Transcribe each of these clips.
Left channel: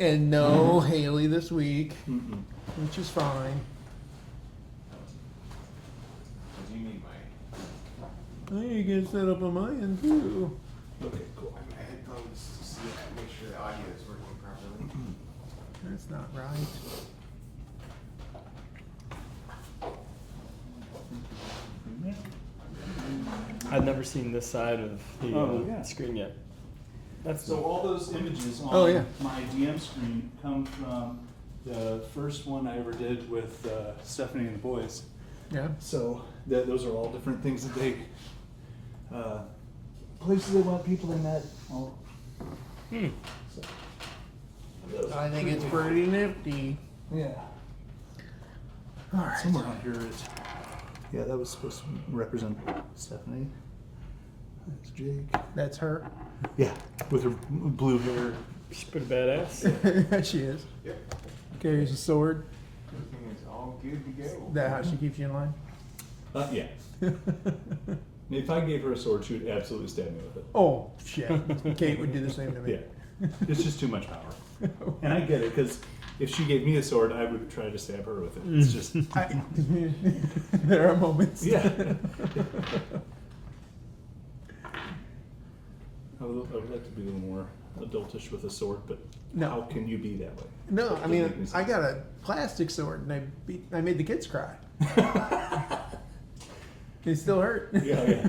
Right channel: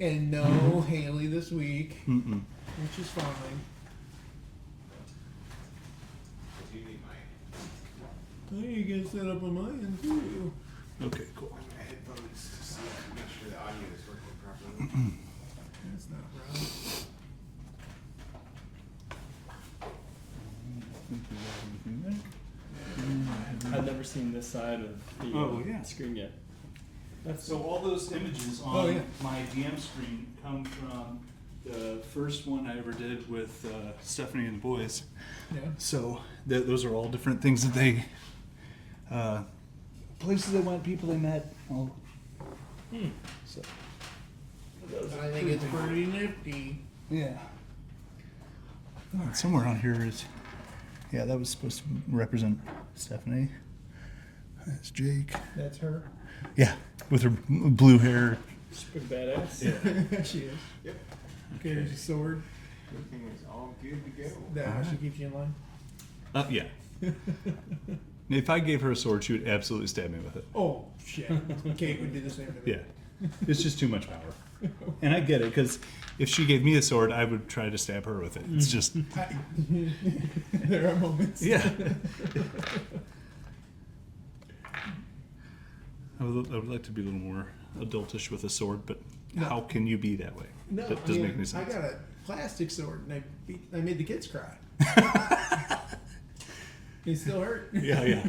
And no Hailey this week, which is fine. You need my I need to get set up on my end too. Okay, cool. my headphones just to make sure the audio is working properly. That's not right. I've never seen this side of the screen yet. So all those images on my DM screen come from the first one I ever did with Stephanie and the boys. Yeah. So those are all different things that they, places they went, people they met. All. So, I think it's pretty nifty. yeah. All right. Somewhere on here is, yeah, that was supposed to represent Stephanie. That's Jake. That's her. Yeah, with her blue hair. She's pretty badass. She is. Yeah. Carries a sword. Everything is all good to go. Is that how she keeps you in line? Yeah. If I gave her a sword, she would absolutely stab me with it. Oh, shit. Kate would do the same to me. Yeah, it's just too much power. And I get it, because if she gave me a sword, I would try to stab her with it. It's just... There are moments. Yeah. I would like to be a little more adultish with a sword, but No. how can you be that way? No, That I doesn't mean, make any sense. I got a plastic sword and I made the kids cry. It still hurt. Yeah.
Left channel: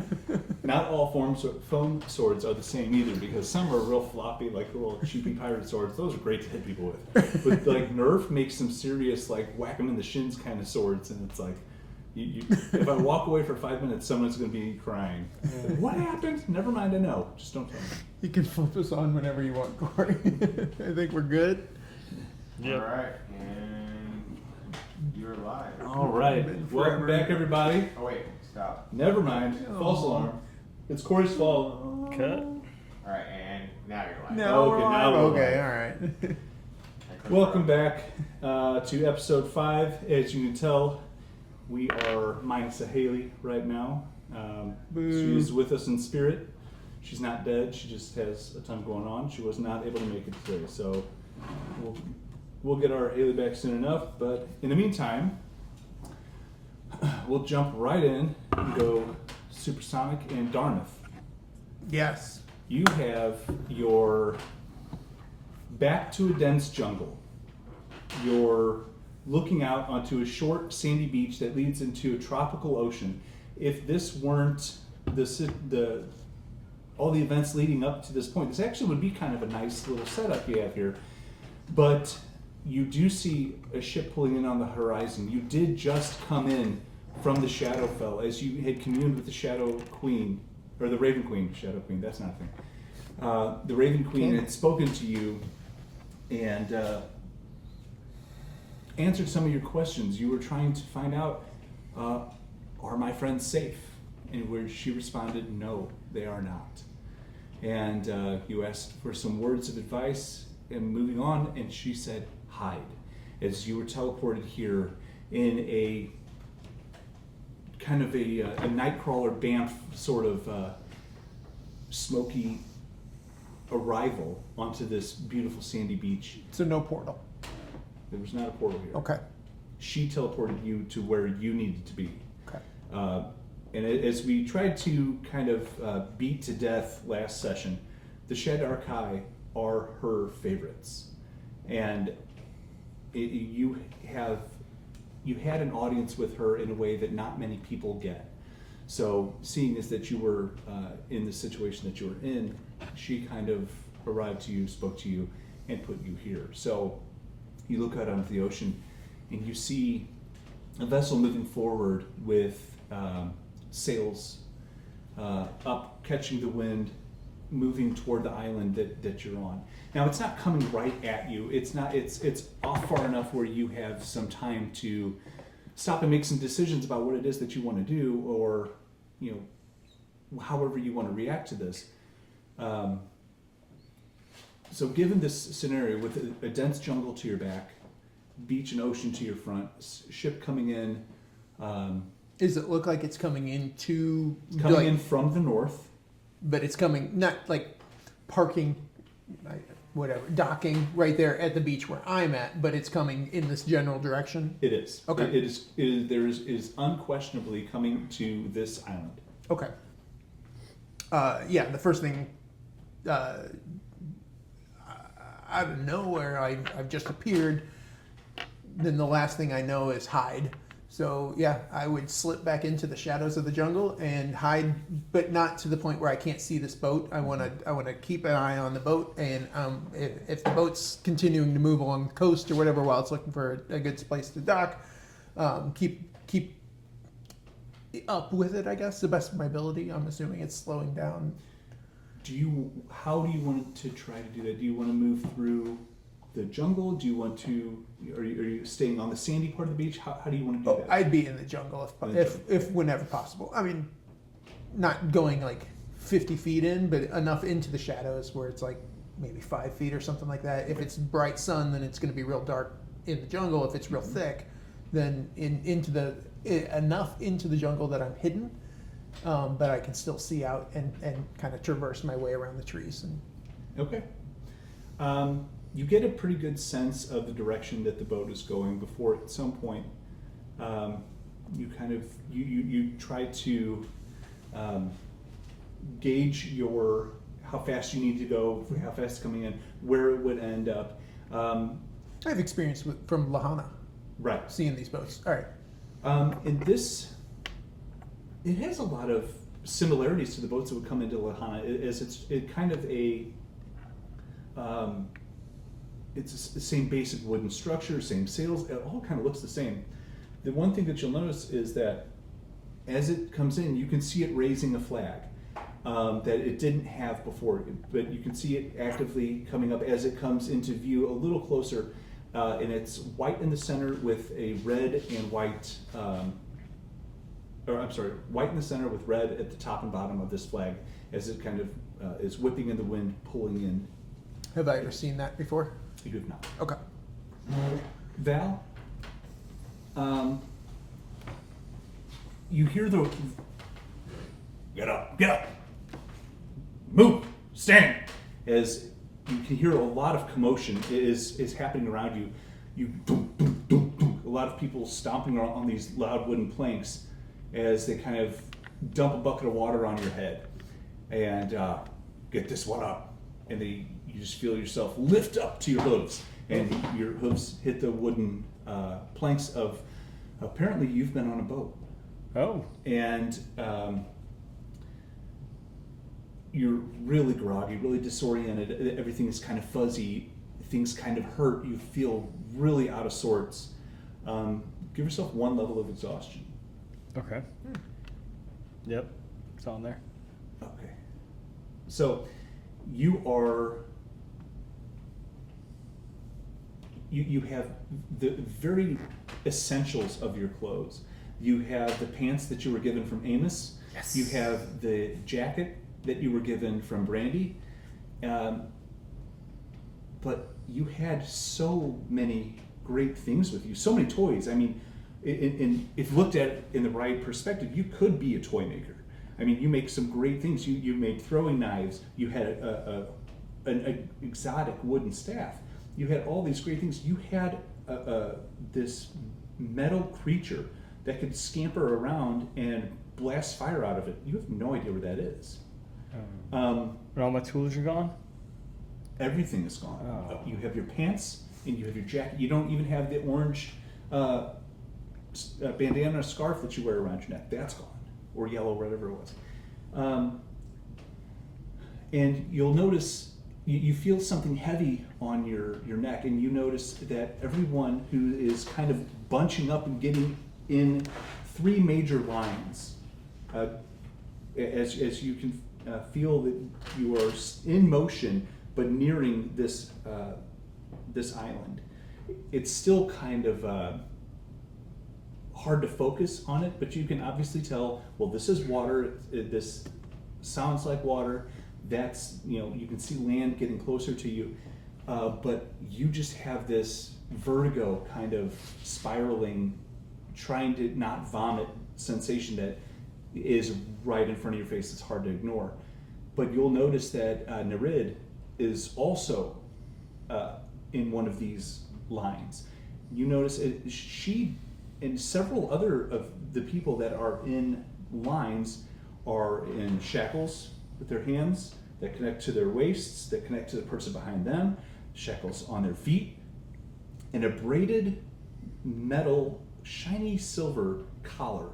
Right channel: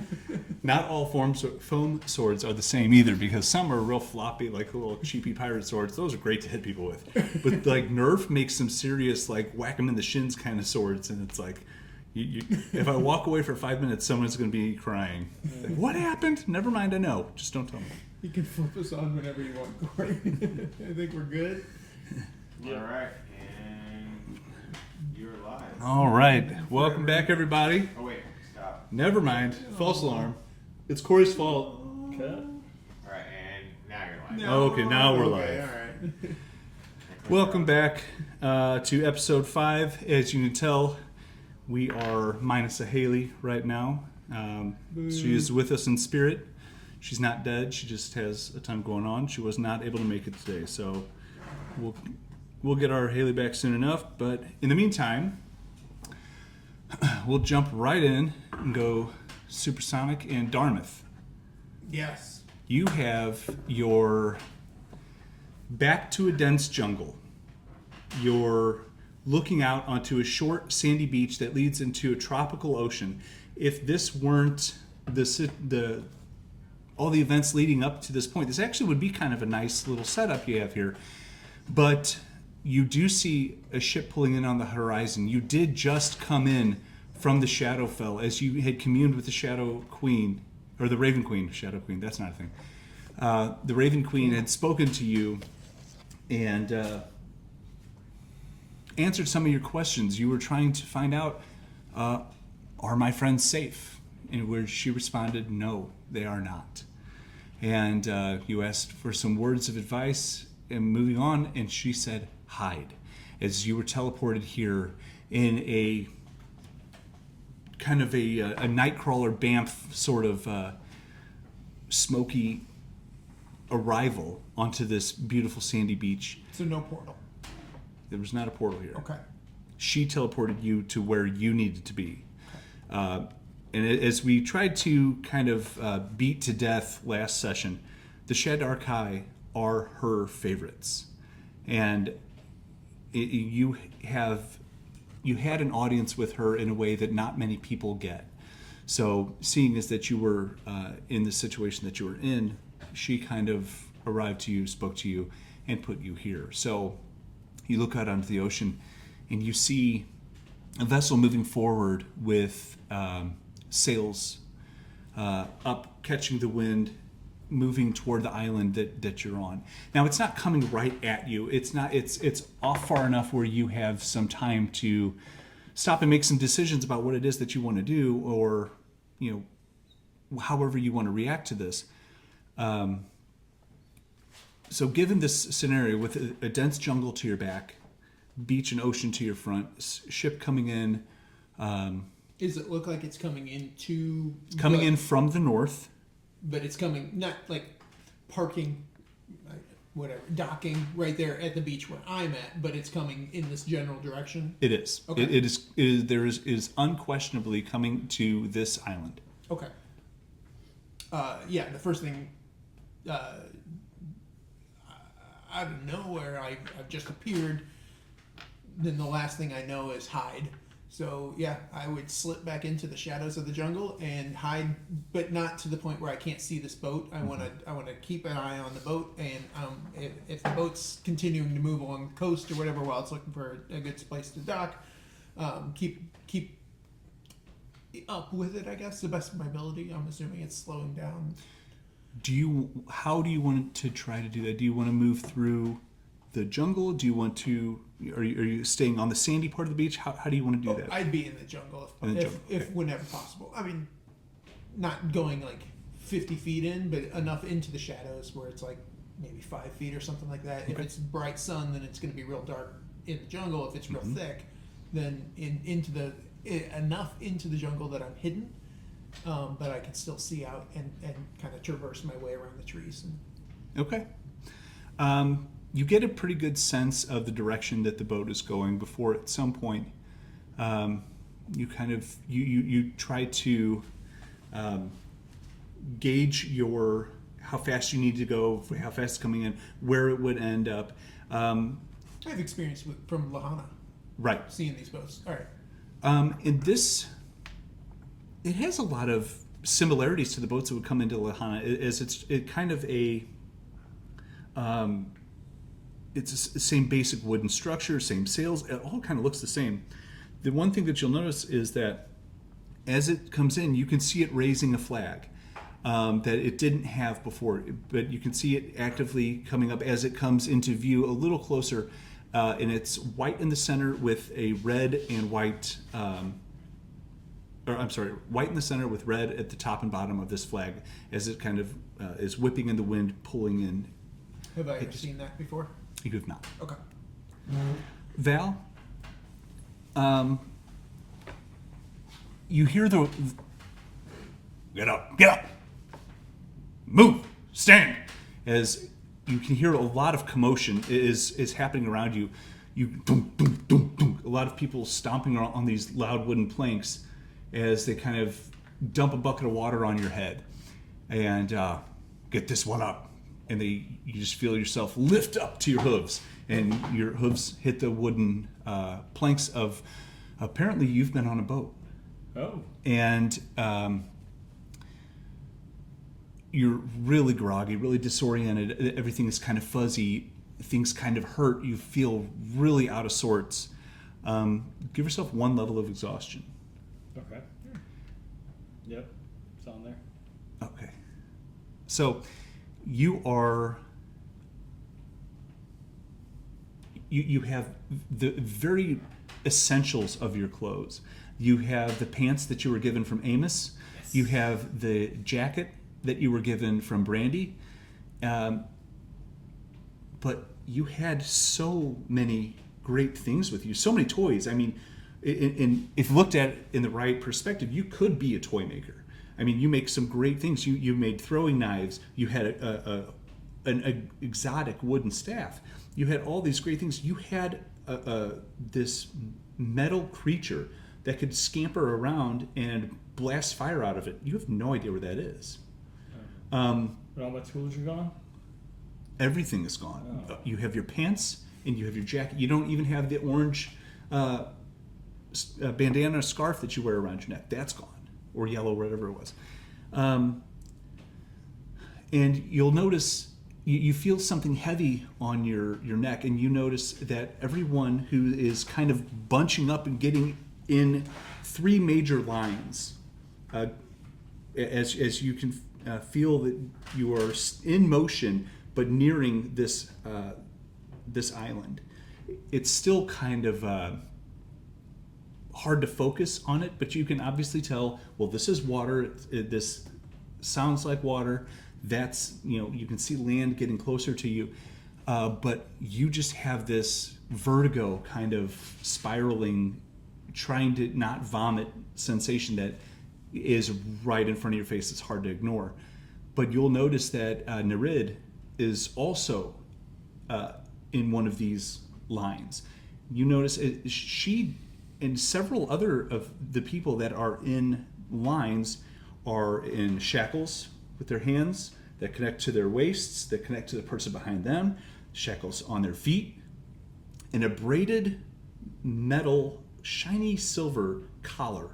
Not all foam swords are the same either, because some are real floppy, like little cheapy pirate swords. Those are great to hit people with. But like Nerf makes some serious, like whack them in the shins kind of swords, and it's like, if I walk away for 5 minutes, someone's going to be crying. Like, what happened? Never mind, I know. Just don't tell me. You can flip us on whenever you want, Corey. I think we're good. Yeah. All right, and you're live. All right. Welcome back, everybody. Oh wait, stop. Never mind. False alarm. It's Corey's fault. Cut. All right, and now you're live. No, Okay, now we're okay, live. all right. Welcome back to episode 5. As you can tell, we are minus a Hailey right now. She is with us in spirit. She's not dead. She just has a ton going on. She was not able to make it today, so we'll get our Hailey back soon enough. But in the meantime, we'll jump right in and go supersonic and Darmythe. Yes. You have your back to a dense jungle. You're looking out onto a short sandy beach that leads into a tropical ocean. If this weren't all the events leading up to this point, this actually would be kind of a nice little setup you have here. But you do see a ship pulling in on the horizon. You did just come in from the Shadowfell as you had communed with the Shadow Queen, or the Raven Queen. Shadow Queen, that's not a thing. The Raven Queen had spoken to you and answered some of your questions. You were trying to find out, are my friends safe? And where she responded, no, they are not. And you asked for some words of advice and moving on, and she said, hide. As you were teleported here in a kind of a Nightcrawler Banff sort of smoky arrival onto this beautiful sandy beach. So no portal. There was not a portal here. Okay. She teleported you to where you needed to be. Okay. And as we tried to kind of beat to death last session, the Shed Archive are her favorites. And you had an audience with her in a way that not many people get. So seeing as that you were in the situation that you were in, she kind of arrived to you, spoke to you, and put you here. So you look out onto the ocean and you see a vessel moving forward with sails up, catching the wind, moving toward the island that you're on. Now it's not coming right at you. It's off far enough where you have some time to stop and make some decisions about what it is that you want to do, or however you want to react to this. So given this scenario with a dense jungle to your back, beach and ocean to your front, ship coming in. Does it look like it's coming into... Coming in from the north. But it's coming, not like parking whatever, docking right there at the beach where I'm at, but it's coming in this general direction? It is. Okay. It is. There is unquestionably coming to this island. Okay. Yeah, the first thing, out of nowhere, I've just appeared. Then the last thing I know is hide. So yeah, I would slip back into the shadows of the jungle and hide, but not to the point where I can't see this boat. I wanna keep an eye on the boat, and if the boat's continuing to move along the coast or whatever while it's looking for a good place to dock, keep up with it, I guess, the best of my ability. I'm assuming it's slowing down. How do you want to try to do that? Do you want to move through the jungle? Do you want to? Are you staying on the sandy part of the beach? How do you want to do that? I'd be in the jungle if whenever possible. I mean, not going like 50 feet in, but enough into the shadows where it's like maybe 5 feet or something like that. If it's bright sun, then it's going to be real dark in the jungle. If it's real thick, then enough into the jungle that I'm hidden, but I can still see out and kind of traverse my way around the trees. Okay. You get a pretty good sense of the direction that the boat is going before at some point you try to gauge how fast you need to go, how fast it's coming in, where it would end up. I have experience from Lahana. Right. Seeing these boats. All right. In this, it has a lot of similarities to the boats that would come into Lahana, as it's kind of a it's the same basic wooden structure, same sails. It all kind of looks the same. The one thing that you'll notice is that as it comes in, you can see it raising a flag that it didn't have before, but you can see it actively coming up as it comes into view a little closer, and it's white in the center with a red and white, white in the center with red at the top and bottom of this flag as it kind of is whipping in the wind, pulling in. Have I ever seen that before? You have not. Okay. Val, you hear the get up, move, stand, as you can hear a lot of commotion is happening around you. Dum, dum, dum, dum, a lot of people stomping on these loud wooden planks as they kind of dump a bucket of water on your head and get this one up, and you just feel yourself lift up to your hooves, and your hooves hit the wooden planks of, apparently you've been on a boat. Oh. And you're really groggy, really disoriented. Everything is kind of fuzzy. Things kind of hurt. You feel really out of sorts. Give yourself one level of exhaustion. Okay. Yep. It's on there. Okay. So you are... You have the very essentials of your clothes. You have the pants that you were given from Amos. Yes. You have the jacket that you were given from Brandy. But you had so many great things with you, so many toys. I mean, if looked at it in the right perspective, you could be a toy maker. I mean, you make some great things. You made throwing knives. You had an exotic wooden staff. You had all these great things. You had this metal creature that could scamper around and blast fire out of it. You have no idea where that is. And all my tools are gone? Everything is gone. Oh. You have your pants and you have your jacket. You don't even have the orange bandana scarf that you wear around your neck. That's gone. Or yellow, whatever it was. And you'll notice, you feel something heavy on your neck, and you notice that everyone who is kind of bunching up and getting in three major lines, as you can feel that you are in motion but nearing this island. It's still kind of hard to focus on it, but you can obviously tell, well, this is water, this sounds like water, that's, you can see land getting closer to you, but you just have this vertigo kind of spiraling, trying to not vomit sensation that is right in front of your face. It's hard to ignore. But you'll notice that Nereid is also in one of these lines. You notice she and several other of the people that are in lines are in shackles with their hands that connect to their waists, that connect to the person behind them, shackles on their feet, and a braided metal, shiny silver collar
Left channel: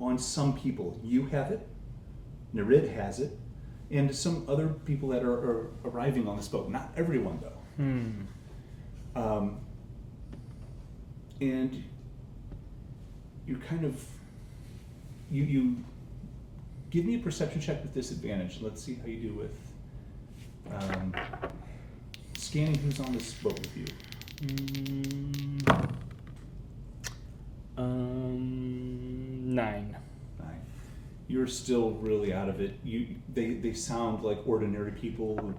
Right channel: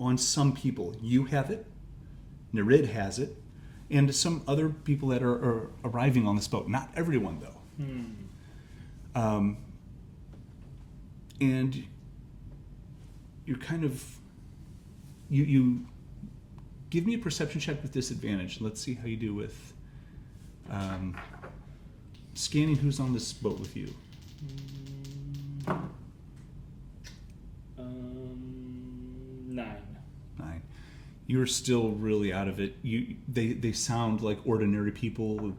on some people. You have it, Nereid has it, and some other people that are arriving on this boat. Not everyone, though. And you're kind of, you give me a perception check with disadvantage. Let's see how you do with scanning who's on this boat with you. 9. You're still really out of it. They sound like ordinary people.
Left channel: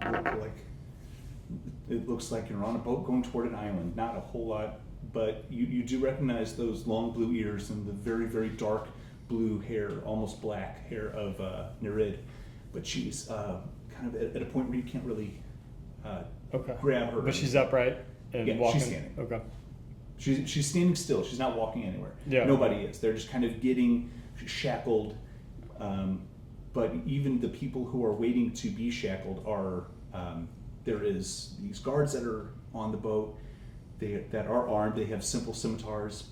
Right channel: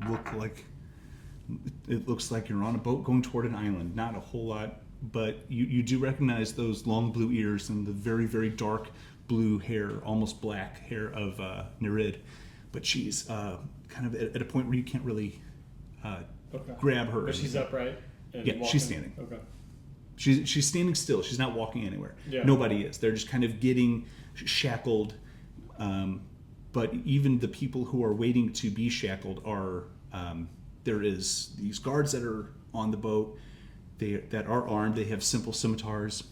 It looks like you're on a boat going toward an island. Not a whole lot, but you do recognize those long blue ears and the very, very dark blue hair, almost black hair of Nereid. But she's kind of at a point where you can't really grab her. But she's upright and yeah, walking? She's standing. Okay. She's standing still. She's not walking anywhere. Yeah. Nobody is. They're just kind of getting shackled. But even the people who are waiting to be shackled are, there is these guards that are on the boat that are armed. They have simple scimitars,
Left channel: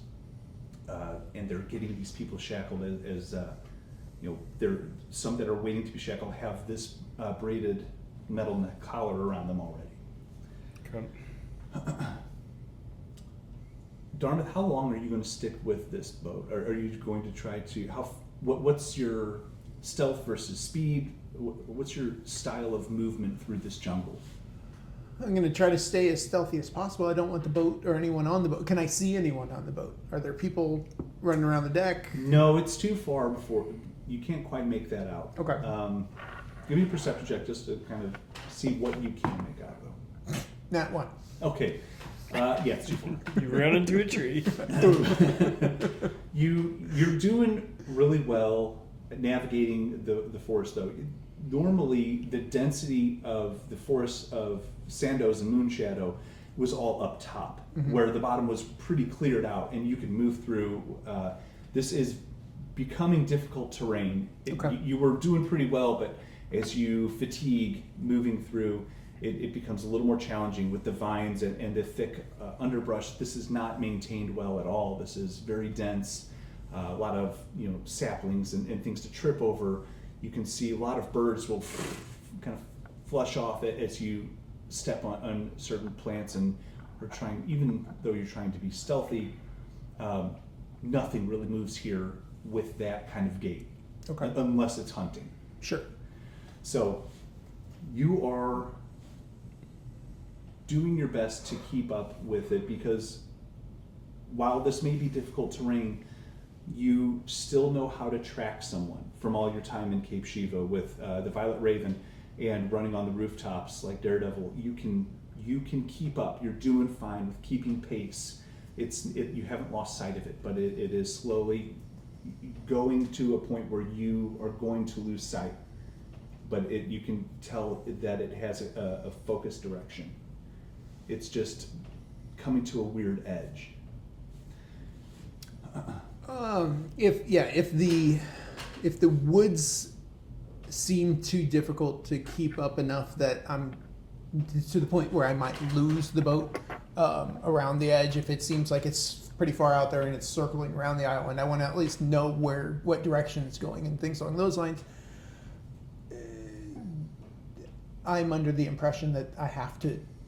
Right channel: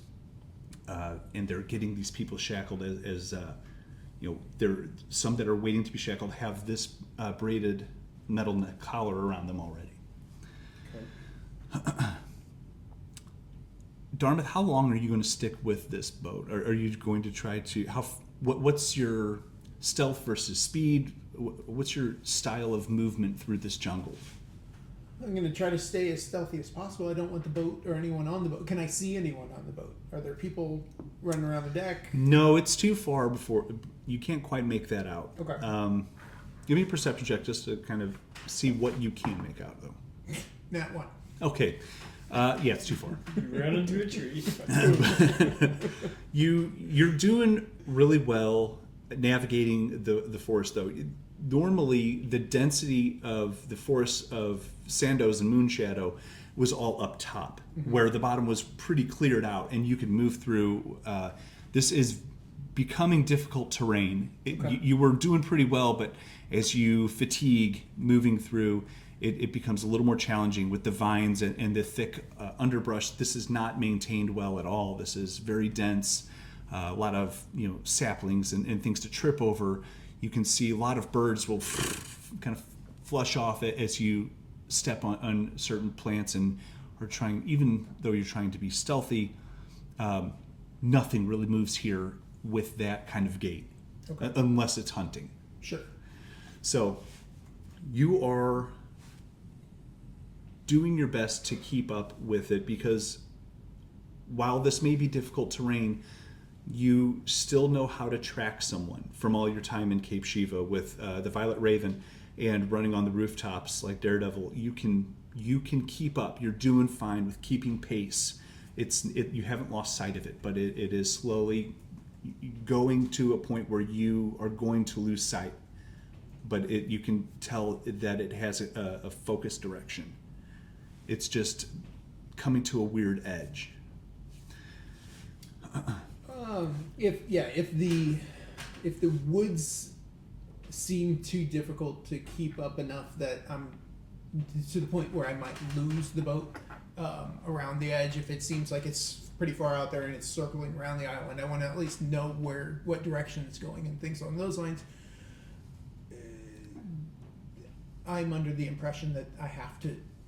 and they're getting these people shackled as there some that are waiting to be shackled have this braided metal neck collar around them already. Okay. Darmythe, how long are you going to stick with this boat? Are you going to try to what's your stealth versus speed? What's your style of movement through this jungle? I'm going to try to stay as stealthy as possible. I don't want the boat or anyone on the boat. Can I see anyone on the boat? Are there people running around the deck? No, it's too far before you can't quite make that out. Okay. Give me a perception check just to kind of see what you can make out, though. Nat 1. Okay. Yeah, it's too far. You ran into a tree. You're doing really well navigating the forest, though. Normally, the density of the forest of Sandoz and Moonshadow was all up top, where the bottom was pretty cleared out, and you could move through. This is becoming difficult terrain. You were doing pretty well, but as you fatigue moving through, it becomes a little more challenging with the vines and the thick underbrush. This is not maintained well at all. This is very dense, a lot of saplings and things to trip over. You can see a lot of birds will kind of flush off it as you step on certain plants and are trying, even though you're trying to be stealthy, nothing really moves here with that kind of gait, unless it's hunting. Sure. So you are doing your best to keep up with it, because while this may be difficult terrain, you still know how to track someone from all your time in Cape Shiva with the Violet Raven and running on the rooftops like Daredevil. You can keep up. You're doing fine with keeping pace. You haven't lost sight of it, but it is slowly going to a point where you are going to lose sight. But you can tell that it has a focused direction. It's just coming to a weird edge. If the woods seem too difficult to keep up enough that I'm to the point where I might lose the boat around the edge, if it seems like it's pretty far out there and it's circling around the island, I want to at least know what direction it's going and things along those lines. I'm under the impression that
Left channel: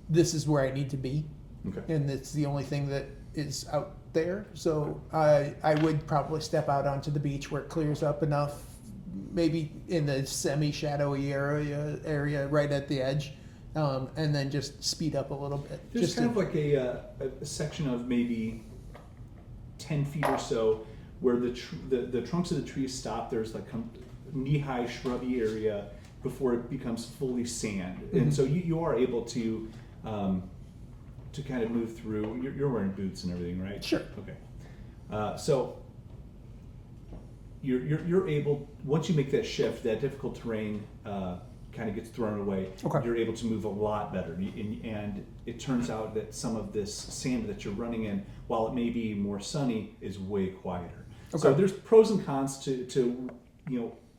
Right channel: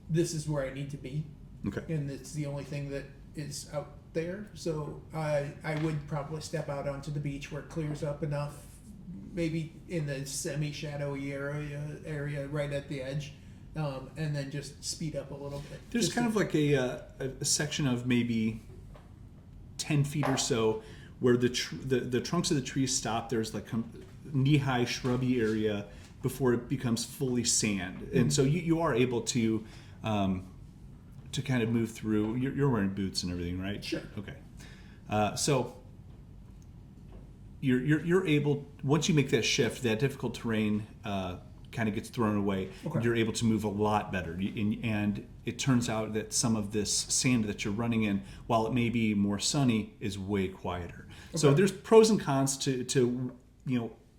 this is where I need to be. Okay. And it's the only thing that is out there. So I would probably step out onto the beach where it clears up enough, maybe in the semi-shadowy area right at the edge, and then just speed up a little bit. There's kind of like a section of maybe 10 feet or so where the trunks of the trees stop. There's like knee-high shrubby area before it becomes fully sand. And so you are able to kind of move through. You're wearing boots and everything, right? Sure. Okay. So you're able, once you make that shift, that difficult terrain kind of gets thrown away. Okay. You're able to move a lot better. And it turns out that some of this sand that you're running in, while it may be more sunny, is way quieter. So Okay. there's pros and cons to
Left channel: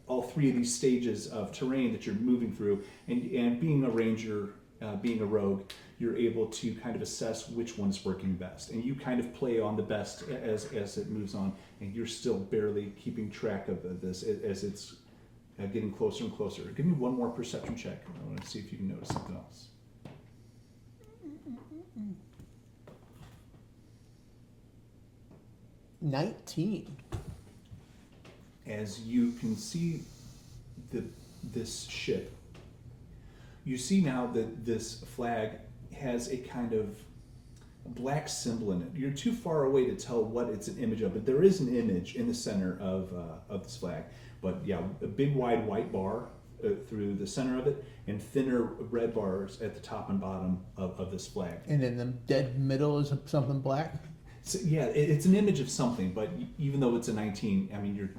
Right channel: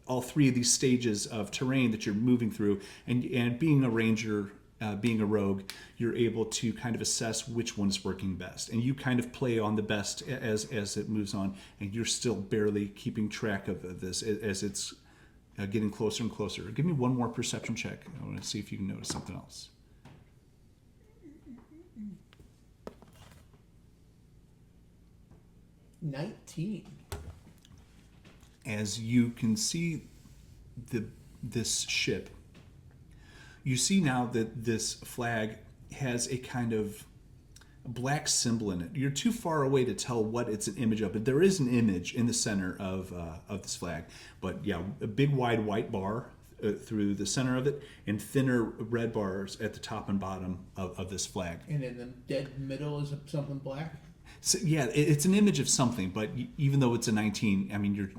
all three of these stages of terrain that you're moving through, and being a ranger, being a rogue, you're able to kind of assess which one's working best, and you kind of play on the best as it moves on, and you're still barely keeping track of this as it's getting closer and closer. Give me one more perception check. I want to see if you can notice something else. 19. As you can see this ship, you see now that this flag has a kind of black symbol in it. You're too far away to tell what it's an image of, but there is an image in the center of this flag. But yeah, a big wide white bar through the center of it, and thinner red bars at the top and bottom of this flag. And in the dead middle is something black? So, yeah, it's an image of something, but even though it's a 19, I mean, you're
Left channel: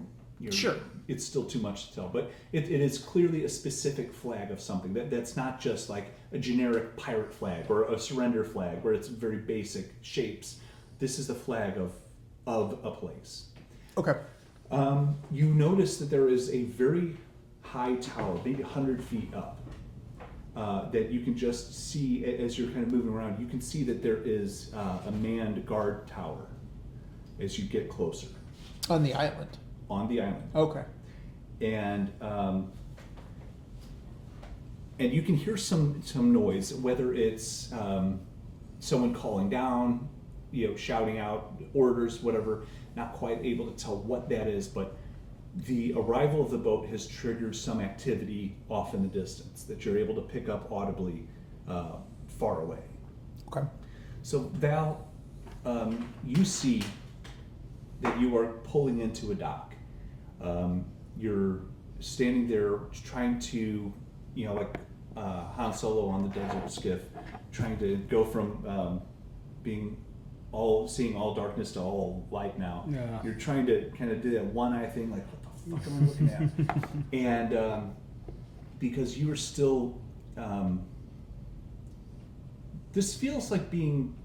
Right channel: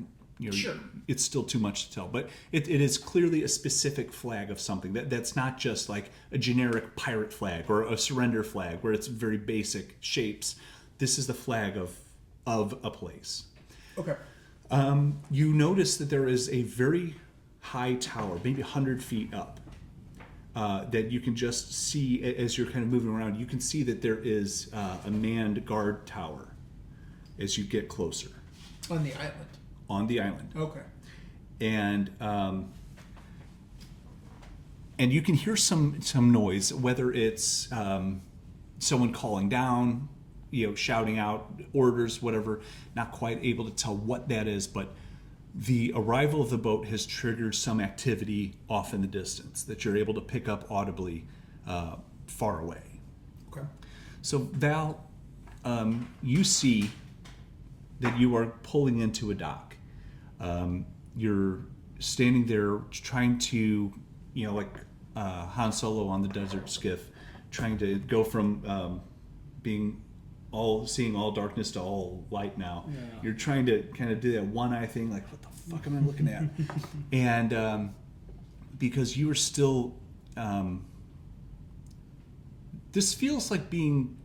Sure. It's still too much to tell, but it is clearly a specific flag of something. That's not just like a generic pirate flag or a surrender flag where it's very basic shapes. This is the flag of a place. Okay. You notice that there is a very high tower, maybe 100 feet up, that you can just see as you're kind of moving around. You can see that there is a manned guard tower as you get closer. On the island. On the island. Okay. And you can hear some noise, whether it's someone calling down, shouting out orders, whatever. Not quite able to tell what that is, but the arrival of the boat has triggered some activity off in the distance that you're able to pick up audibly far away. Okay. So Val, you see that you are pulling into a dock. You're standing there trying to, like Han Solo on the desert skiff, trying to go from seeing all darkness to all light now. Yeah. You're trying to kind of do that one eye thing, like, what the fuck am I looking at? And because you are still, this feels like being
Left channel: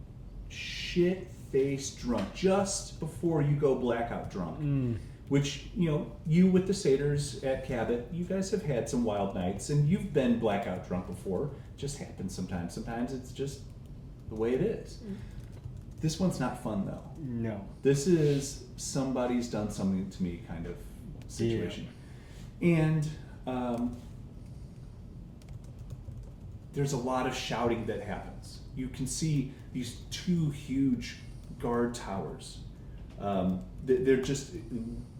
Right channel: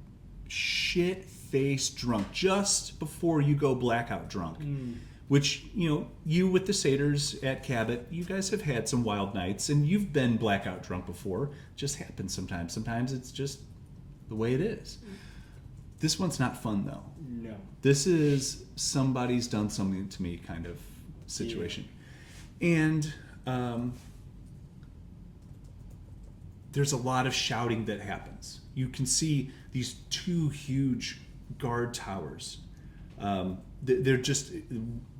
shit-faced drunk just before you go blackout drunk. Which, you with the satyrs at Cabot, you guys have had some wild nights, and you've been blackout drunk before. It just happens sometimes. Sometimes it's just the way it is. This one's not fun, though. No. This is somebody's done something to me kind of situation. Yeah. And there's a lot of shouting that happens. You can see these two huge guard towers. They're just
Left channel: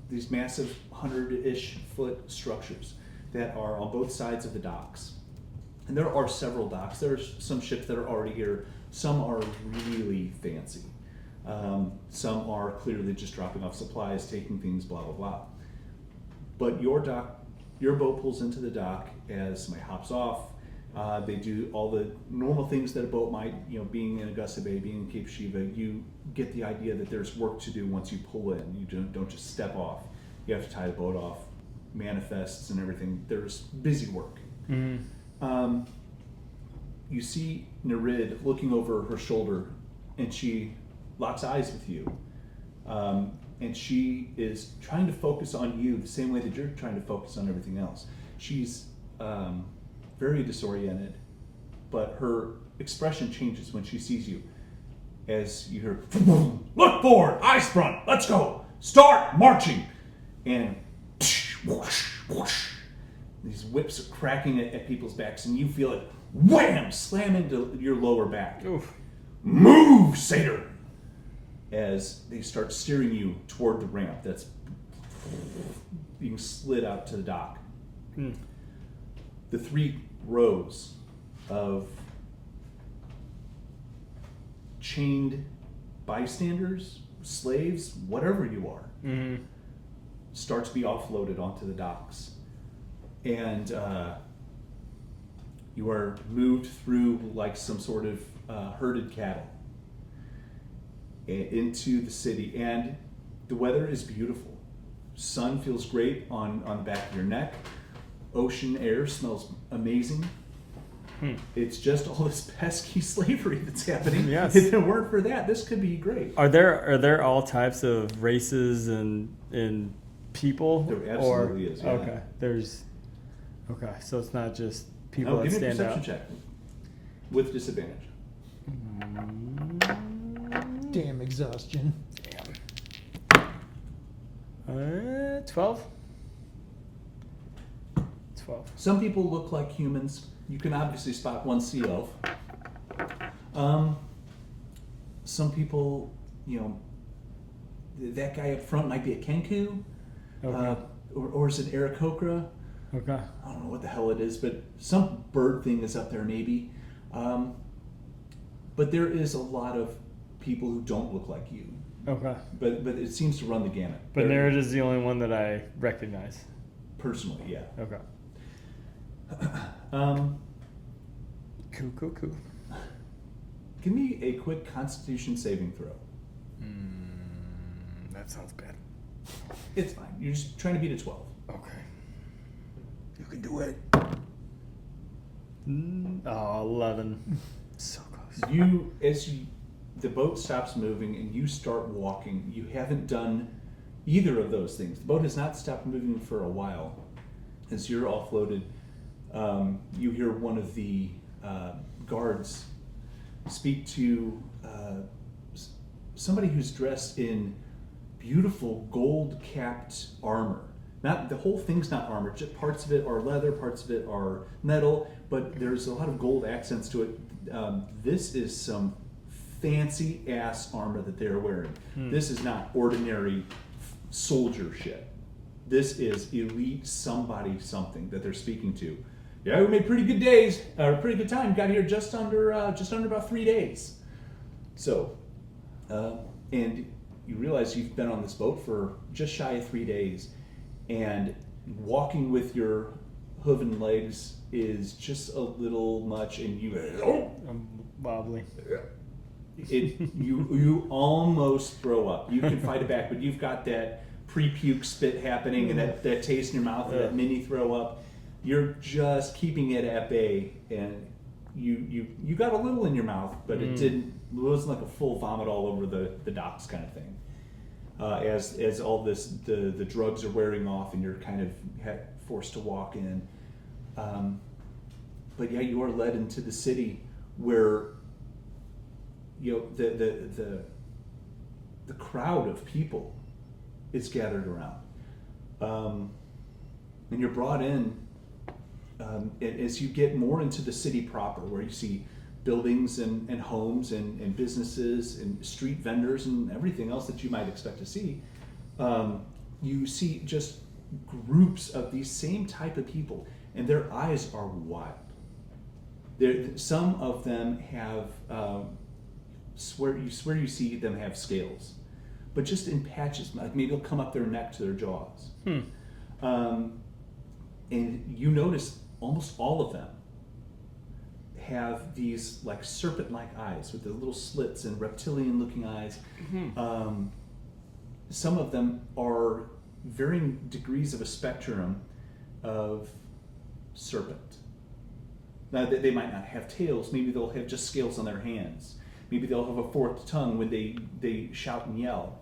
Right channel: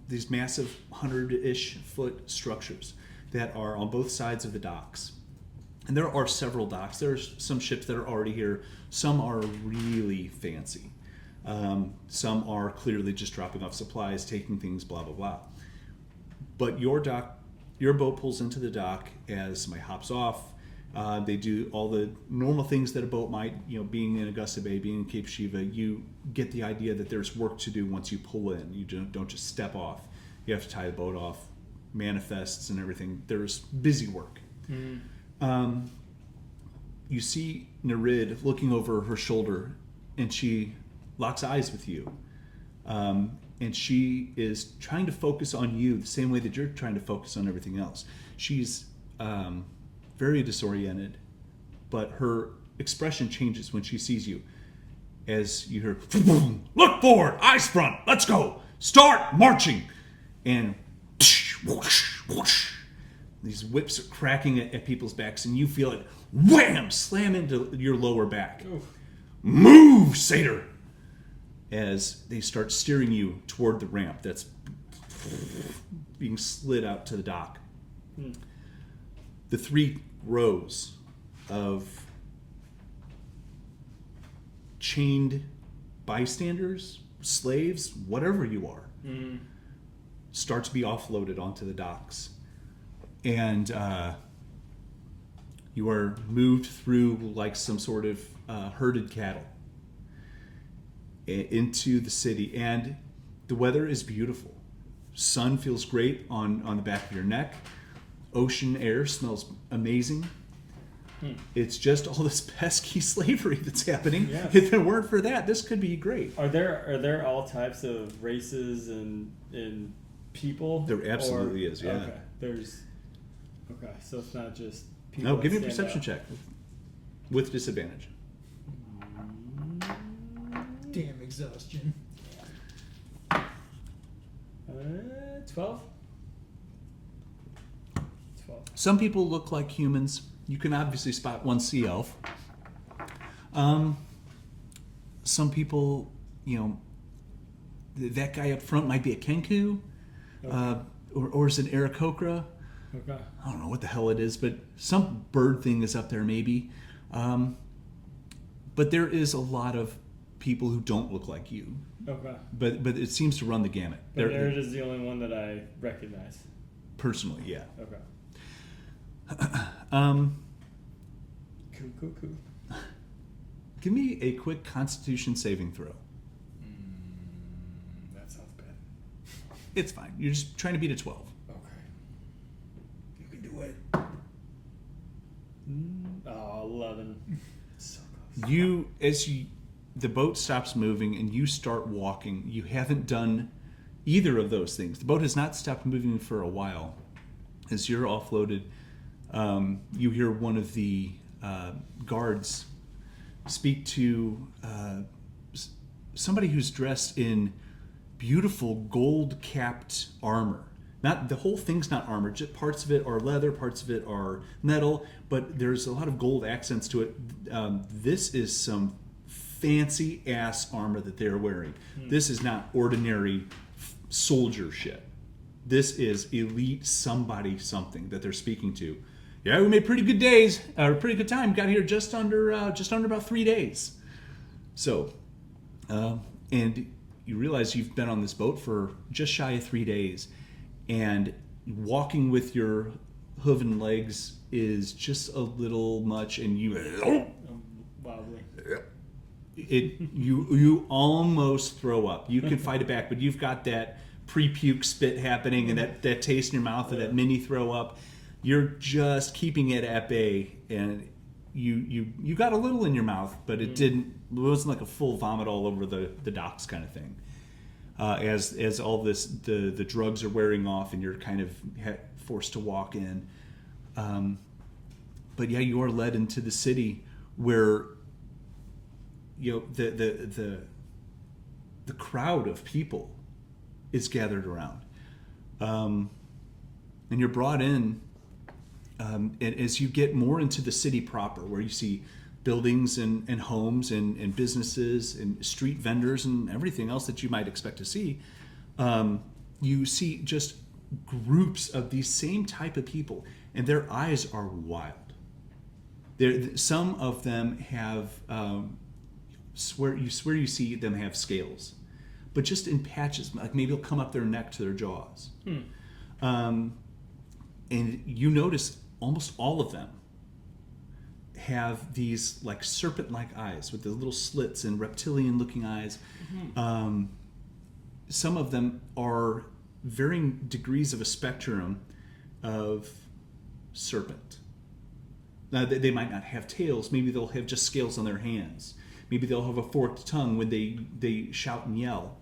these massive 100-ish foot structures that are on both sides of the docks. And there are several docks. There are some ships that are already here. Some are really fancy. Some are clearly just dropping off supplies, taking things, blah, blah, blah. But your boat pulls into the dock as somebody hops off. They do all the normal things that a boat might, being in Augusta Bay, being in Cape Shiva. You get the idea that there's work to do once you pull in. You don't just step off. You have to tie the boat off, manifests and everything. There's busy work. Mm-hmm. You see Nereid looking over her shoulder, and she locks eyes with you. And she is trying to focus on you the same way that you're trying to focus on everything else. She's very disoriented, but her expression changes when she sees you. As you hear, look forward, eyes front, let's go, start marching. And whoosh, whoosh, these whips are cracking at people's backs, and you feel it, wham, slam into your lower back. Oof. Move, satyr! As they start steering you toward the ramp that's being slid out to the dock. The 3 rows of chained bystanders, slaves, whatever you are, start to be offloaded onto the docks. And you are moved through like some sort of herded cattle into the city. And the weather is beautiful. Sun feels great on the back of your neck. Ocean air smells amazing. It's It's just all this pesky slavery that's happening. Yes. If it weren't for that, this could be great. Are there all types of races and people? There absolutely is, yeah. Okay. So it's not just people. No, that give me a stand perception out. check with disadvantage. Damn exhaustion. 12. 12. Some people look like humans. You can obviously spot one sea elf. Some people, that guy up front might be a kenku, Okay. or is it Aarakocra? Okay. I don't know what the hell it is, but some bird thing is up there maybe. But there is a lot of people who don't look like you. Okay. But it seems to run the gamut. But Nereid is the only one that I recognize. Personally, yeah. Okay. Cool. Give me a quick Constitution saving throw. That sounds bad. It's fine. You're just trying to beat a 12. Okay. You can do it. 11. So close. The boat stops moving and you start walking. You haven't done either of those things. The boat has not stopped moving for a while. As you're offloaded, you hear one of the guards speak to somebody who's dressed in beautiful gold-capped armor. Not the whole thing's not armor. Just parts of it are leather, parts of it are metal, but there's a lot of gold accents to it. This is some fancy ass armor that they're wearing. This is not ordinary soldier shit. This is elite somebody something that they're speaking to. Yeah, we made pretty good days, or pretty good time. Got here just under about 3 days. So, and you realize you've been on this boat for just shy of 3 days, and walking with your hooven legs is just a little much, and I'm wobbly. you almost throw up. You can fight it back, but you've got that pre-puke spit happening and that taste in your mouth and that mini throw up. You're just keeping it at bay, and you got a little in your mouth, but it wasn't like a full vomit all over the docks kind of thing. As all this the drugs are wearing off and you're kind of forced to walk in. But yeah, you are led into the city where the crowd of people is gathered around, and you're brought in. And as you get more into the city proper, where you see buildings and homes and businesses and street vendors and everything else that you might expect to see, you see just groups of these same type of people, and their eyes are wild. Some of them have you see them have scales, but just in patches, like maybe it'll come up their neck to their jaws. And you notice almost all of them have these like serpent-like eyes with the little slits and reptilian-looking eyes. Some of them are varying degrees of a spectrum of serpent. Now, they might not have tails. Maybe they'll have just scales on their hands. Maybe they'll have a forked tongue when they shout and yell.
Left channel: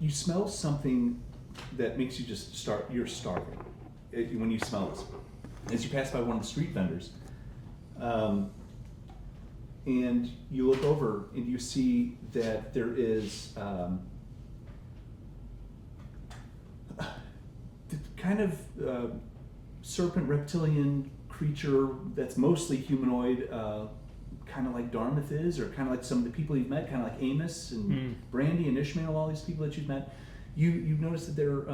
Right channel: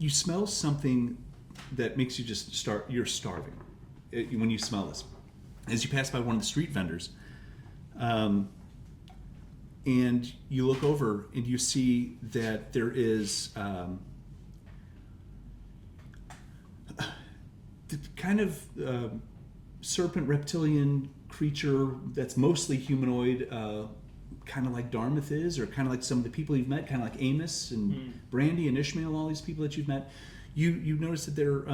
You smell something that makes you just you're starving when you smell this. As you pass by one of the street vendors, and you look over and you see that there is the kind of serpent reptilian creature that's mostly humanoid, kind of like Darmythe is, or kind of like some of the people you've met, kind of like Amos and Brandy and Ishmael, all these people that you've met. You notice that they're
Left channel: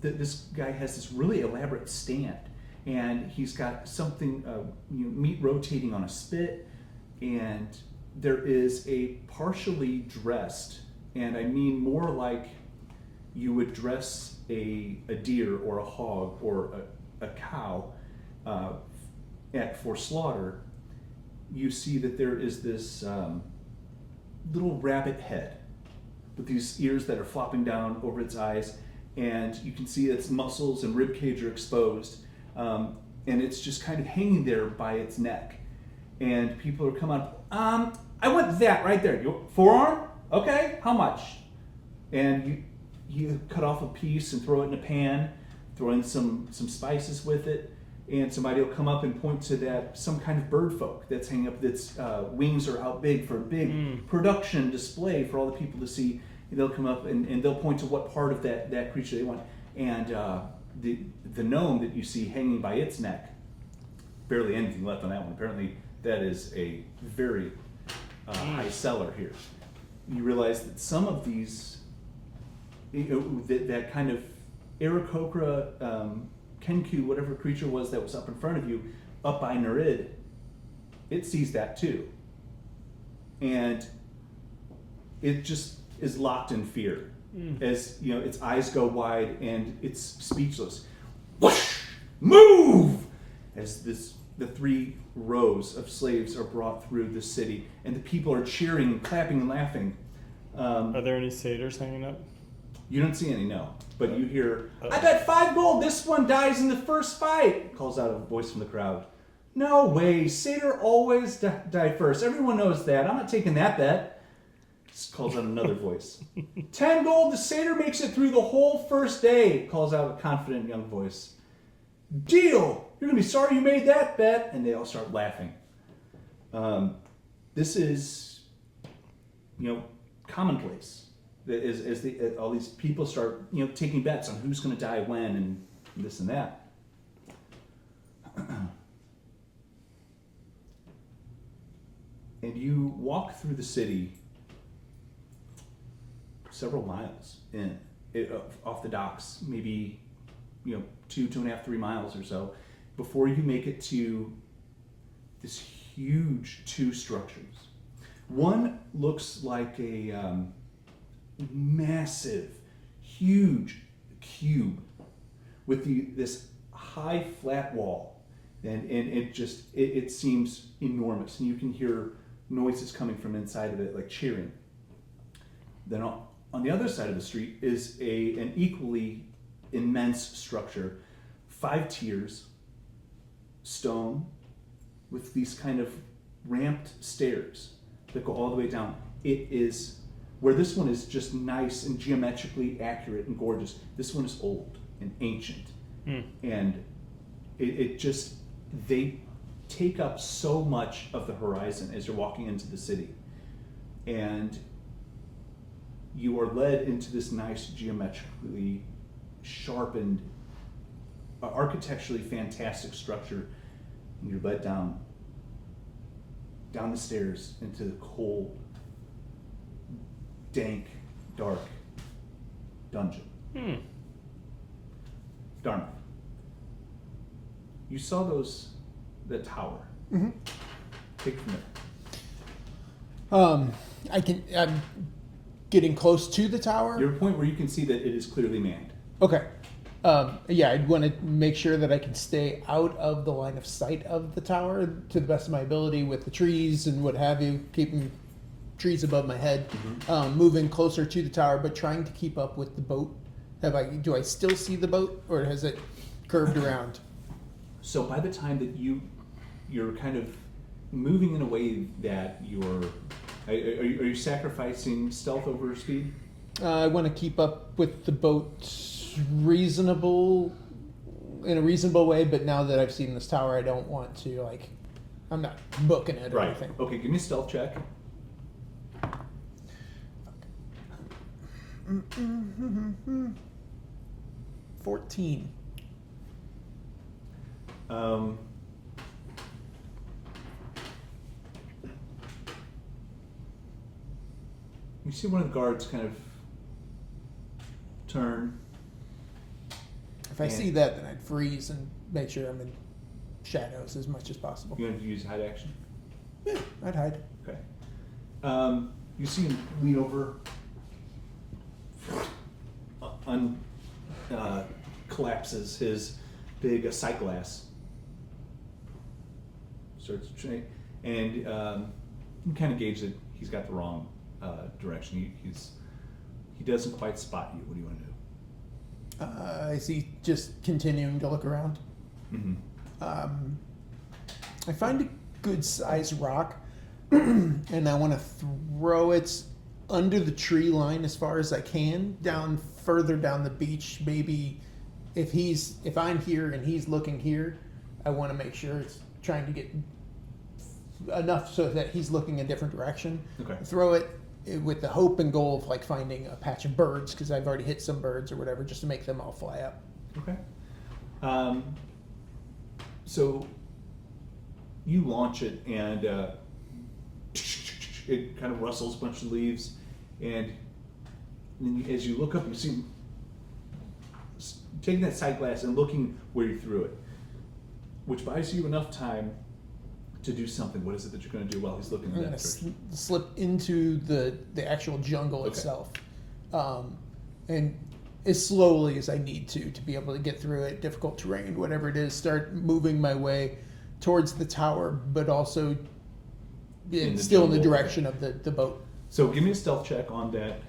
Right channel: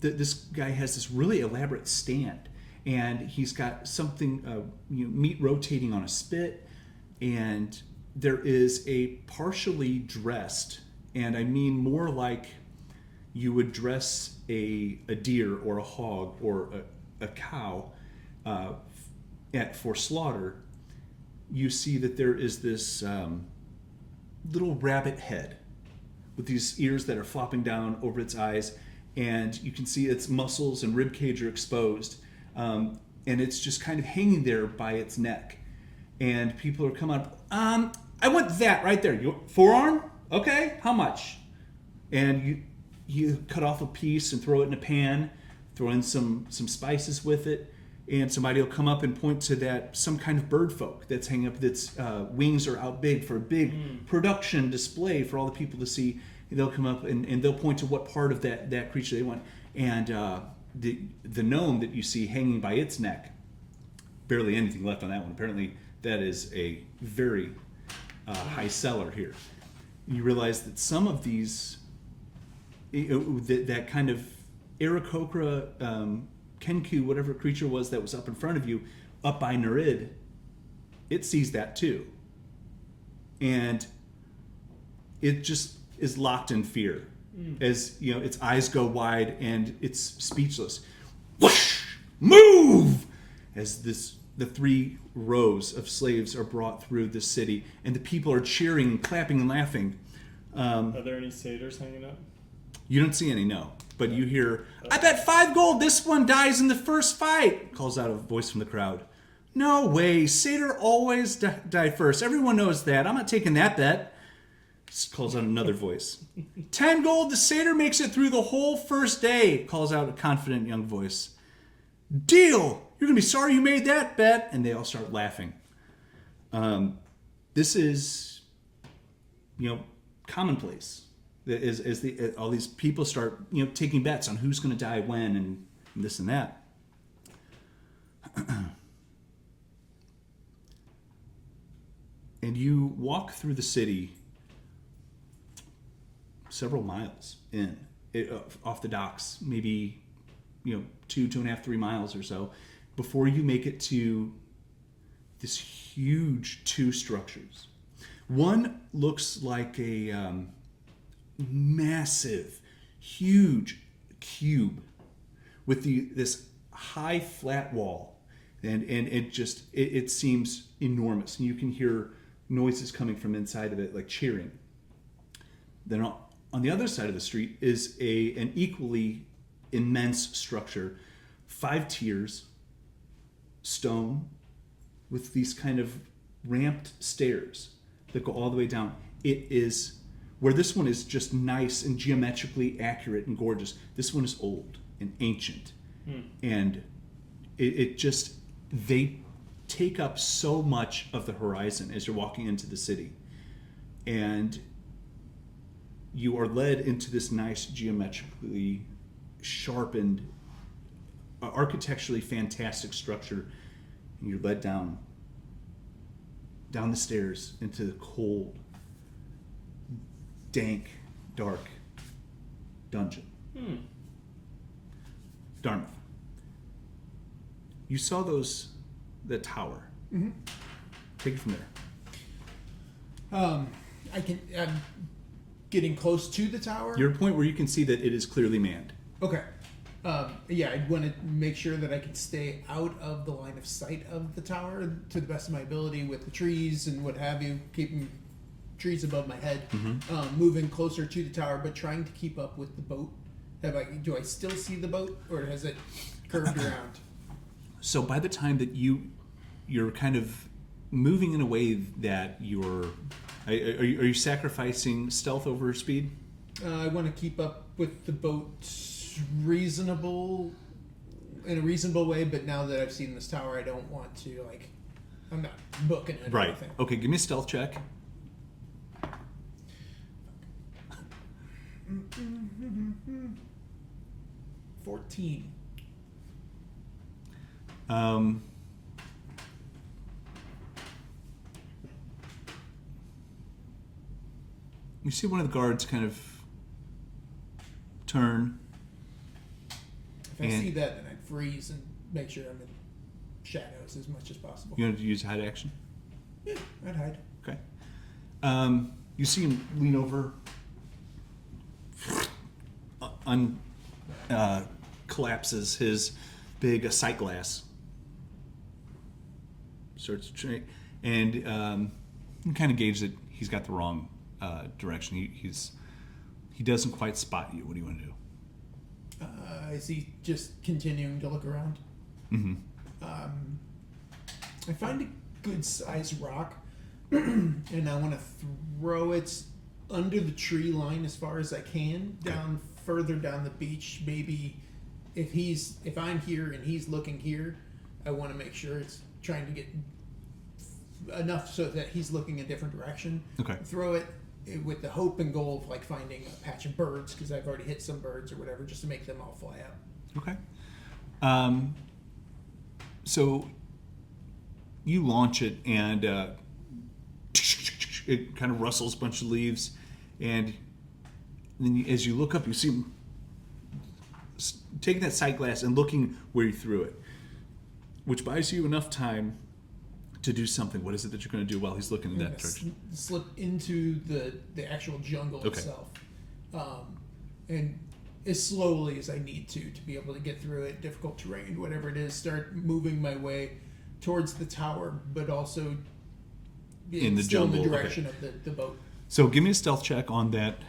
this guy has this really elaborate stand, and he's got something meat rotating on a spit, and there is a partially dressed, and I mean more like you would dress a deer or a hog or a cow for slaughter. You see that there is this little rabbit head with these ears that are flopping down over its eyes, and you can see its muscles and rib cage are exposed, and it's just kind of hanging there by its neck. And people are coming up, I want that right there. Your forearm? Okay, how much? And you cut off a piece and throw it in a pan, throw in some spices with it, and somebody will come up and point to that, some kind of bird folk that's hanging up, that's wings are out big for a big production display for all the people to see. And they'll come up and they'll point to what part of that creature they want. And the gnome that you see hanging by its neck, barely anything left on that one. Apparently that is a very high seller here. You realize that some of these, that kind of Aarakocra, Kenku, whatever creature was that was up in front of you, up by Nereid, it sees that too. And it just is locked in fear. As its eyes go wide and it's speechless. Whoosh! Move! As the 3 rows of slaves are brought through the city, and the people are cheering and clapping and laughing. Are there any satyrs hanging up? You don't see any, no. But you hear, I bet 5 gold this one dies in the first fight, calls out a voice from the crowd. No way, satyr always die first. Everyone knows that. I'm not taking that bet. Calls out another voice. 10 gold, the satyr makes it through the whole first day, calls out a confident young voice. Deal! You're going to be sorry you made that bet. And they all start laughing. This is, commonplace. As all these people start, taking bets on who's going to die when and this and that. And you walk through the city several miles in, off the docks, maybe 2.5, 3 miles or so, before you make it to this huge 2 structures. One looks like a massive, huge cube with this high flat wall, and it seems enormous, and you can hear noises coming from inside of it, like cheering. Then on the other side of the street is an equally immense structure, 5 tiers, stone, with these kind of ramped stairs that go all the way down. It is, where this one is just nice and geometrically accurate and gorgeous, this one is old and ancient. And they take up so much of the horizon as you're walking into the city. And you are led into this nice, geometrically sharpened, architecturally fantastic structure. And you're led down the stairs into the cold, dank, dark dungeon. Darmythe, you saw the tower. Mm-hmm. Take it from there. I'm getting close to the tower. You're at a point where you can see that it is clearly manned. Okay. I'd want to make sure that I can stay out of the line of sight of the tower to the best of my ability with the trees and what have you, keeping trees above my head, moving closer to the tower, but trying to keep up with the boat. Do I still see the boat, or has it curved around? So by the time that you're kind of moving in a way that are you sacrificing stealth over speed? I want to keep up with the boat in a reasonable way, but now that I've seen this tower, I don't want to, I'm not booking it or anything. Okay, give me a stealth check. Mm-hmm. 14. You see one of the guards kind of turn. If I see that, then I'd freeze and make sure I'm in shadows as much as possible. You want to use hide action? Yeah, I'd hide. Okay. You see him lean over, collapses his big sight glass, starts to train, and you kind of gauge that he's got the wrong direction. He's he doesn't quite spot you. What do you want to do? Is he just continuing to look around? Mm-hmm. I find a good sized rock, and I want to throw it under the tree line as far as I can, further down the beach. Maybe if I'm here and he's looking here, I want to make sure it's trying to get enough so that he's looking a different direction. Okay. Throw it with the hope and goal of like finding a patch of birds, because I've already hit some birds or whatever, just to make them all fly up. Okay. So you launch it, and it kind of rustles a bunch of leaves, and then as you look up, you see taking that sight glass and looking where you threw it, which buys you enough time to do something. What is it that you're going to do while he's looking in that direction? Slip into the actual jungle itself, and as slowly as I need to be able to get through it, difficult terrain, whatever it is, start moving my way towards the tower, but also still in the direction of the boat. So give me a stealth check on that,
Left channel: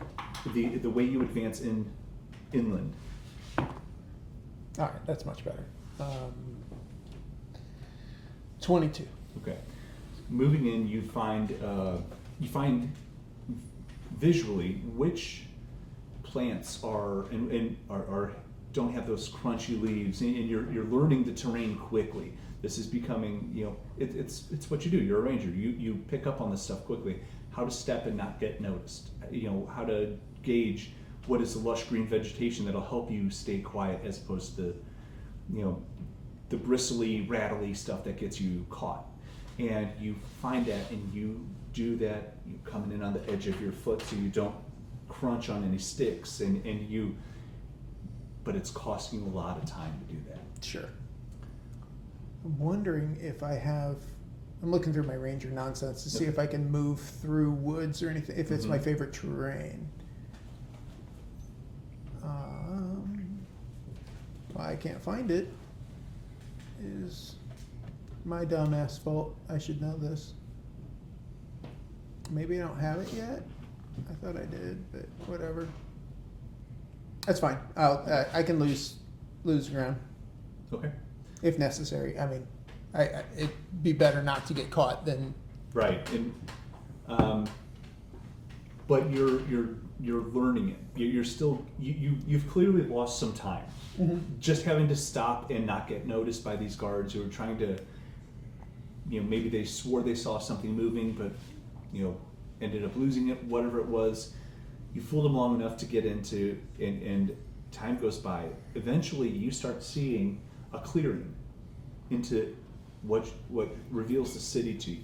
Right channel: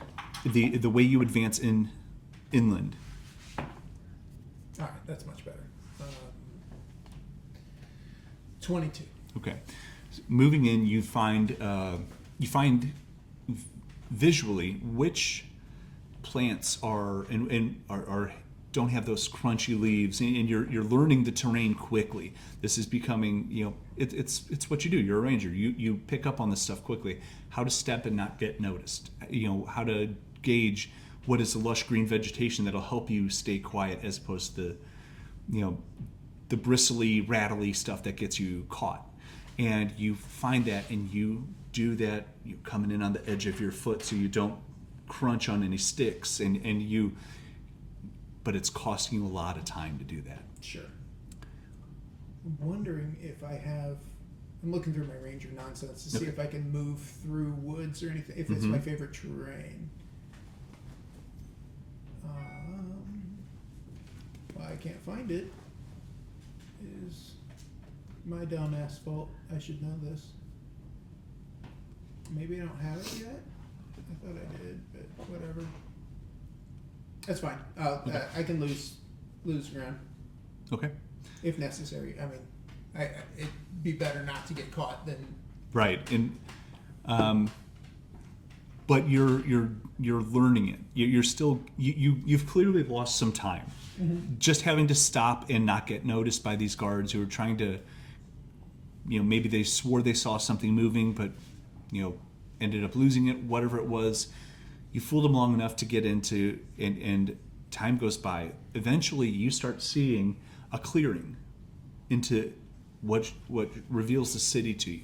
the way you advance inland. All right, that's much better. 22. Okay. Moving in, you find visually which plants are don't have those crunchy leaves, and you're learning the terrain quickly. This is becoming, it's what you do. You're a ranger. You pick up on this stuff quickly. How to step and not get noticed. How to gauge what is the lush green vegetation that'll help you stay quiet, as opposed to the bristly, rattly stuff that gets you caught. And you find that, and you do that. You coming in on the edge of your foot so you don't crunch on any sticks, but it's costing you a lot of time to do that. Sure. I'm wondering if I'm looking through my ranger nonsense to see if I can move through woods or anything, if it's my favorite terrain. I can't find it. Is my dumbass fault. I should know this. Maybe I don't have it yet. I thought I did, but whatever. That's fine. I can lose ground. Okay. If necessary. I mean, it'd be better not to get caught than. Right, and but you're learning it. You're still you've clearly lost some time. Mm-hmm. Just having to stop and not get noticed by these guards who are trying to, maybe they swore they saw something moving, but ended up losing it. Whatever it was, you fooled them long enough to get into, and time goes by. Eventually, you start seeing a clearing into what reveals the city to you.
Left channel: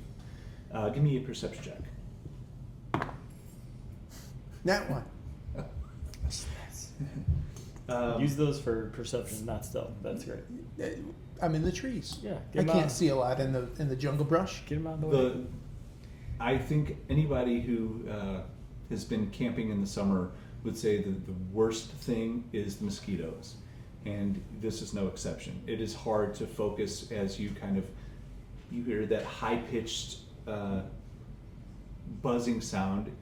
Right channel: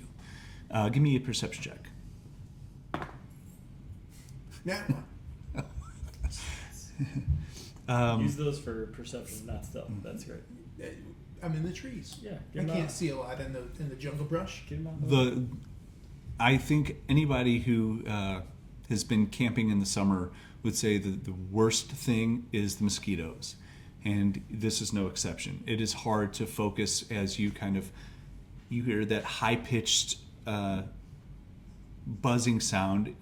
Give me a perception check. That one. Use those for perception, not stealth. That's great. I'm in the trees. Yeah, I can't see a lot in the jungle brush. Get them out of the way. I think anybody who has been camping in the summer would say that the worst thing is the mosquitoes, and this is no exception. It is hard to focus as you hear that high-pitched buzzing sound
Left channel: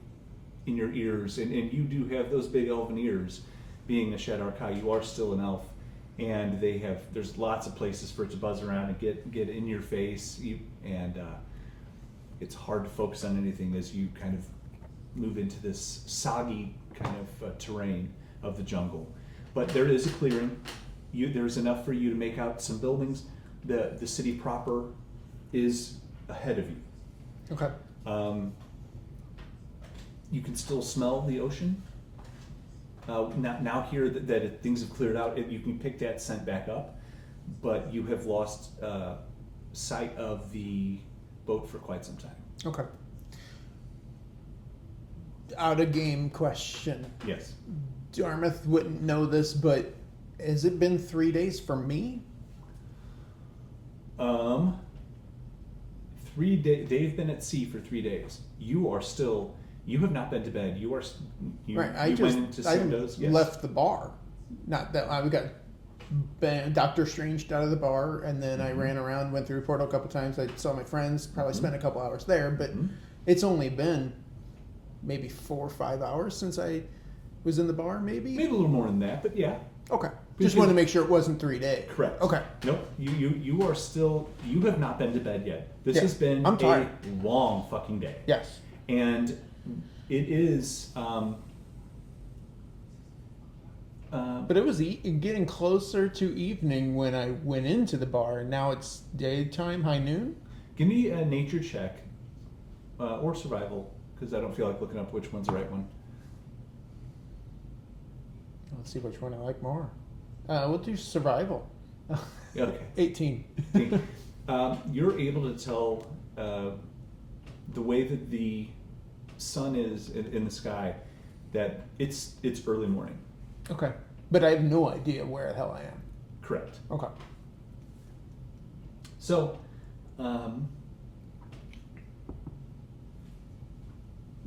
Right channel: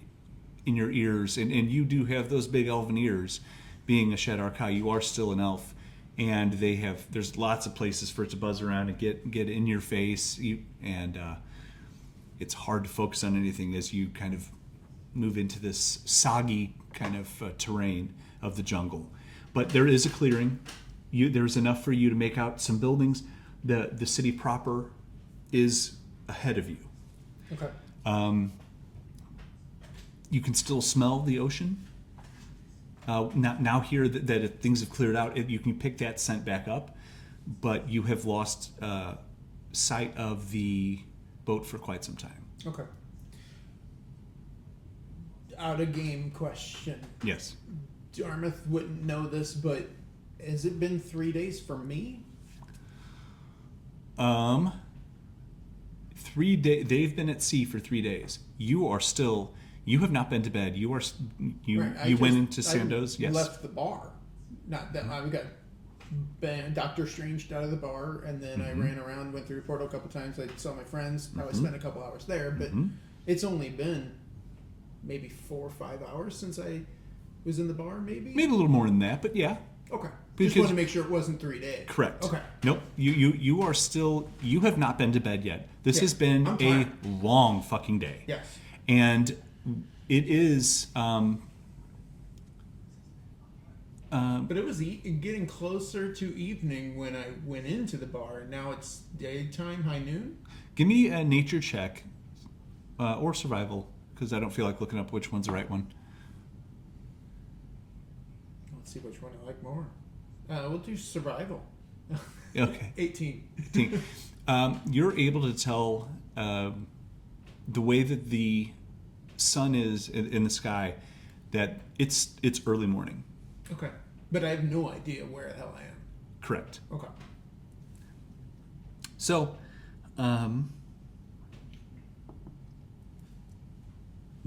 in your ears, and you do have those big elven ears. Being a Shadar-kai, you are still an elf, and there's lots of places for it to buzz around and get in your face, and it's hard to focus on anything as you kind of move into this soggy kind of terrain of the jungle. But there is a clearing. There's enough for you to make out some buildings. The city proper is ahead of you. Okay. You can still smell the ocean. Now here that things have cleared out, you can pick that scent back up, but you have lost sight of the boat for quite some time. Okay. Out of game question. Yes. Darmythe wouldn't know this, but has it been 3 days for me? 3 days. They've been at sea for 3 days. You have not been to bed. You went into Sandoz. Yes. Left the bar. Not that we got Doctor Strange out of the bar, and then I ran around, went through Portal a couple times. I saw my friends. Probably spent a couple hours there, but it's only been maybe 4 or 5 hours since I was in the bar, maybe? Maybe a little more than that, but yeah. Okay. Because- Just wanted to make sure it wasn't 3 days. Correct. Okay. Nope. You are still. You have not been to bed yet. This Yeah, has been I'm a tired. long fucking day. Yes. And it is. But it was getting closer to evening when I went into the bar, and now it's daytime, high noon. Give me a nature check, or survival, because I don't feel like looking up which one's the right one. Let's see which one I like more. We'll do survival. Okay. 18. You're able to tell the way that the sun is in the sky that it's early morning. Okay. But I have no idea where the hell I am. Correct. Okay. So, Val,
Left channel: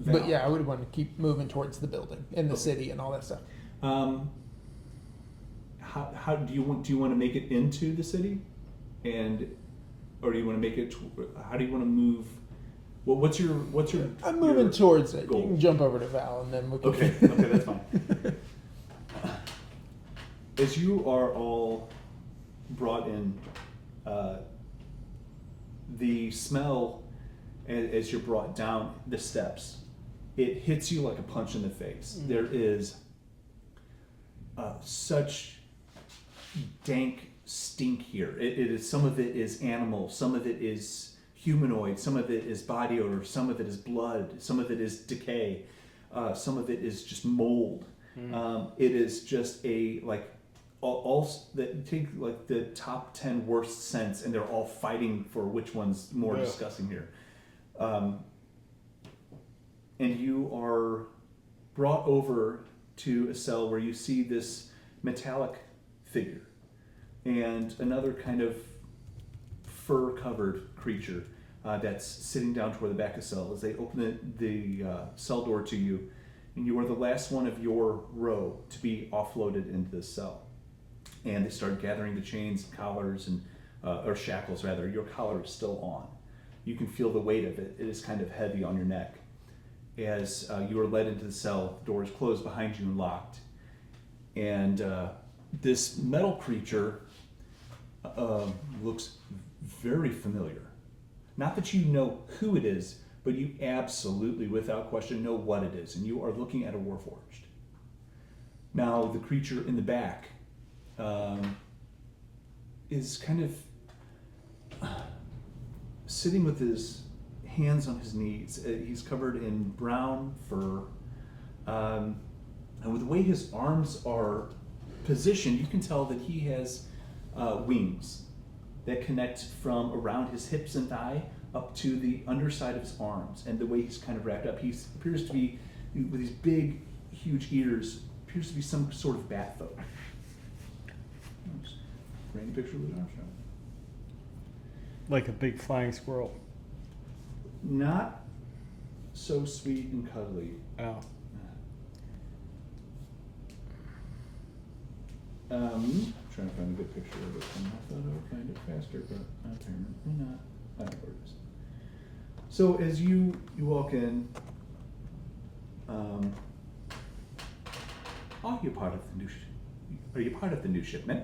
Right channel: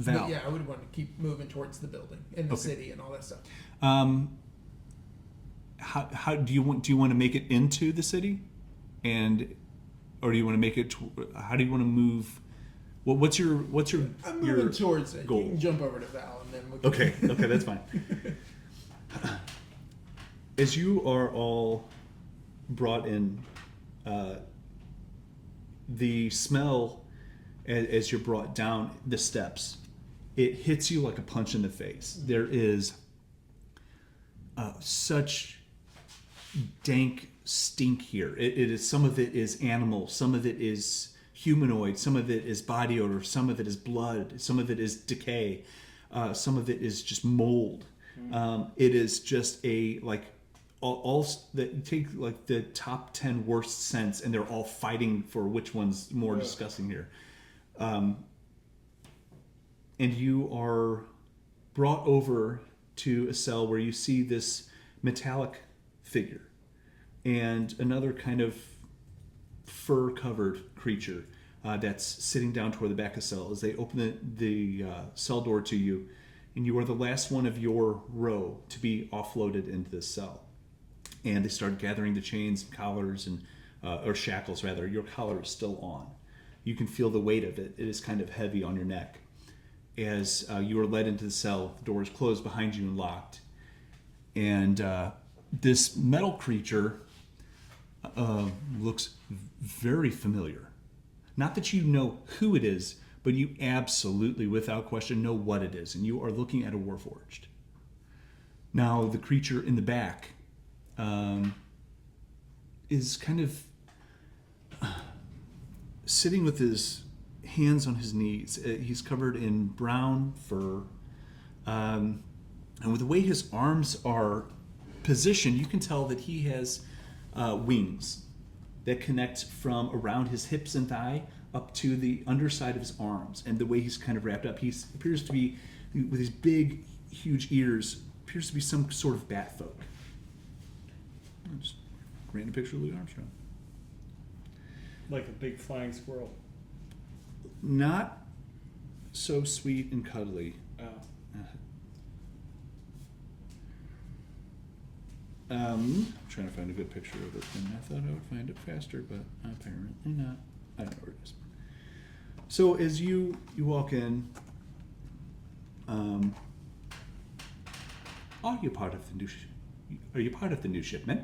But yeah, I would want to keep moving towards the building and the city and all that stuff. how do you want to make it into the city, or do you want to make it? How do you want to move? What's your? I'm your moving towards it. goal? You can jump over to Val and then we can... Okay, that's fine. As you are all brought in, the smell as you're brought down the steps, it hits you like a punch in the face. Mm-hmm. There is such dank stink here. It is, some of it is animal, some of it is humanoid, some of it is body odor, some of it is blood, some of it is decay, some of it is just mold. It is just all that take like the top 10 worst scents, and they're all fighting for which one's more disgusting here. And you are brought over to a cell where you see this metallic figure and another kind of fur-covered creature that's sitting down toward the back of the cell. As they open the cell door to you, and you are the last one of your row to be offloaded into this cell. And they start gathering the chains and collars or shackles rather. Your collar is still on. You can feel the weight of it. It is kind of heavy on your neck. As you are led into the cell, the door is closed behind you and locked. And this metal creature looks very familiar. Not that you know who it is, but you absolutely, without question, know what it is. And you are looking at a Warforged. Now, the creature in the back is kind of sitting with his hands on his knees. He's covered in brown fur. And with the way his arms are positioned, you can tell that he has wings that connect from around his hips and thigh up to the underside of his arms. And the way he's kind of wrapped up, he appears to be, with his big, huge ears, appears to be some sort of bat folk. Just random picture of Louis Armstrong. Like a big flying squirrel. Not so sweet and cuddly. Oh. I'm trying to find a good picture of it. I thought I would find it faster, but apparently not. I don't know where it is. So as you walk in, are you part of the new? Are you part of the new shipment?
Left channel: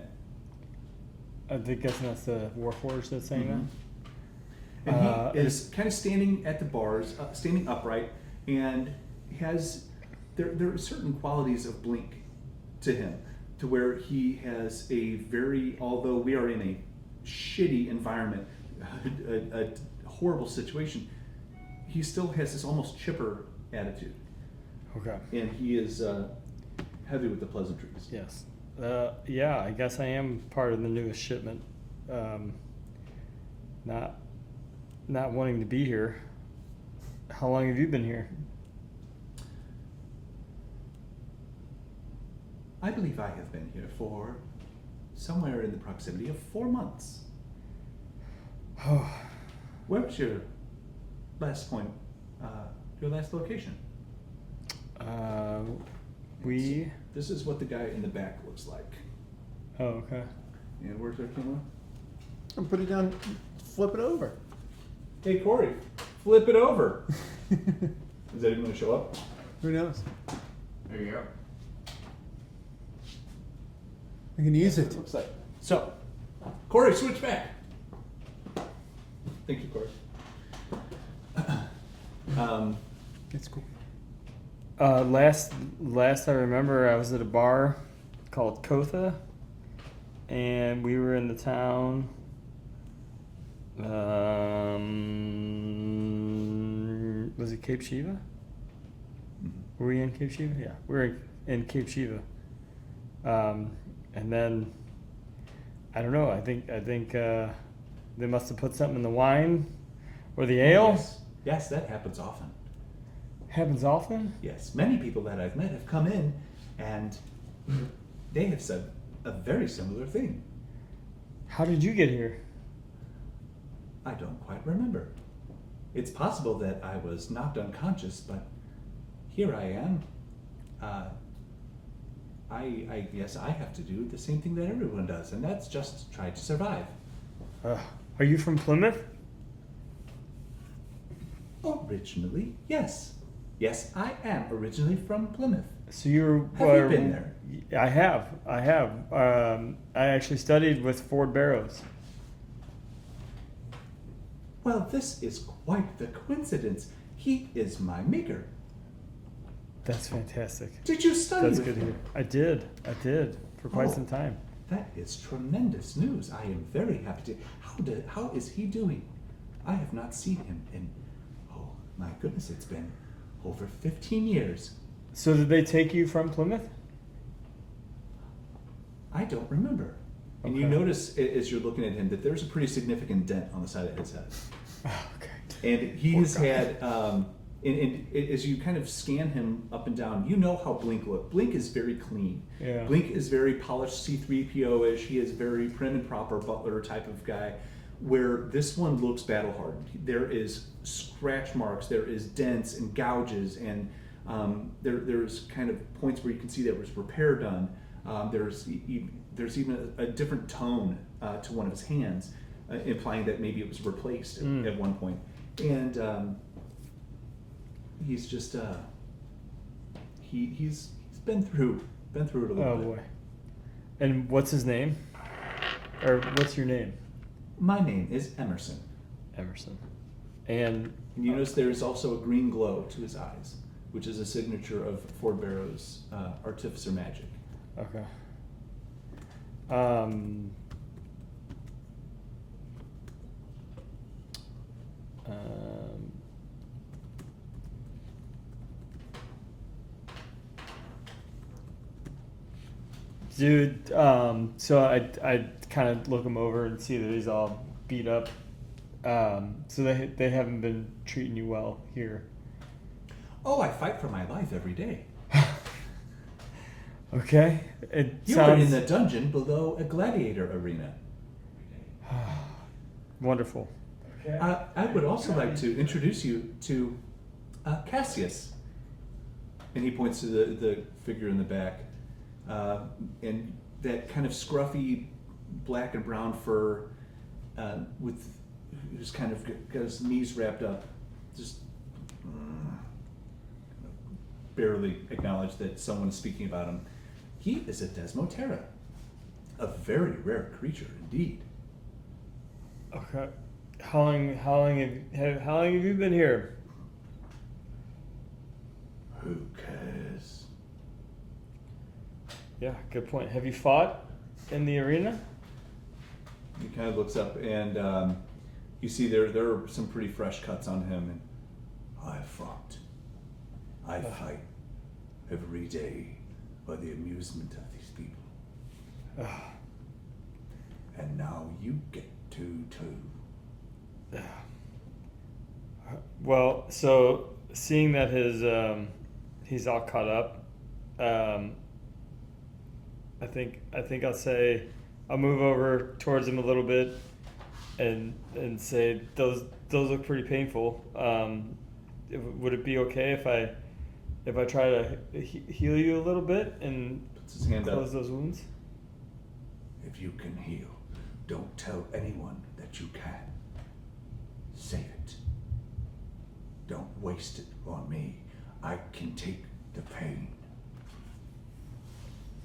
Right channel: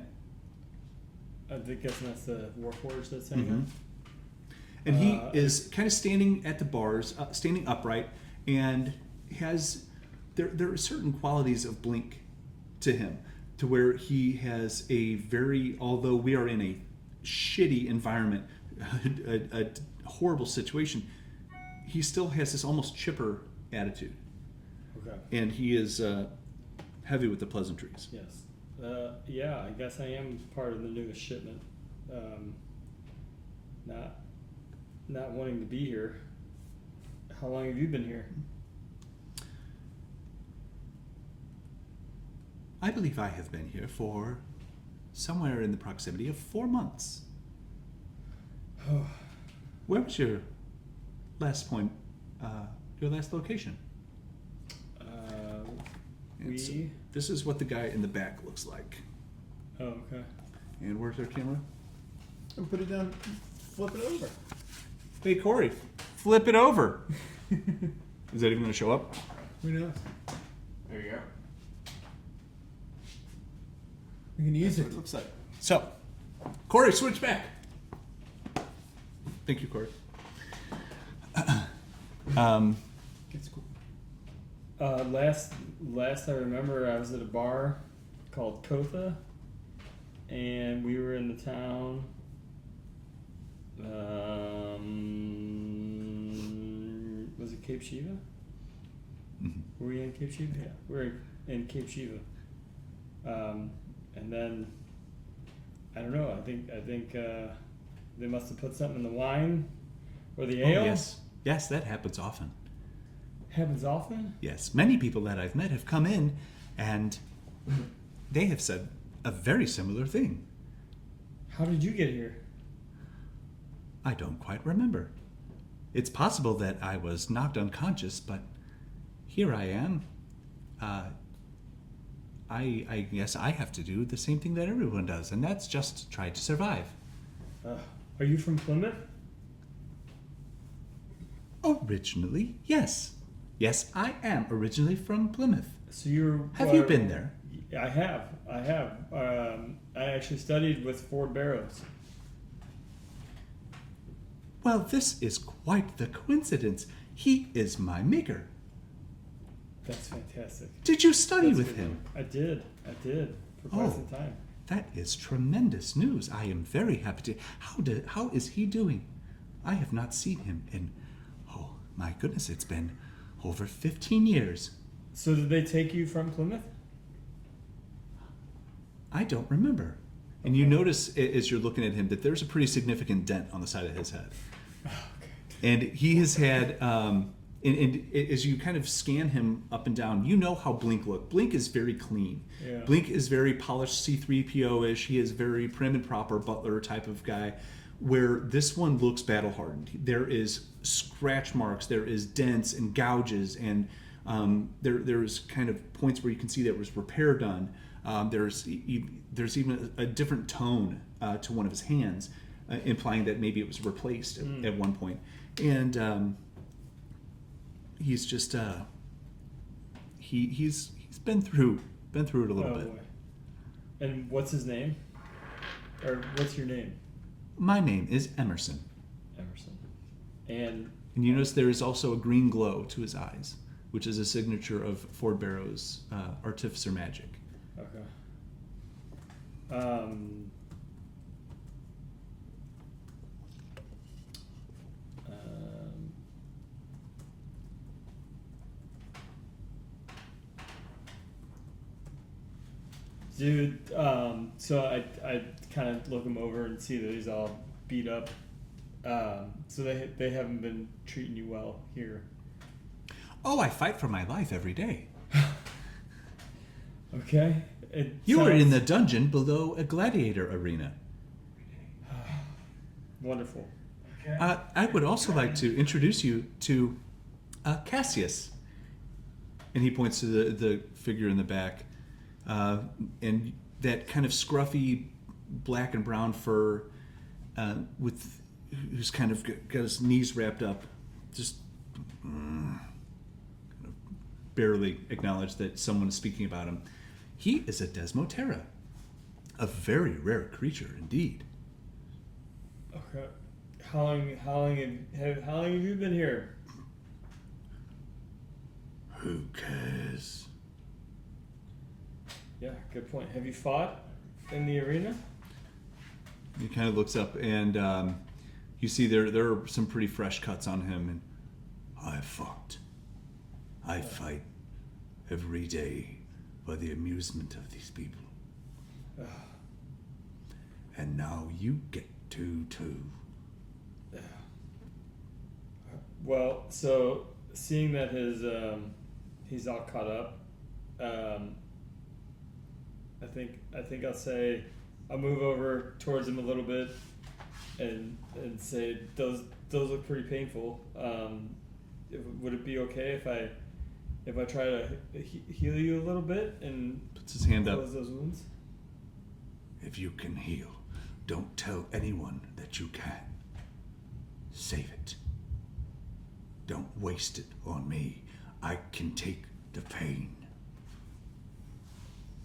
I think that's the Warforged that's saying that. And he is kind of standing at the bars, standing upright, and has there are certain qualities of Blink to him, to where he has a very, although we are in a shitty environment, a horrible situation, he still has this almost chipper attitude. Okay. And he is heavy with the pleasantries. Yes. Yeah, I guess I am part of the newest shipment. Not wanting to be here. How long have you been here? I believe I have been here for somewhere in the proximity of 4 months. Where was your last point, your last location? This is what the guy in the back looks like. Oh, okay. And where's our camera? And put it down, flip it over. Hey, Corey, flip it over. Is that even going to show up? Who knows? There you go. I can use That's it. what looks like. So, Corey, switch back. Thank you, Corey. That's cool. Last I remember, I was at a bar called Kotha, and we were in the town. Was it Cape Shiva? Were we in Cape Shiva? Yeah, we were in Cape Shiva. And then I don't know. I think they must have put something in the wine or the ale. Yes. Yes, that happens often. Happens often. Yes, many people that I've met have come in and they have said a very similar thing. How did you get here? I don't quite remember. It's possible that I was knocked unconscious, but here I am. I guess I have to do the same thing that everyone does, and that's just try to survive. Are you from Plymouth? Originally, yes. Yes, I am originally from Plymouth. So you were. Have you been there? I have. I actually studied with Ford Barrows. Well, this is quite the coincidence. He is my maker. That's fantastic. Did you study That's with good. him? I did for quite Oh. some time. That is tremendous news. I am very happy to. How is he doing? I have not seen him in, oh my goodness, it's been over 15 years. So did they take you from Plymouth? I don't remember. And you notice as you're looking at him that there's a pretty significant dent on the side of his head. Oh, okay. And he has had, and as you kind of scan him up and down, you know how Blink looked. Blink is very clean. Yeah. Blink is very polished C-3PO-ish. He is very prim and proper butler type of guy, where this one looks battle hardened. There is scratch marks, there is dents and gouges, and there's kind of points where you can see there was repair done. There's even a different tone to one of his hands, implying that maybe it was replaced at one point. And he's just he's been through it a little bit. Oh boy. And what's his name? Or what's your name? My name is Emerson. Emerson. And And you notice there is also a green glow to his eyes, which is a signature of Ford Barrows' artificer magic. okay. Dude, so I kind of look him over and see that he's all beat up. So they haven't been treating you well here. Oh, I fight for my life every day. Okay. You are in the dungeon below a gladiator arena. Wonderful. Okay. I would also like to introduce you to Cassius. And he points to the figure in the back. And that kind of scruffy black and brown fur who's kind of got his knees wrapped up. Just barely acknowledge that someone is speaking about him. He is a Desmotera. A very rare creature indeed. Okay. How long have you been here? Who cares? Yeah, good point. Have you fought in the arena? He kind of looks up and you see there are some pretty fresh cuts on him. I fought. I fight every day for the amusement of these people. And now you get to too. Well, so seeing that he's all caught up, I think I'll move over towards him a little bit and say those look pretty painful. Would it be okay if I try to heal you a little bit and Puts his hand up. close those wounds? If you can heal, don't tell anyone that you can. Save it. Don't waste it on me. I can take the pain.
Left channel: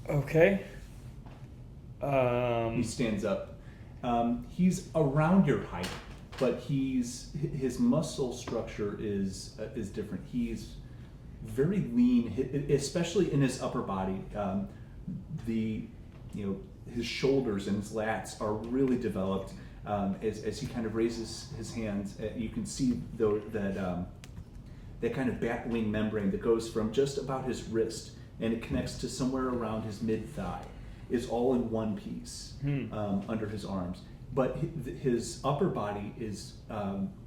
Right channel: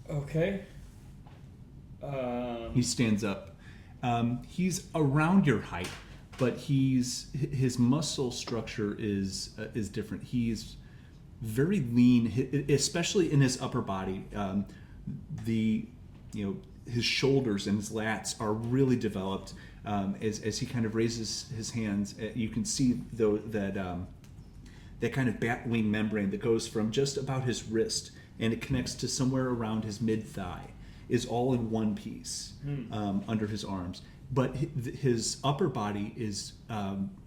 Okay. He stands up. He's around your height, but his muscle structure is different. He's very lean, especially in his upper body. His shoulders and his lats are really developed. As he kind of raises his hands, you can see though that kind of bat wing membrane that goes from just about his wrist and it connects to somewhere around his mid thigh is all in one piece under his arms. But his upper body is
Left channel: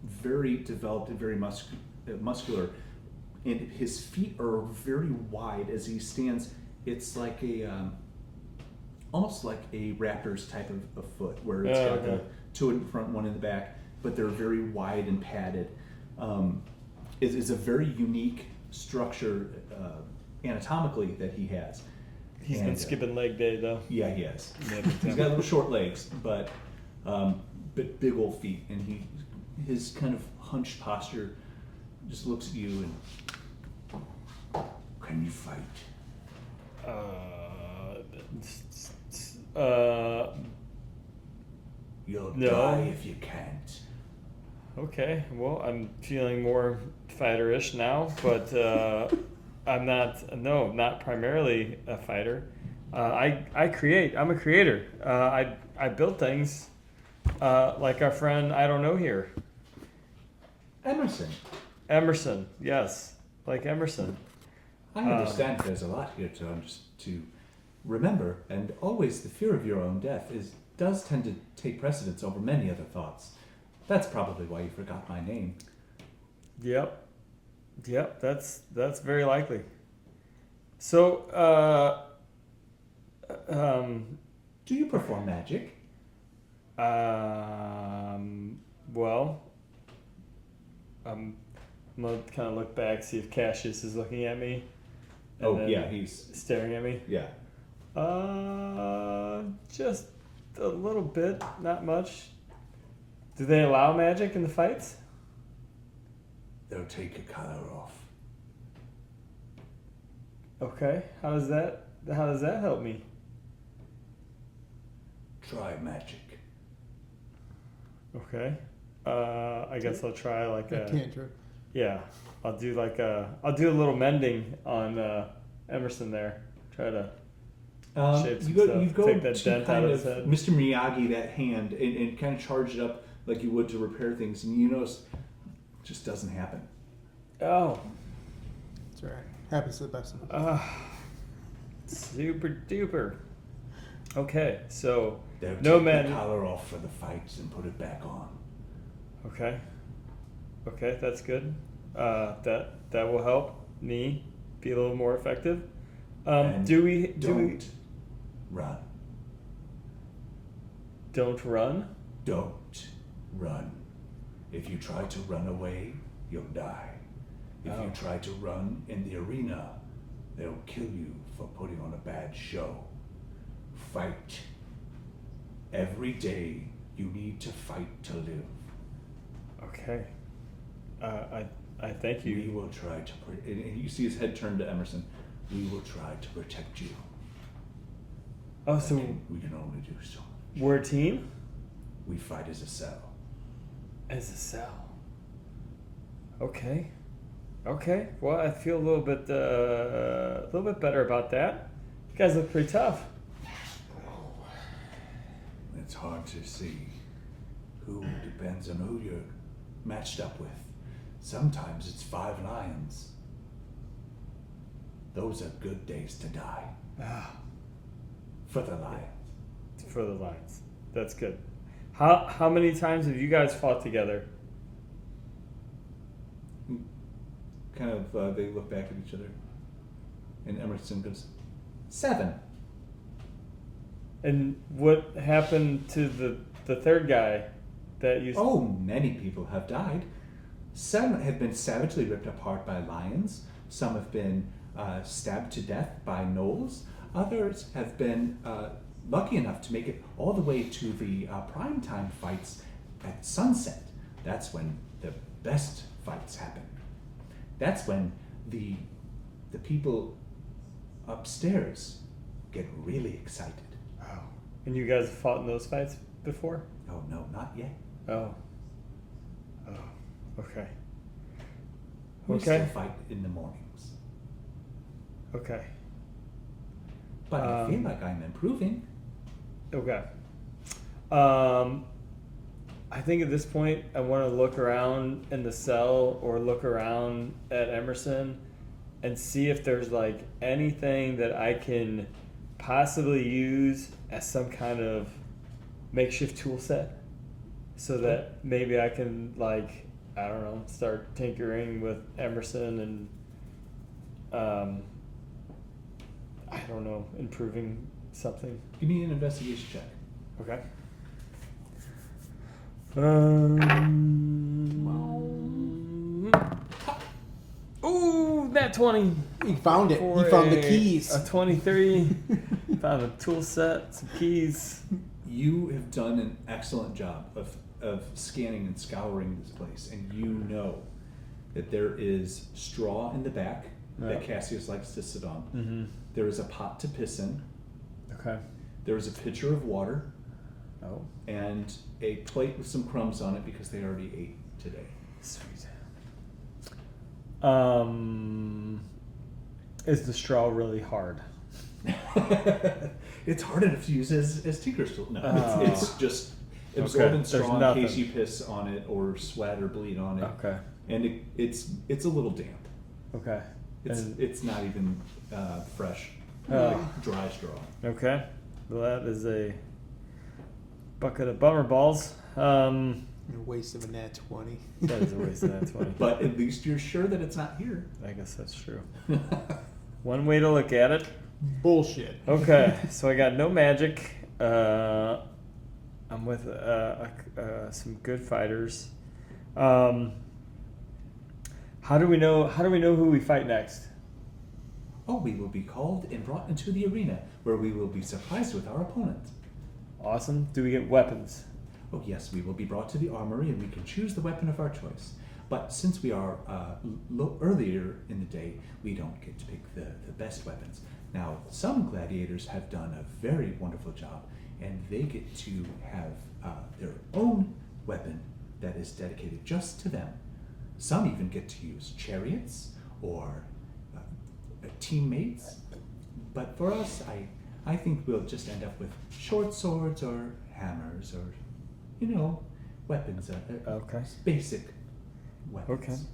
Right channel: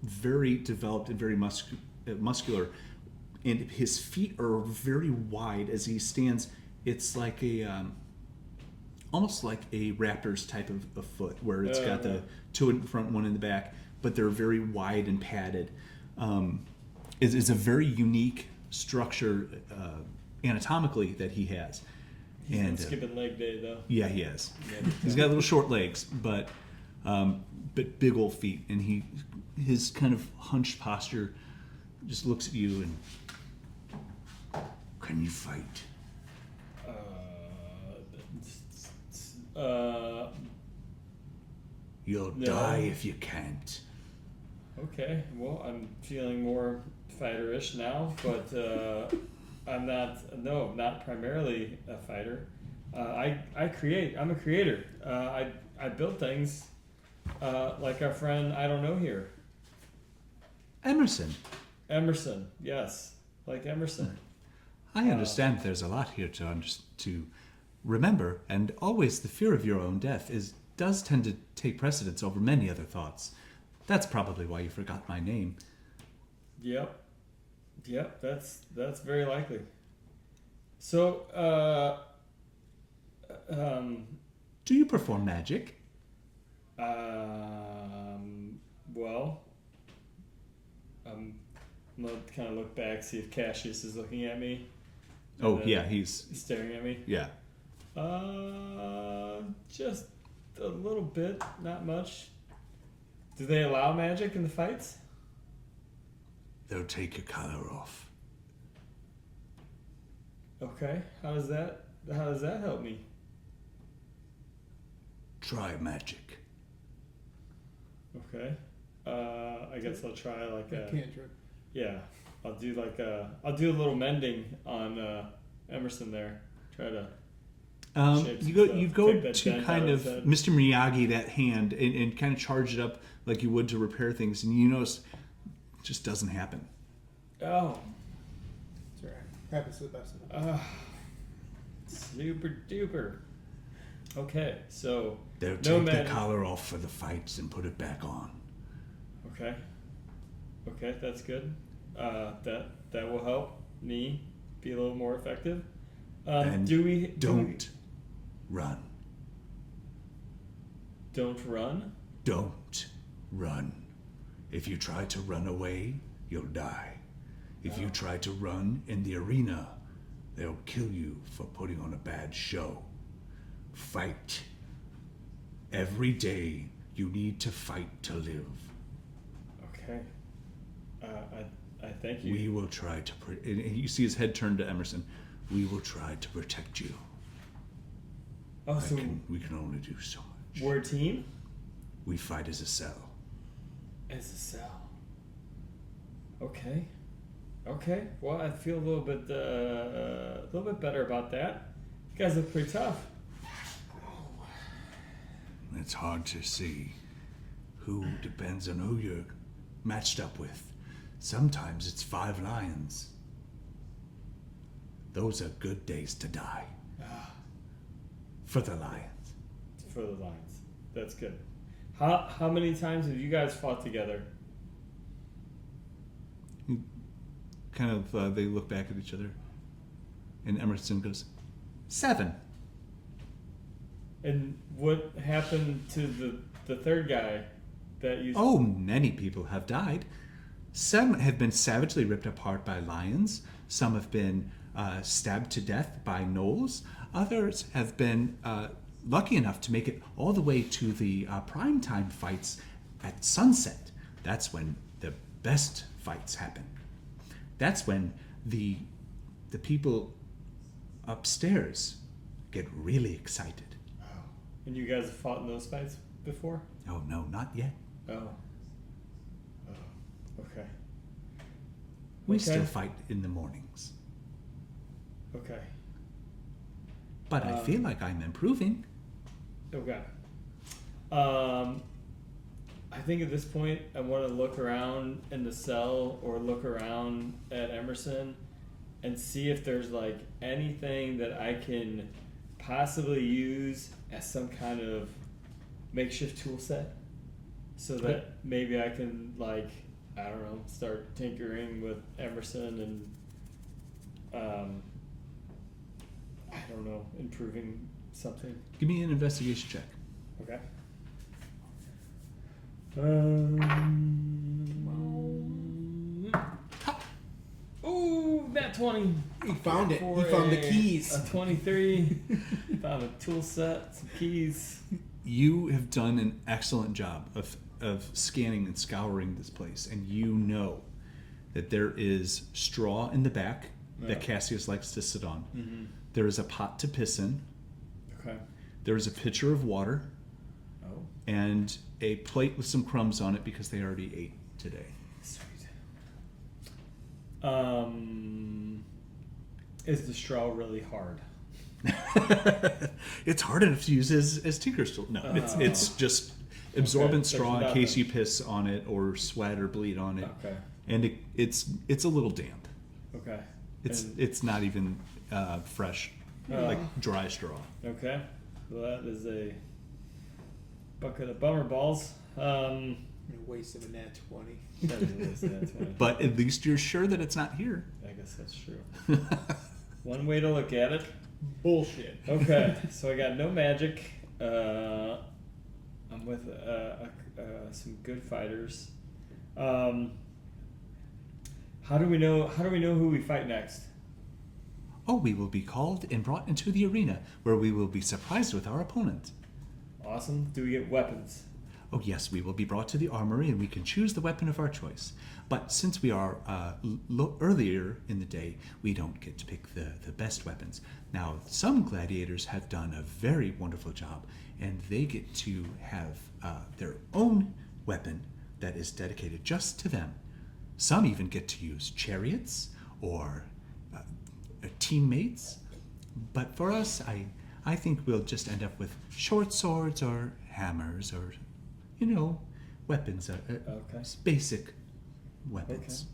very developed and very muscular, and his feet are very wide as he stands. It's like almost like a raptor's type of foot, where it's got the two in front, one in the back, but they're very wide and padded. It's a very unique structure anatomically that he has. He's been skipping leg day though. Yeah, he has. He's got little short legs, but big old feet, and his kind of hunched posture just looks at you and, can you fight? You'll No. die if you can't. Okay, well, I'm feeling more fighterish now, but I'm not primarily a fighter. I create. I'm a creator. I build things like our friend I don't know here. Emerson, yes, like Emerson. I understand there's a lot here to remember, and always the fear of your own death does tend to take precedence over many other thoughts. That's probably why you forgot my name. Yep, that's very likely. So, do you perform magic? Well, I'm gonna kind of look back, see if Cassius is looking at me. Oh yeah, he's staring at me. Yeah. Just a little bit, not much. Do they allow magic in the fights? They'll take your color off. Okay. How does that help me? Try magic. Okay. I guess I'll try like a cantrip. Yeah. I'll do a little mending on Emerson there. Try to you go take that to dent kind out of his head. Mr. Miyagi that hand and kind of charge it up like you would to repair things, and you notice it just doesn't happen. Oh. That's right. Happens to the best of us. Super duper. Okay, so They'll no take men. the collar off for the fights and put it back on. Okay, that's good. That will help me be a little more effective. And don't run. Don't run? Don't run. If you try to run away, you'll die. If you try to run in the arena, they'll kill you for putting on a bad show. Fight. Every day you need to fight to live. Okay. I thank you. We will try to and you see his head turn to Emerson. We will try to protect you. Oh, so we can only do so much. we're a team? We fight as a cell. As a cell. Okay. Well, I feel a little bit better about that. You guys look pretty tough. It's hard to see. Who depends on who you're matched up with. Sometimes it's 5 lions. Those are good days to die. For the lions. For the lions. That's good. How many times have you guys fought together? Kind of, they look back at each other. And Emerson goes, 7. And what happened to the third guy that you... Oh, many people have died. Some have been savagely ripped apart by lions. Some have been stabbed to death by gnolls. Others have been lucky enough to make it all the way to the primetime fights at sunset. That's when the best fights happen. That's when the people upstairs get really excited. And you guys have fought in those fights before? Oh, no, not yet. Oh. Okay. We Okay. still fight in the mornings. Okay. But I feel like I'm improving. Okay. I think at this point I want to look around in the cell or look around at Emerson and see if there's like anything that I can possibly use as some kind of makeshift tool set so that maybe I can, like, I don't know, start tinkering with Emerson and I don't know, improving something. Give me an investigation check. Okay. Ooh, that 20. You found it. For You found the a- keys. A 23. Found a tool set, some keys. You have done an excellent job of scanning and scouring this place, and you know that there is straw in the back that Cassius likes to sit on. Mm-hmm. There is a pot to piss in. Okay. There is a pitcher of water Oh, and a plate with some crumbs on it because they already ate today. sweet. Is the straw really hard? It's hard enough to use as Tinker's tool. No, it's just absorbent Okay, straw there's in case nothing. you piss on it or sweat or bleed on it. Okay. And it's a little damp. Okay. It's not even fresh, Oh. like dry straw. Okay. Well, that is a bucket of bummer balls. A waste of a nat 20. That is a waste of that 20. But at least you're sure that it's not here. I guess that's true. One way to look at it. Bullshit. Okay, so I got no magic. I'm with some good fighters. How do we know who we fight next? Oh, we will be called and brought into the arena where we will be surprised with our opponent. Awesome. Do we get weapons? Oh yes, we will be brought to the armory and we can choose the weapon of our choice. But since we are earlier in the day, we don't get to pick the best weapons. Now, some gladiators have done a very wonderful job, and they get to have their own weapon that is dedicated just to them. Some even get to use chariots or teammates. But for us, I think we'll just end up with short swords or hammers or, weapons, Okay. basic weapons.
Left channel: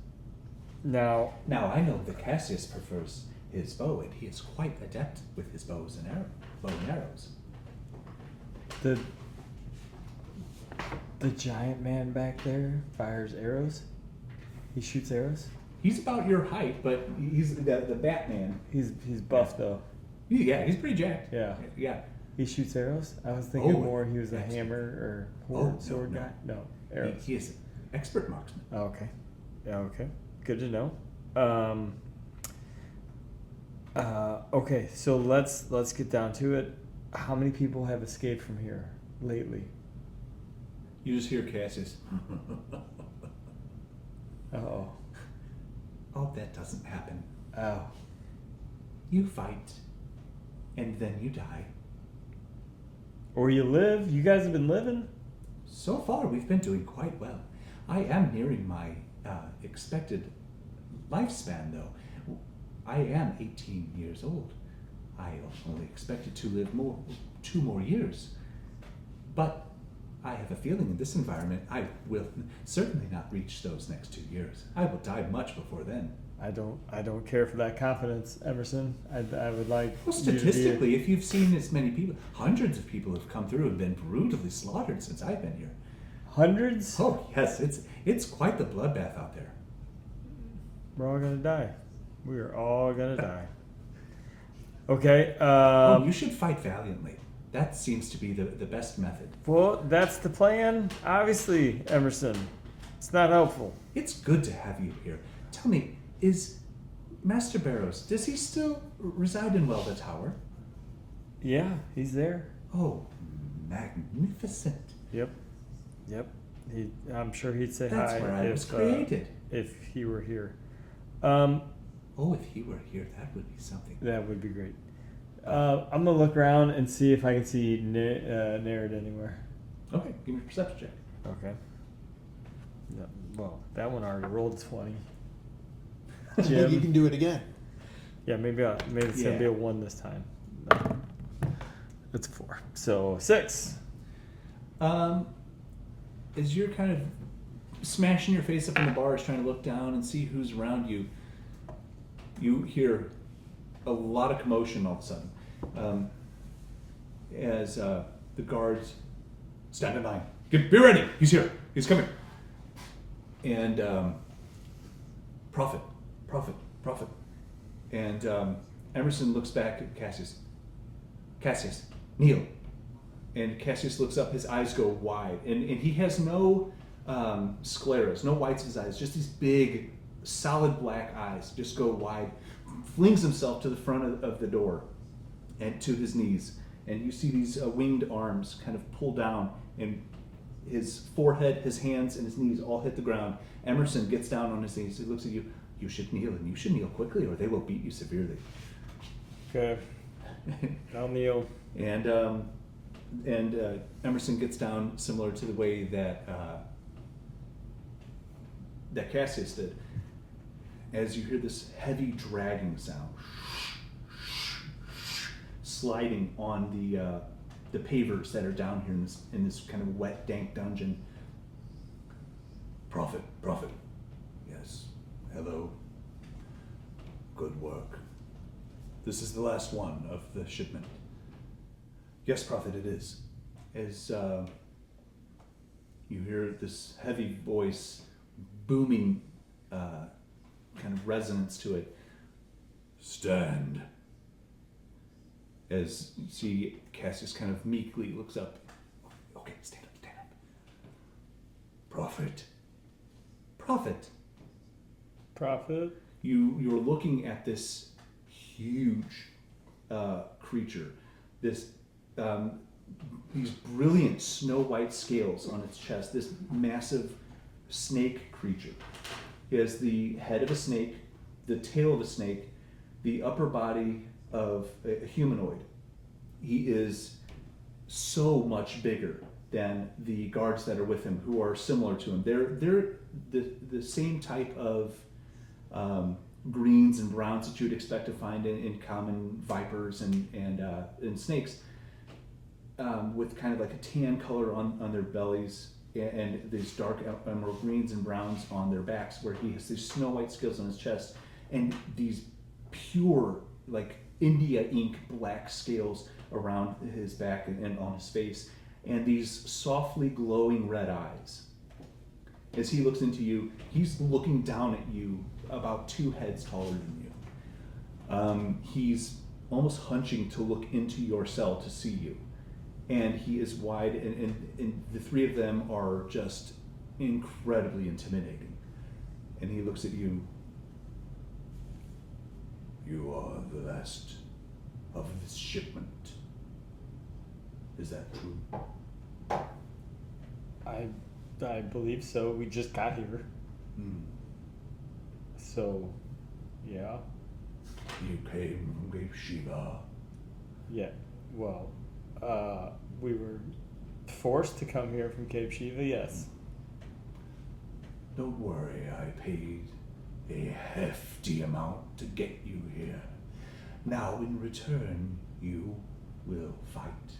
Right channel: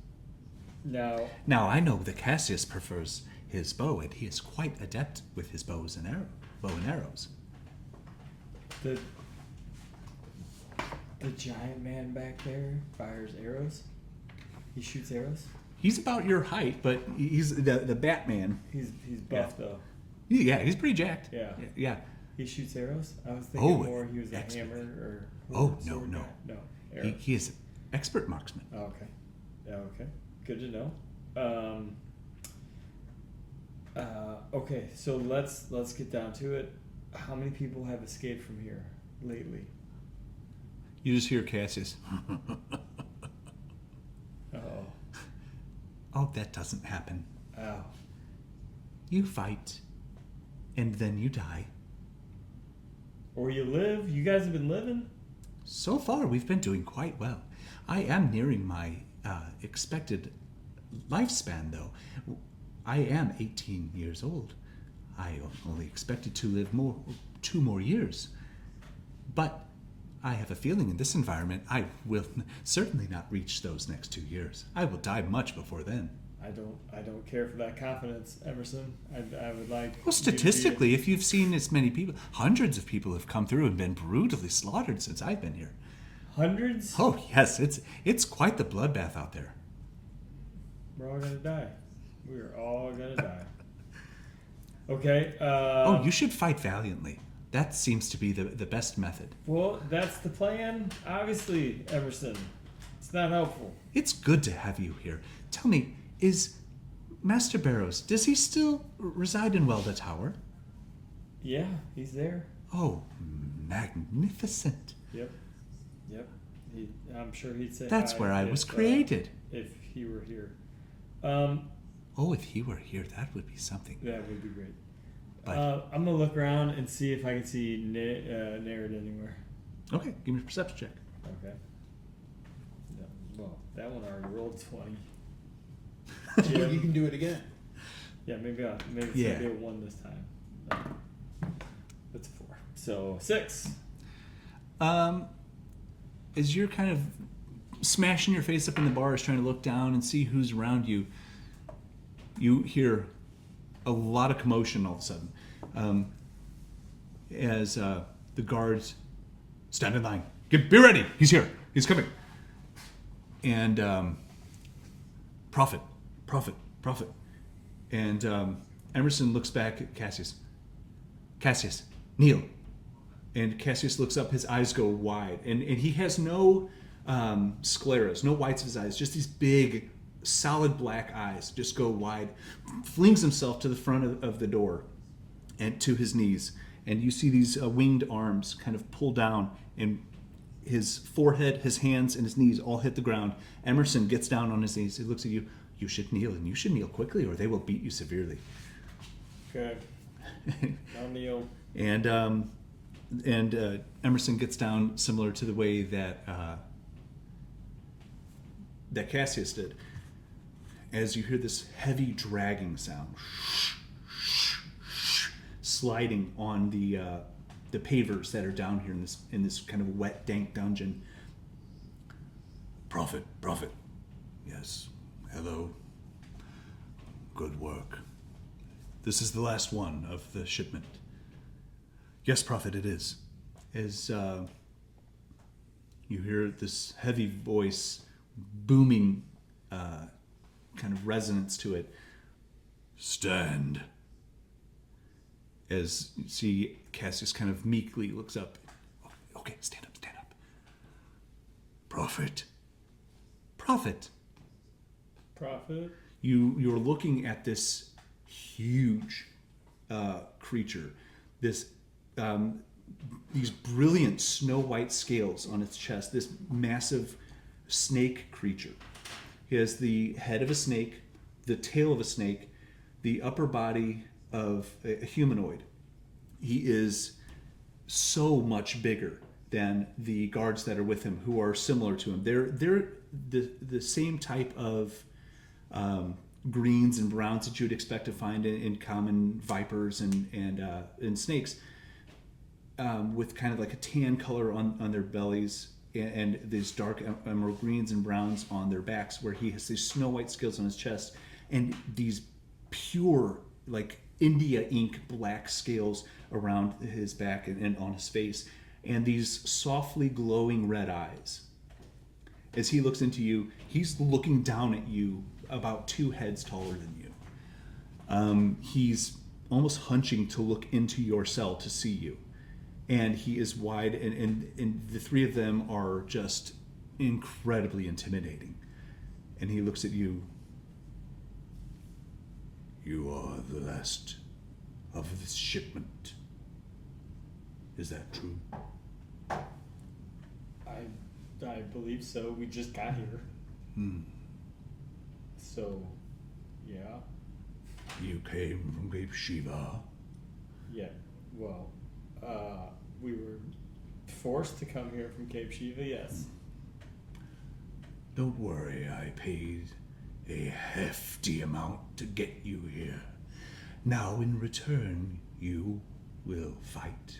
Now, Now, I know that Cassius prefers his bow, and he is quite adept with his bow and arrows. the giant man back there fires arrows. He shoots arrows. He's about your height, but he's the Batman. He's buff though. Yeah, he's pretty jacked. Yeah. Yeah. He shoots arrows. I was thinking Oh, more he was a expert. hammer or Oh, sword no. guy. No, arrows. He is an expert marksman. Oh, okay. Yeah, okay. Good to know. Okay, so let's get down to it. How many people have escaped from here lately? You just hear Cassius. Oh. Oh, that doesn't happen. Oh. You fight, and then you die. Or you live? You guys have been living? So far, we've been doing quite well. I am nearing my expected lifespan, though. I am 18 years old. I only expected to live 2 more years. But I have a feeling in this environment I will certainly not reach those next 2 years. I will die much before then. I don't care for that confidence, Emerson. I would like. Well, statistically, if you've seen as many people, hundreds of people have come through and been brutally slaughtered since I've been here. Hundreds? Oh yes, it's quite the bloodbath out there. We're all gonna die. We are all gonna die. Okay. Oh, you should fight valiantly. That seems to be the best method. Well, that's the plan. Obviously, Emerson. It's not helpful. It's good to have you here. Tell me, is Master Barrows, does he still reside in Welda Tower? Yeah, he's there. Oh, magnificent. Yep. I'm sure he'd say That's hi where I if, was created. If he were here. Oh, if he were here, that would be something. That would be great. I'm gonna look around and see if I can see Nereid anywhere. Okay, give me a perception check. Okay. No, well, that one already rolled 20. You can do it again. Yeah, maybe it's gonna be a 1 this time. No. That's a 4. So 6. As you're kind of smashing your face up in the bars, trying to look down and see who's around you, you hear a lot of commotion all of a sudden. As the guards stand in line. Be ready. He's here. He's coming. And Prophet. And Emerson looks back at Cassius. Cassius, kneel. And Cassius looks up, his eyes go wide. And he has no scleras, no whites of his eyes, just these big, solid black eyes just go wide. Flings himself to the front of the door and to his knees. And you see these winged arms kind of pull down, and his forehead, his hands, and his knees all hit the ground. Emerson gets down on his knees. He looks at you. You should kneel, and you should kneel quickly, or they will beat you severely. Okay. I'll kneel. And Emerson gets down similar to the way that that Cassius did. As you hear this heavy dragging sound, sliding on the pavers that are down here in this kind of wet, dank dungeon. Prophet. Yes. Hello. Good work. This is the last one of the shipment. Yes, Prophet, it is. As you hear this heavy voice booming, kind of resonance to it. Stand. As you see Cassius kind of meekly looks up. Okay, stand up. Prophet. You're looking at this huge creature, these brilliant snow white scales on its chest, this massive snake creature. He has the head of a snake, the tail of a snake, the upper body of a humanoid. He is so much bigger than the guards that are with him, who are similar to him. They're the same type of greens and browns that you would expect to find in common vipers and snakes, with kind of like a tan color on their bellies and these dark emerald greens and browns on their backs, where he has these snow white scales on his chest and these pure, like India ink black scales around his back and on his face, and these softly glowing red eyes. As he looks into you, he's looking down at you about 2 heads taller than you. He's almost hunching to look into your cell to see you. And he is wide, and the 3 of them are just incredibly intimidating. And he looks at you. You are the last of this shipment. Is that true? I believe so. We just got here. So, yeah. You came from Cape Shiva. Yeah. Well, we were forced to come here from Cape Shiva, yes. Don't worry, I paid a hefty amount to get you here. Now, in return, you will fight.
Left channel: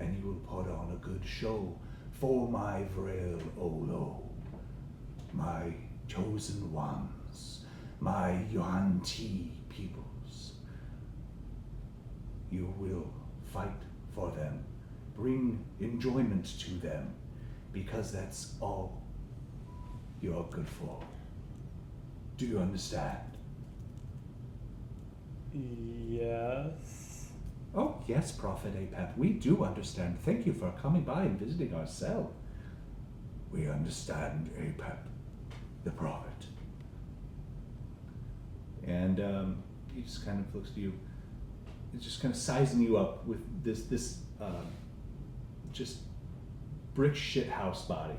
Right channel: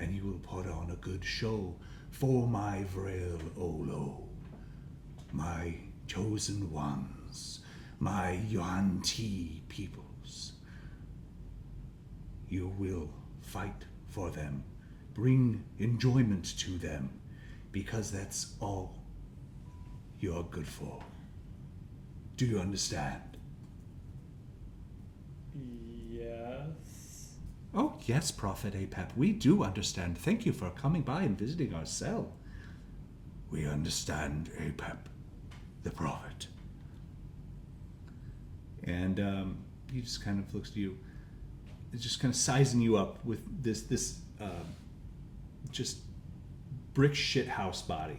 And you will put on a good show for my Vrael Olo, my chosen ones, my Yuan-Ti peoples. You will fight for them, bring enjoyment to them, because that's all you're good for. Do you understand? Yes. Oh, yes, Prophet Apep, we do understand. Thank you for coming by and visiting our cell. We understand, Apep, the Prophet. And he just kind of looks at you, just kind of sizing you up with this just brick shit house body.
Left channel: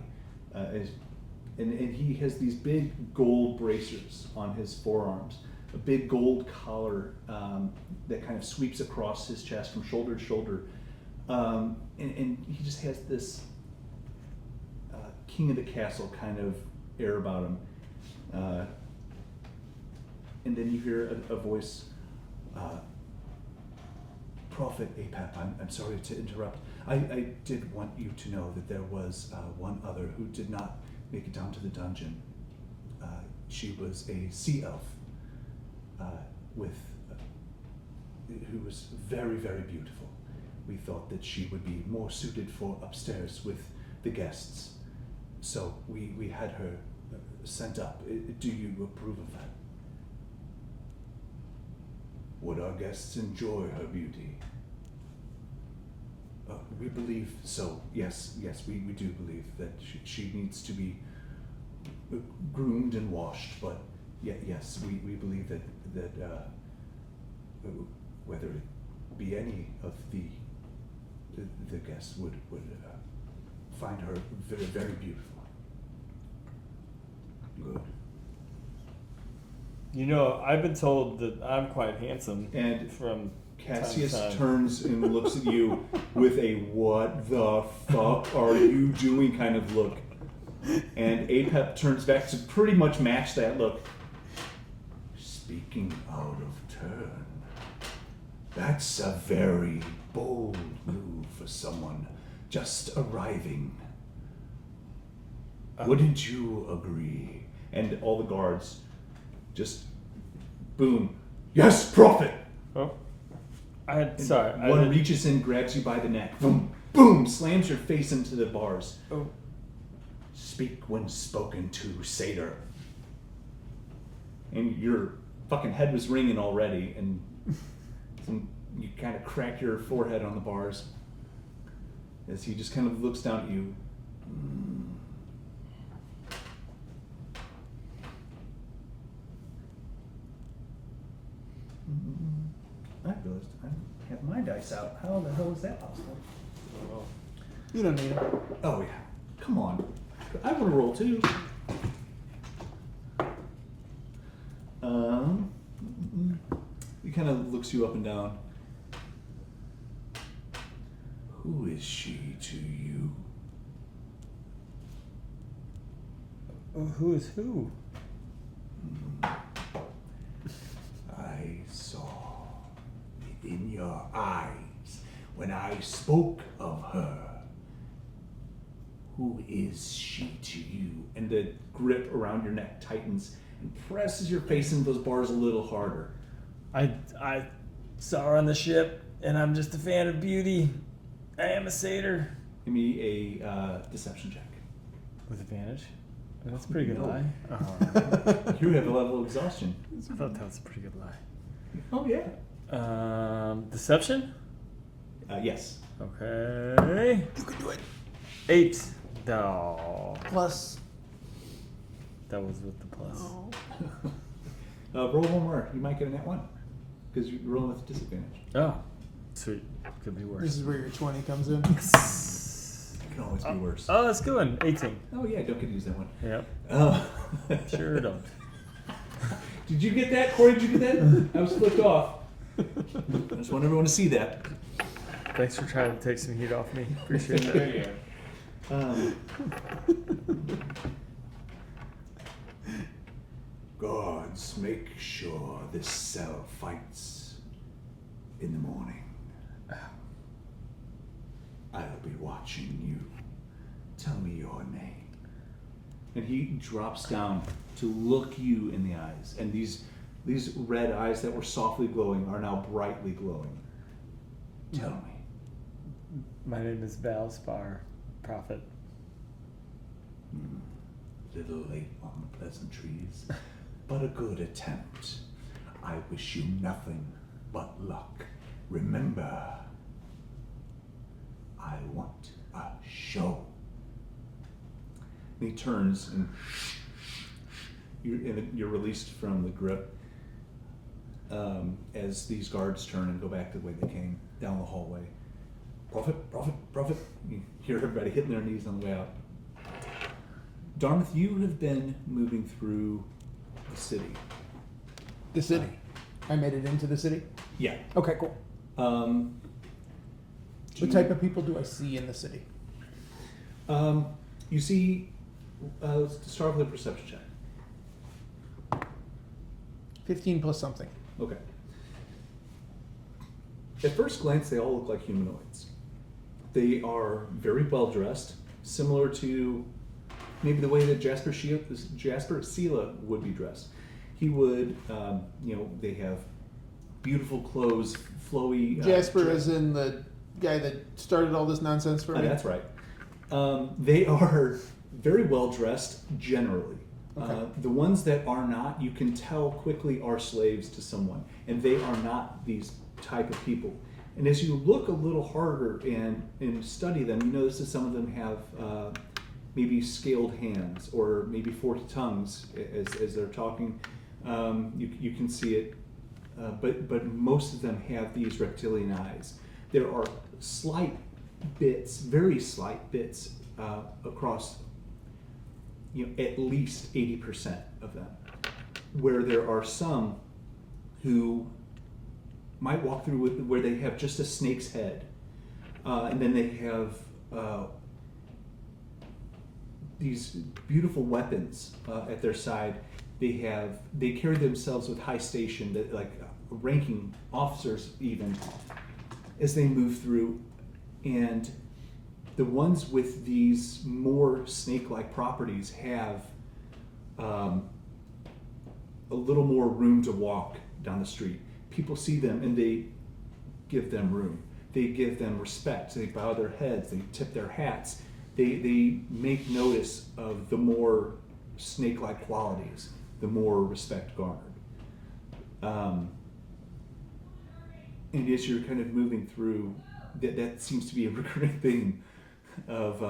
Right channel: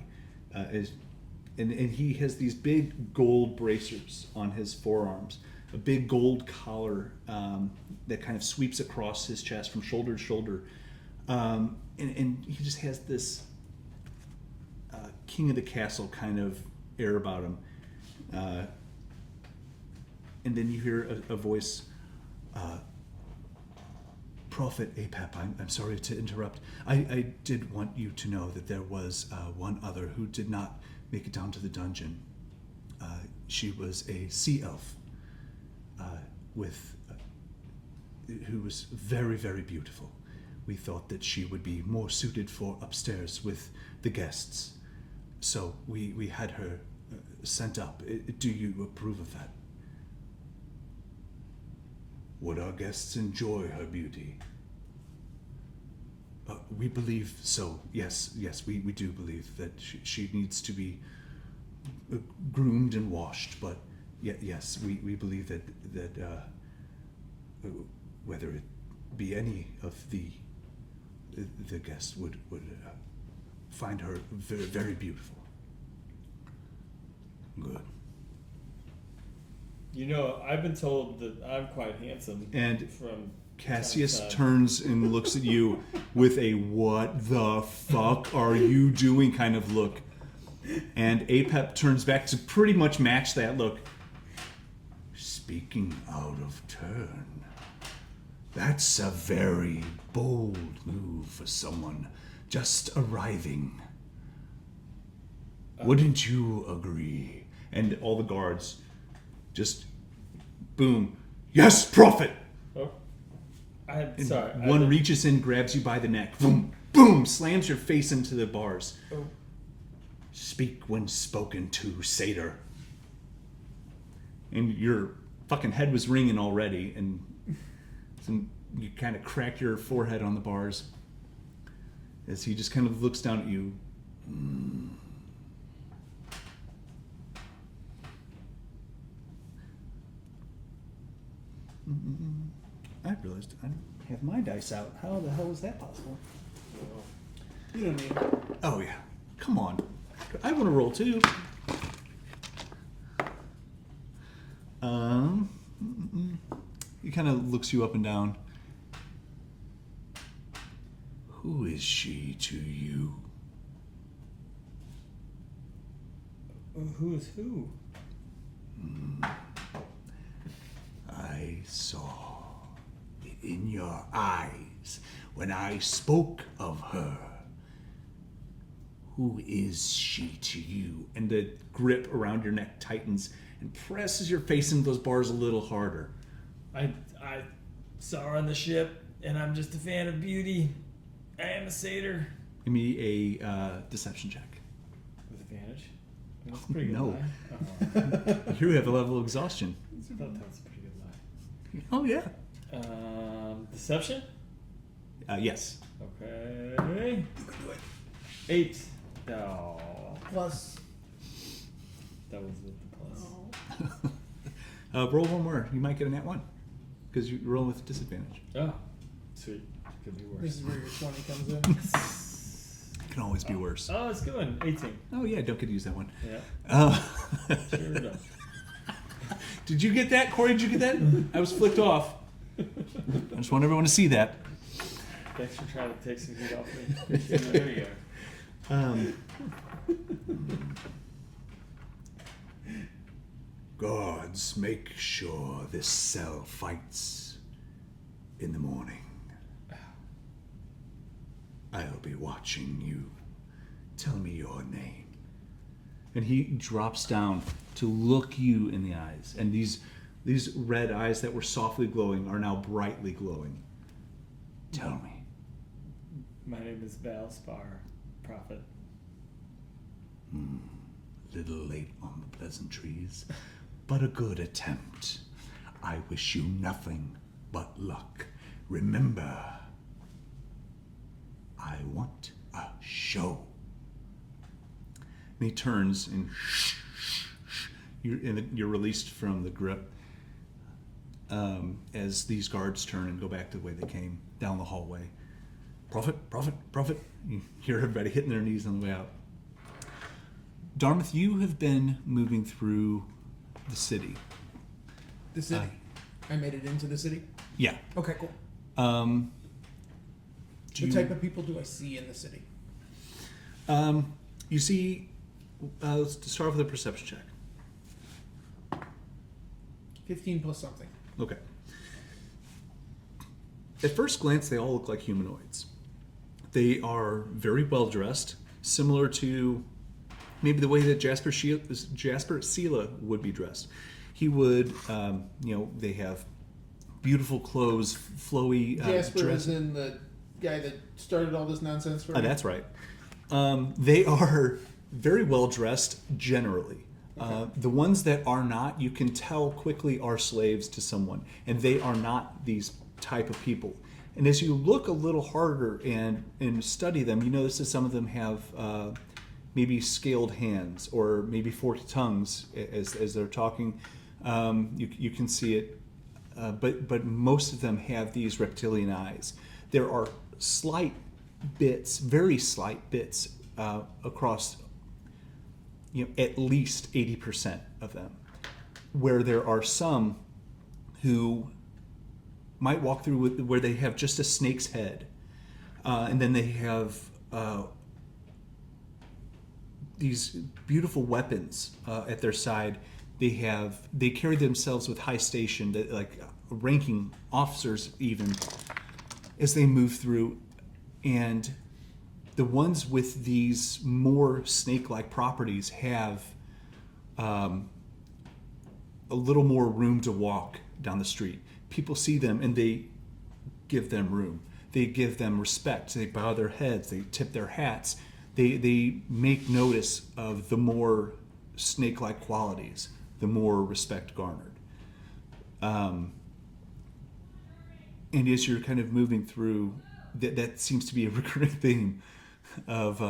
And he has these big gold bracers on his forearms, a big gold collar that kind of sweeps across his chest from shoulder to shoulder. And he just has this king of the castle kind of air about him. And then you hear a voice, Prophet Apep, I'm sorry to interrupt. I did want you to know that there was one other who did not make it down to the dungeon. She was a sea elf who was very, very beautiful. We thought that she would be more suited for upstairs with the guests. So we had her sent up. Do you approve of that? Would our guests enjoy her beauty? We believe so. Yes, we do believe that she needs to be groomed and washed. But yes, we believe that whether it be any of the guests would find her very, very beautiful. Good. You know, I've been told that I'm quite handsome. And from Cassius time to time. turns and looks at you with a "what the fuck are you doing" kind of look. And Apep turns back to pretty much match that look. Speaking out of turn, that's a very bold move for someone just arriving. Wouldn't you agree? And all the guards just boom. Yes, Prophet! Oh, And sorry. one reaches in, grabs you by the neck, boom, boom, slams your face into the bars. Oh. Speak when spoken to, satyr. And your fucking head was ringing already, and you kind of crack your forehead on the bars as he just kind of looks down at you. I realized I have my dice out. How the hell is that possible? You don't need it. Oh yeah, come on. I want to roll too. He kind of looks you up and down. Who is she to you? Who's who? I saw in your eyes when I spoke of her. Who is she to you? And the grip around your neck tightens and presses your face into those bars a little harder. I saw her on the ship, and I'm just a fan of beauty. I am a satyr. Give me a deception check. With advantage? That's a pretty good No. lie. Oh. You have a level of exhaustion. I thought that was a pretty good lie. Oh yeah. Deception? Yes. Okay. You can do it. 8. No. Plus. That was with the plus. Roll one more. You might get a net one because you roll with disadvantage. Oh. Sweet. Could be worse. This is where your 20 comes in. It can always be worse. Oh, that's a good one. 18. Oh yeah, Doug could use that one. Yep. Sure don't. Did you get that, Corey? Did you get that? I was flipped off. I just want everyone to see that. Thanks for trying to take some heat off me. Appreciate that. There you go. Guards, make sure this cell fights in the morning. I'll be watching you. Tell me your name. And he drops down to look you in the eyes. And these red eyes that were softly glowing are now brightly glowing. Tell me. My name is Val Spar, Prophet. Little late on the pleasantries, but a good attempt. I wish you nothing but luck. Remember, I want a show. And he turns and you're released from the grip as these guards turn and go back to the way they came down the hallway. Prophet, prophet, prophet. You hear everybody hitting their knees on the way out. Darmythe, you have been moving through the city. The city. I made it into the city. Yeah. Okay, cool. What type of people do I see in the city? You see, let's start with a perception check. 15 plus something. Okay. At first glance, they all look like humanoids. They are very well dressed, similar to maybe the way that Jasper Sela would be dressed. He would, they have beautiful clothes, flowy. Jasper dress. is in the guy that started all this nonsense for me. That's right. They are very well dressed generally. Okay. The ones that are not, you can tell quickly are slaves to someone, and they are not these type of people. And as you look a little harder and study them, you notice that some of them have maybe scaled hands or maybe forked tongues as they're talking. You can see it, but most of them have these reptilian eyes. There are slight bits, very slight bits across, at least 80% of them, where there are some who might walk through where they have just a snake's head, and then they have these beautiful weapons at their side. They carry themselves with high station, that like ranking officers even, as they move through. And the ones with these more snake-like properties have a little more room to walk down the street. People see them and they give them room. They give them respect. They bow their heads. They tip their hats. They make notice of the more snake-like qualities, the more respect garnered. And as you're kind of moving through, that seems to be a recurring theme of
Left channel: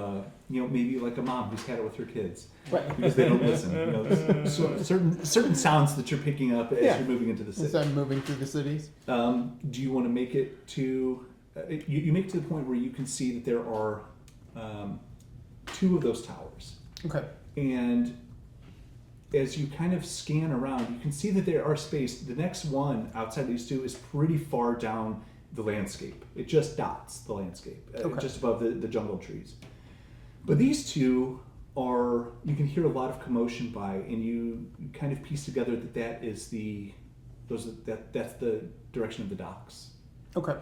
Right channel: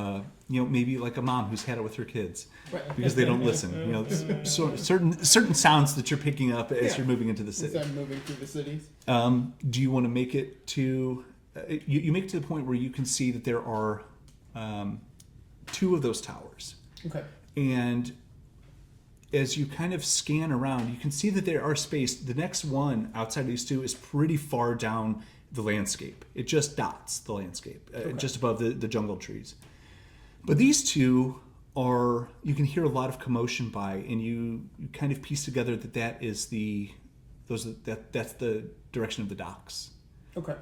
maybe like a mom who's had it with her kids, Right. because they don't listen. So certain sounds that you're picking up as you're moving into the city. As I'm moving through the cities. Do you want to make it to? You make it to the point where you can see that there are 2 of those towers, Okay. and as you kind of scan around, you can see that there are spaced. The next one outside these 2 is pretty far down the landscape. It just dots the landscape, just above the jungle trees. But these 2 are, you can hear a lot of commotion by, and you kind of piece together that's the direction of the docks. Okay.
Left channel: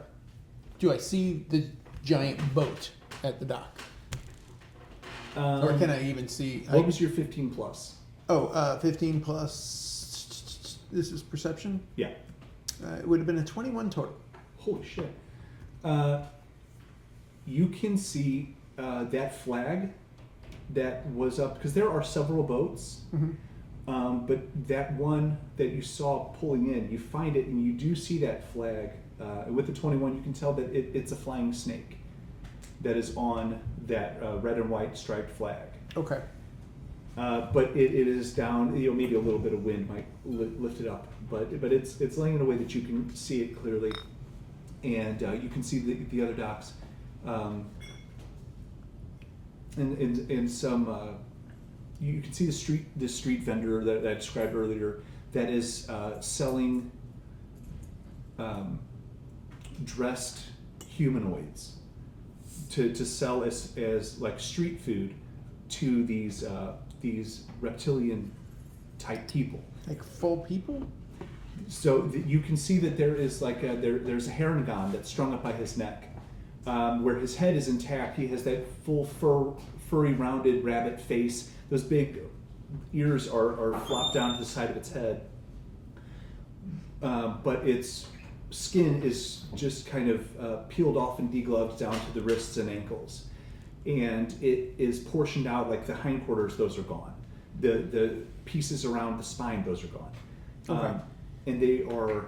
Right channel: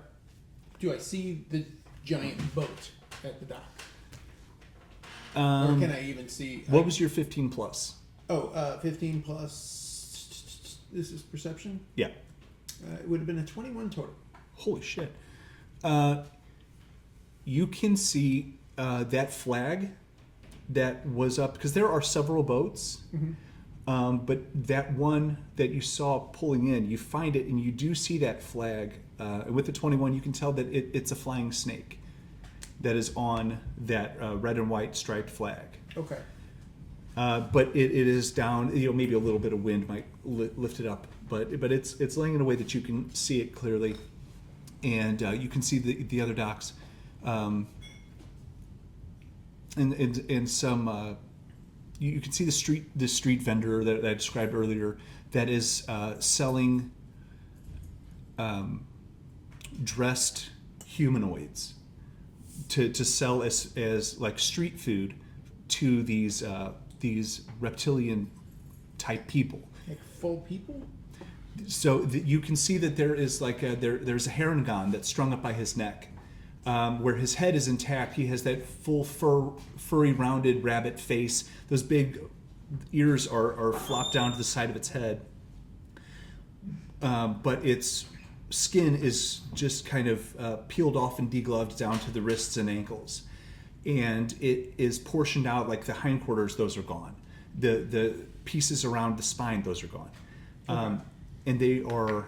Do I see the giant boat at the dock? Or can I even see? What was your 15 plus? 15 plus. This is perception? Yeah. It would have been a 21 total. Holy shit. You can see that flag that was up, because there are several boats, but that one that you saw pulling in, you find it and you do see that flag. With the 21, you can tell that it's a flying snake that is on that red and white striped flag. Okay. But it is down, maybe a little bit of wind might lift it up, but it's laying in a way that you can see it clearly. And you can see the other docks, and some. You can see the street vendor that I described earlier that is selling dressed humanoids to sell as like street food to these reptilian type people. Like full people? So you can see that there is like there's a heron that's strung up by his neck, where his head is intact. He has that full furry, rounded rabbit face. Those big ears are flopped down to the side of its head, but its skin is just kind of peeled off and degloved down to the wrists and ankles, and it is portioned out. Like the hindquarters, those are gone. The pieces around the spine, those are gone. Okay. And they are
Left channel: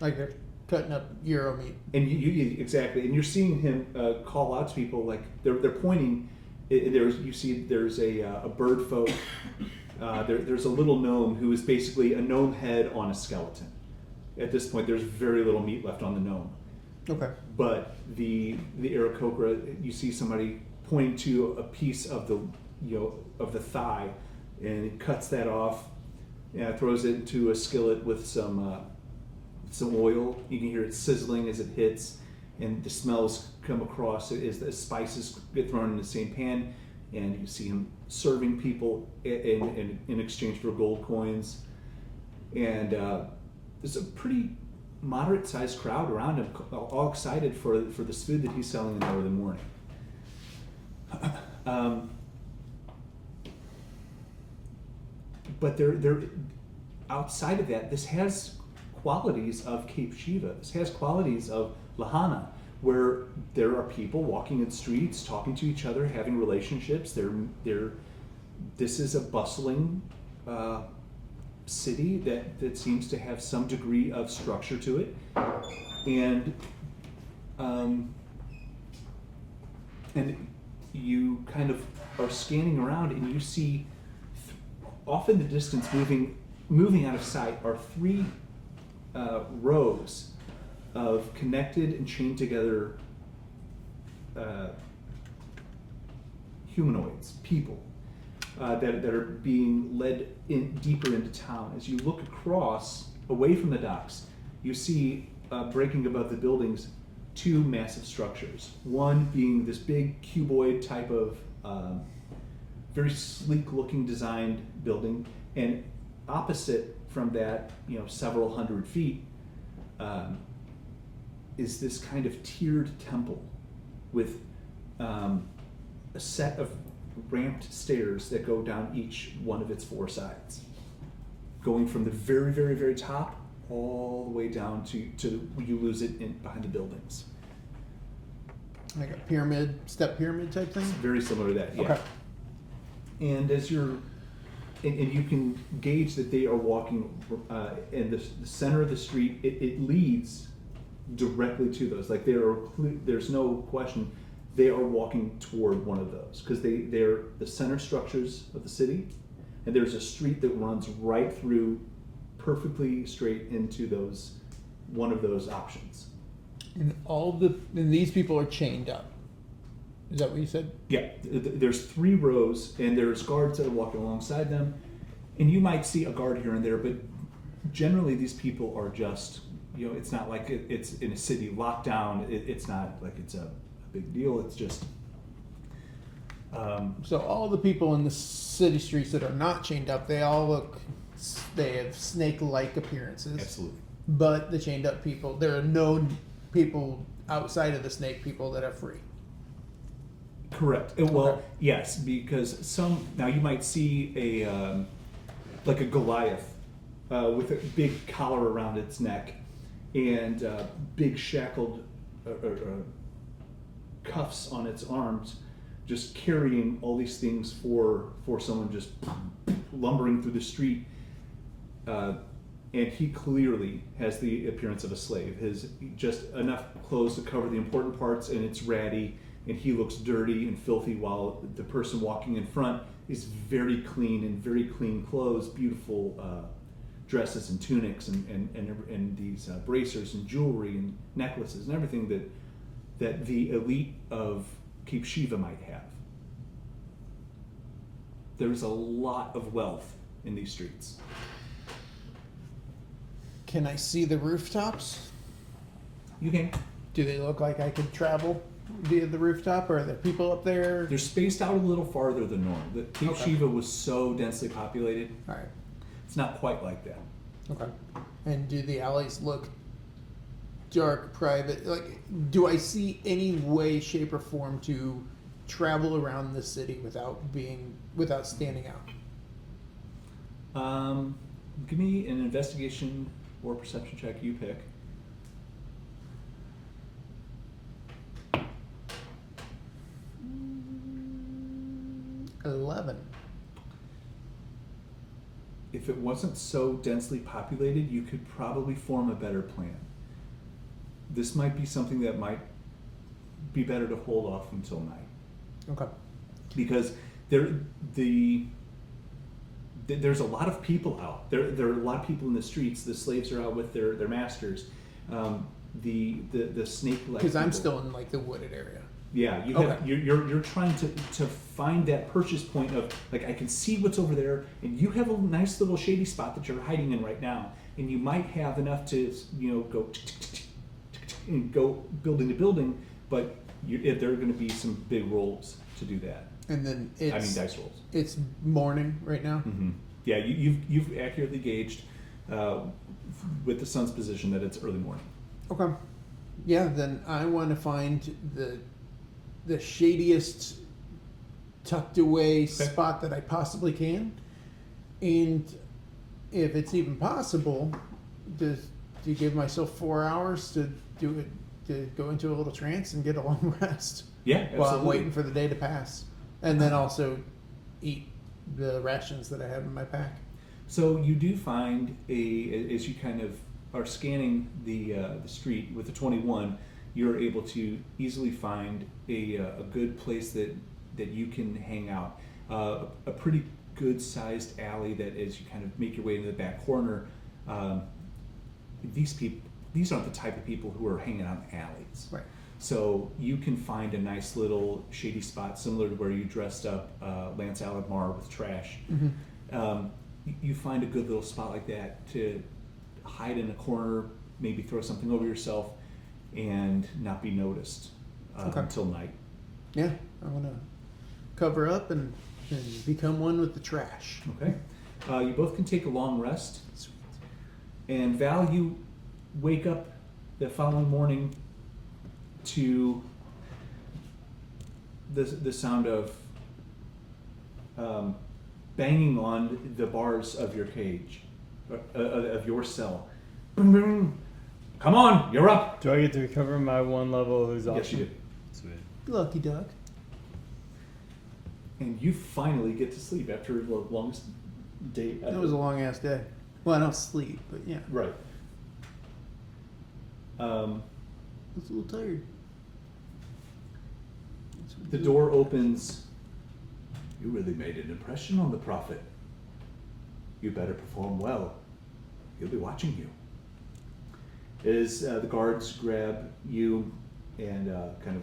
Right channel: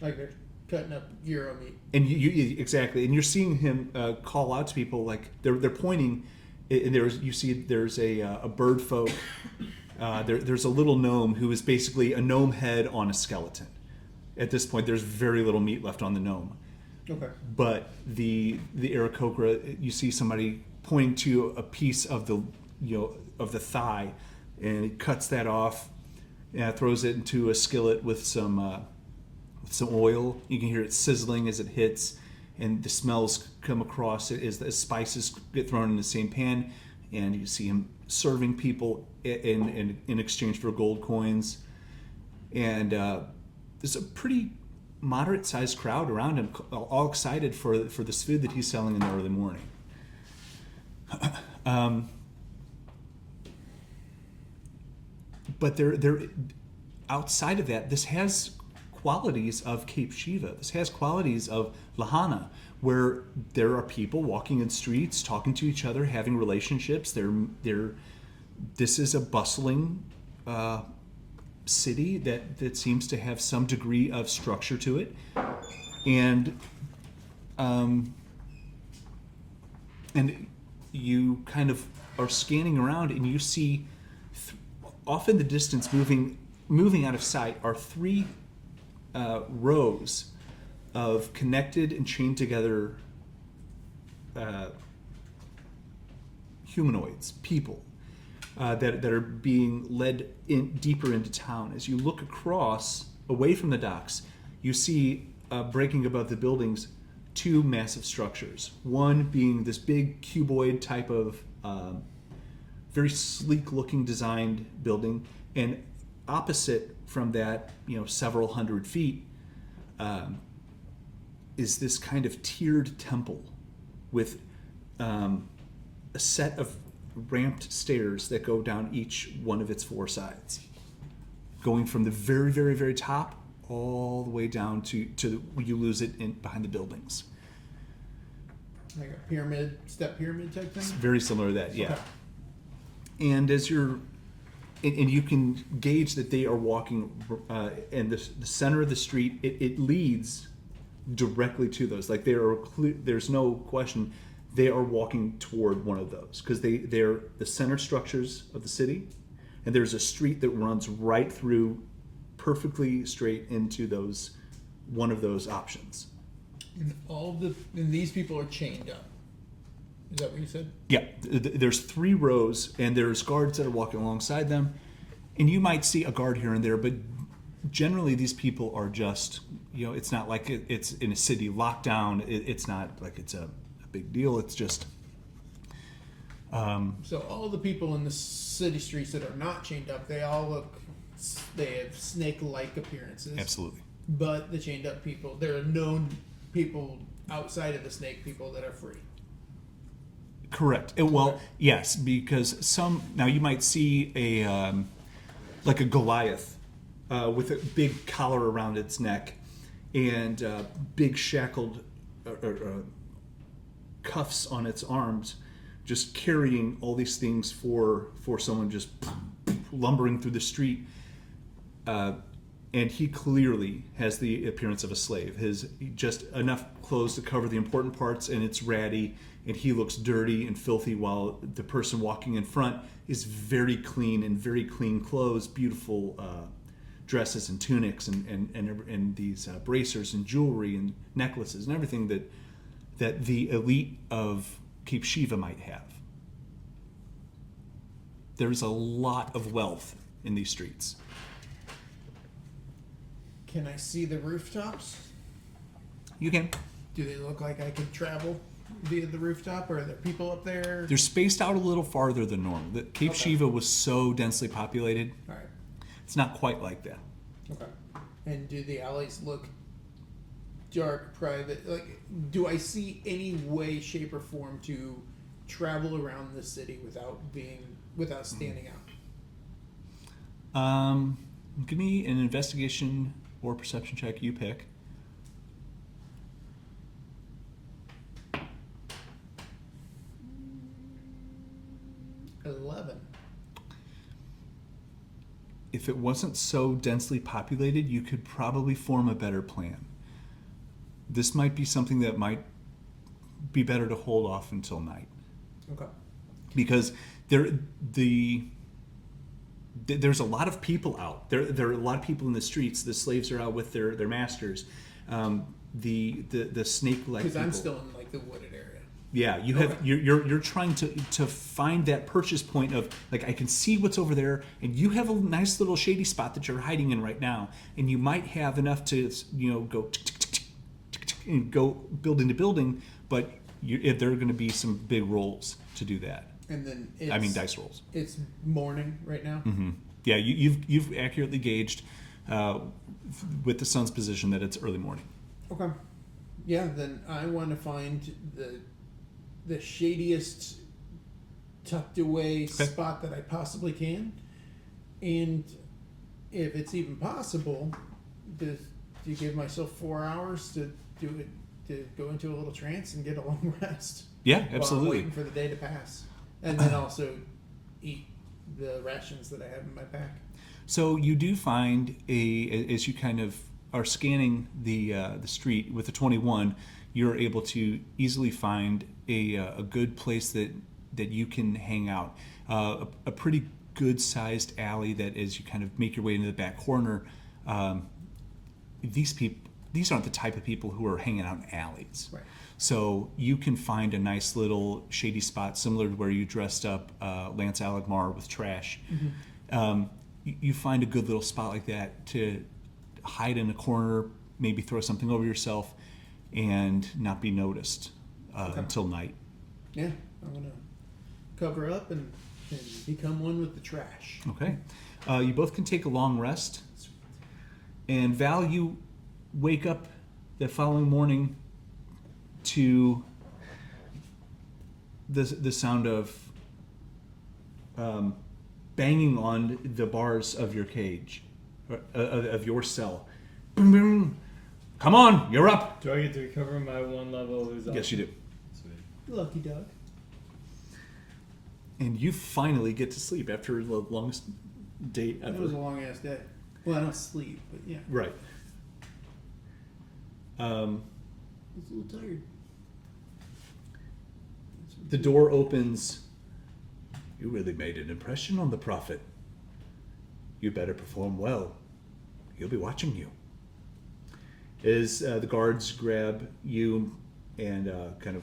Like you're cutting up gyro meat. and you exactly, and you're seeing him call out to people, like they're pointing. And there's a bird folk. There's a little gnome who is basically a gnome head on a skeleton. At this point, there's very little meat left on the gnome. Okay. But the Aarakocra, you see somebody pointing to a piece of the thigh, and he cuts that off, and throws it into a skillet with some some oil. You can hear it sizzling as it hits, and the smells come across it as the spices get thrown in the same pan, and you see him serving people in exchange for gold coins. And there's a pretty moderate-sized crowd around him, all excited for this food that he's selling in the early morning. But they're outside of that, this has qualities of Cape Shiva. This has qualities of Lahana, where there are people walking in streets, talking to each other, having relationships. This is a bustling city that seems to have some degree of structure to it, and you kind of are scanning around, and you see off in the distance, moving out of sight, are three rows of connected and chained together humanoids, people that are being led in deeper into town. As you look across, away from the docks, you see breaking above the buildings two massive structures. One being this big cuboid type of very sleek-looking designed building, and opposite from that, several hundred feet, is this kind of tiered temple with a set of ramped stairs that go down each one of its four sides, going from the very, very, very top all the way down to you lose it behind the buildings. Like a step pyramid type thing? It's very similar to that, yeah. Okay. And as you're, and you can gauge that they are walking, in the center of the street, it leads directly to those. Like there's no question, they are walking toward one of those, because they're the center structures of the city, and there's a street that runs right through, perfectly straight into one of those options. And these people are chained up. Is that what you said? Yeah, there's three rows, and there's guards that are walking alongside them, and you might see a guard here and there, but generally these people are just, it's not like it's in a city lockdown. It's not like it's a big deal. It's just. So all the people in the city streets that are not chained up, they have snake-like appearances. Absolutely. But the chained up people, there are no people outside of the snake people that are free. Correct. Well, yes, because now you might see like a Goliath with a big collar around its neck and big shackled cuffs on its arms, just carrying all these things for someone just lumbering through the street. And he clearly has the appearance of a slave. His just enough clothes to cover the important parts, and it's ratty, and he looks dirty and filthy, while the person walking in front is very clean in very clean clothes, beautiful dresses and tunics and these bracers and jewelry and necklaces and everything that the elite of Cape Shiva might have. There's a lot of wealth in these streets. Can I see the rooftops? You can. Do they look like I could travel via the rooftop, or are there people up there? They're spaced out a little farther than normal. The Cape Shiva was so densely populated. All right. It's not quite like that. Okay. And do the alleys look dark, private? Like, do I see any way, shape, or form to travel around the city without standing out? Give me an investigation or perception check, you pick. $11. If it wasn't so densely populated, you could probably form a better plan. This might be something that might be better to hold off until night. Okay. Because there's a lot of people out. There are a lot of people in the streets. The slaves are out with their masters. The snake-like. Because I'm still in like the wooded area. Yeah, you have Okay. you're trying to find that purchase point of like I can see what's over there, and you have a nice little shady spot that you're hiding in right now, and you might have enough to go tick, tick, tick, tick, tick, tick, and go building to building, but there are going to be some big rolls to do that. And then it's Dice rolls. It's morning right now. Mm-hmm. Yeah, you've accurately gauged with the sun's position that it's early morning. Okay. Yeah, then I want to find the shadiest tucked away spot that I possibly can, and if it's even possible, to give myself 4 hours to do it, to go into a little trance and get a long rest. Yeah, While absolutely. I'm waiting for the day to pass, and then also eat the rations that I have in my pack. So you do find as you kind of are scanning the street with the 21, you're able to easily find a good place that you can hang out. A pretty good sized alley that as you kind of make your way into the back corner, these aren't the type of people who are hanging out in alleys. Right. So you can find a nice little shady spot similar to where you dressed up Lance Alagmar with trash. Mm-hmm. You find a good little spot like that to hide in a corner, maybe throw something over yourself, and not be noticed until night. Yeah, I want to cover up and become one with the trash. Okay. You both can take a long rest. And Val, you wake up the following morning to the sound of banging on the bars of your cage, of your cell. Boom, boom. Come on, you're up. Do I get to recover my one level? Who's awesome? Yes, you do. Sweet. Lucky duck. And you finally get to sleep after the longest day ever. It was a long ass day. Well, I don't sleep, but yeah. Right. I was a little tired. The door opens. You really made an impression on the prophet. You better perform well. He'll be watching you. As the guards grab you and kind of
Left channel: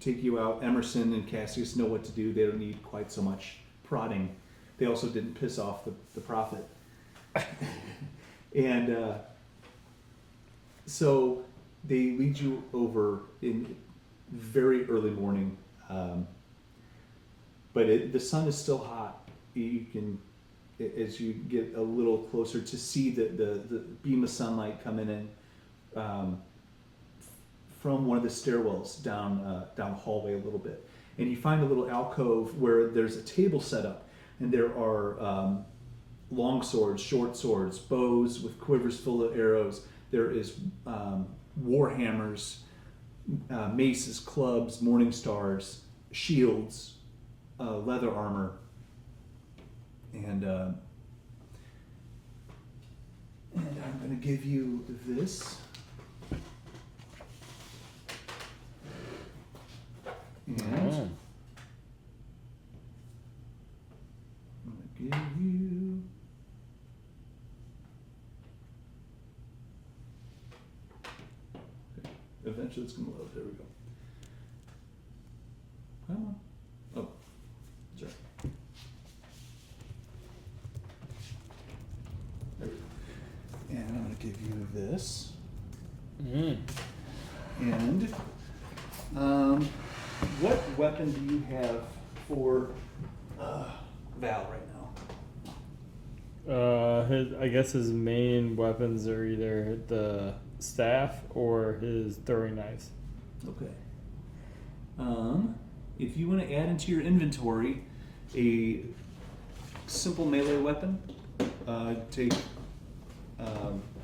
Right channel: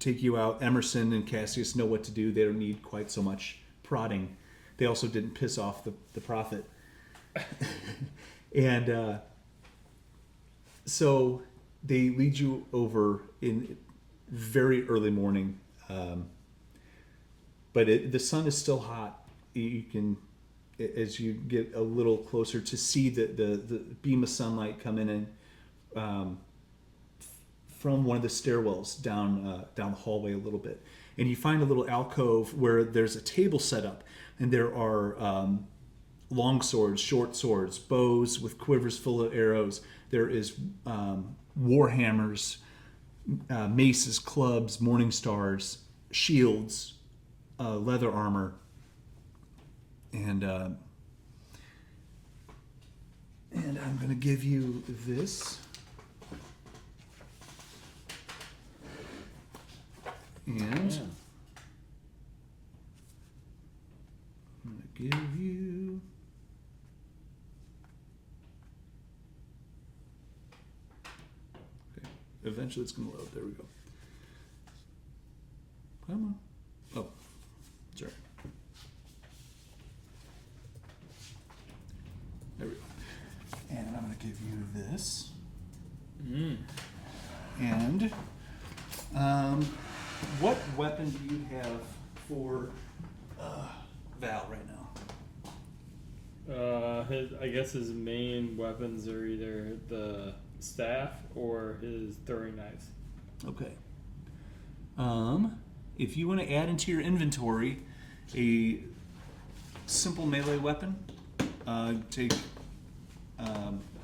take you out, Emerson and Cassius know what to do. They don't need quite so much prodding. They also didn't piss off the prophet. And so they lead you over in very early morning. But the sun is still hot. You can, as you get a little closer, to see the beam of sunlight coming in from one of the stairwells down the hallway a little bit. And you find a little alcove where there's a table set up, and there are long swords, short swords, bows with quivers full of arrows. There is war hammers, maces, clubs, morning stars, shields, leather armor, and I'm going to give you this. And I'm going to give you. Okay. Eventually it's going to load. There we go. Come on. Oh, sorry. There we go. And I'm going to give you this. And what weapon do you have for Val right now? I guess his main weapons are either the staff or his throwing knives. Okay. If you want to add into your inventory a simple melee weapon, take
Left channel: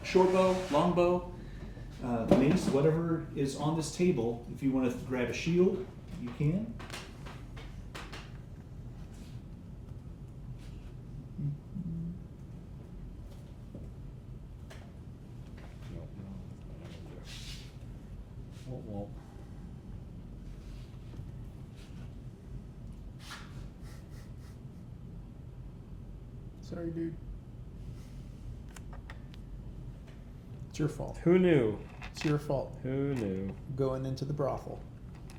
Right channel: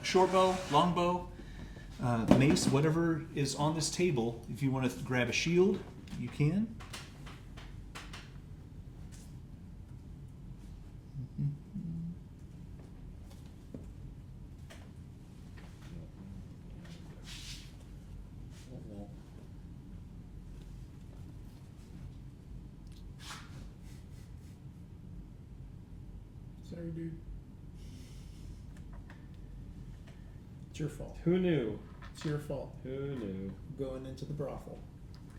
short bow, long bow, mace, whatever is on this table. If you want to grab a shield, you can. Sorry, dude. It's your fault. Who knew? It's your fault. Who knew? Going into the brothel.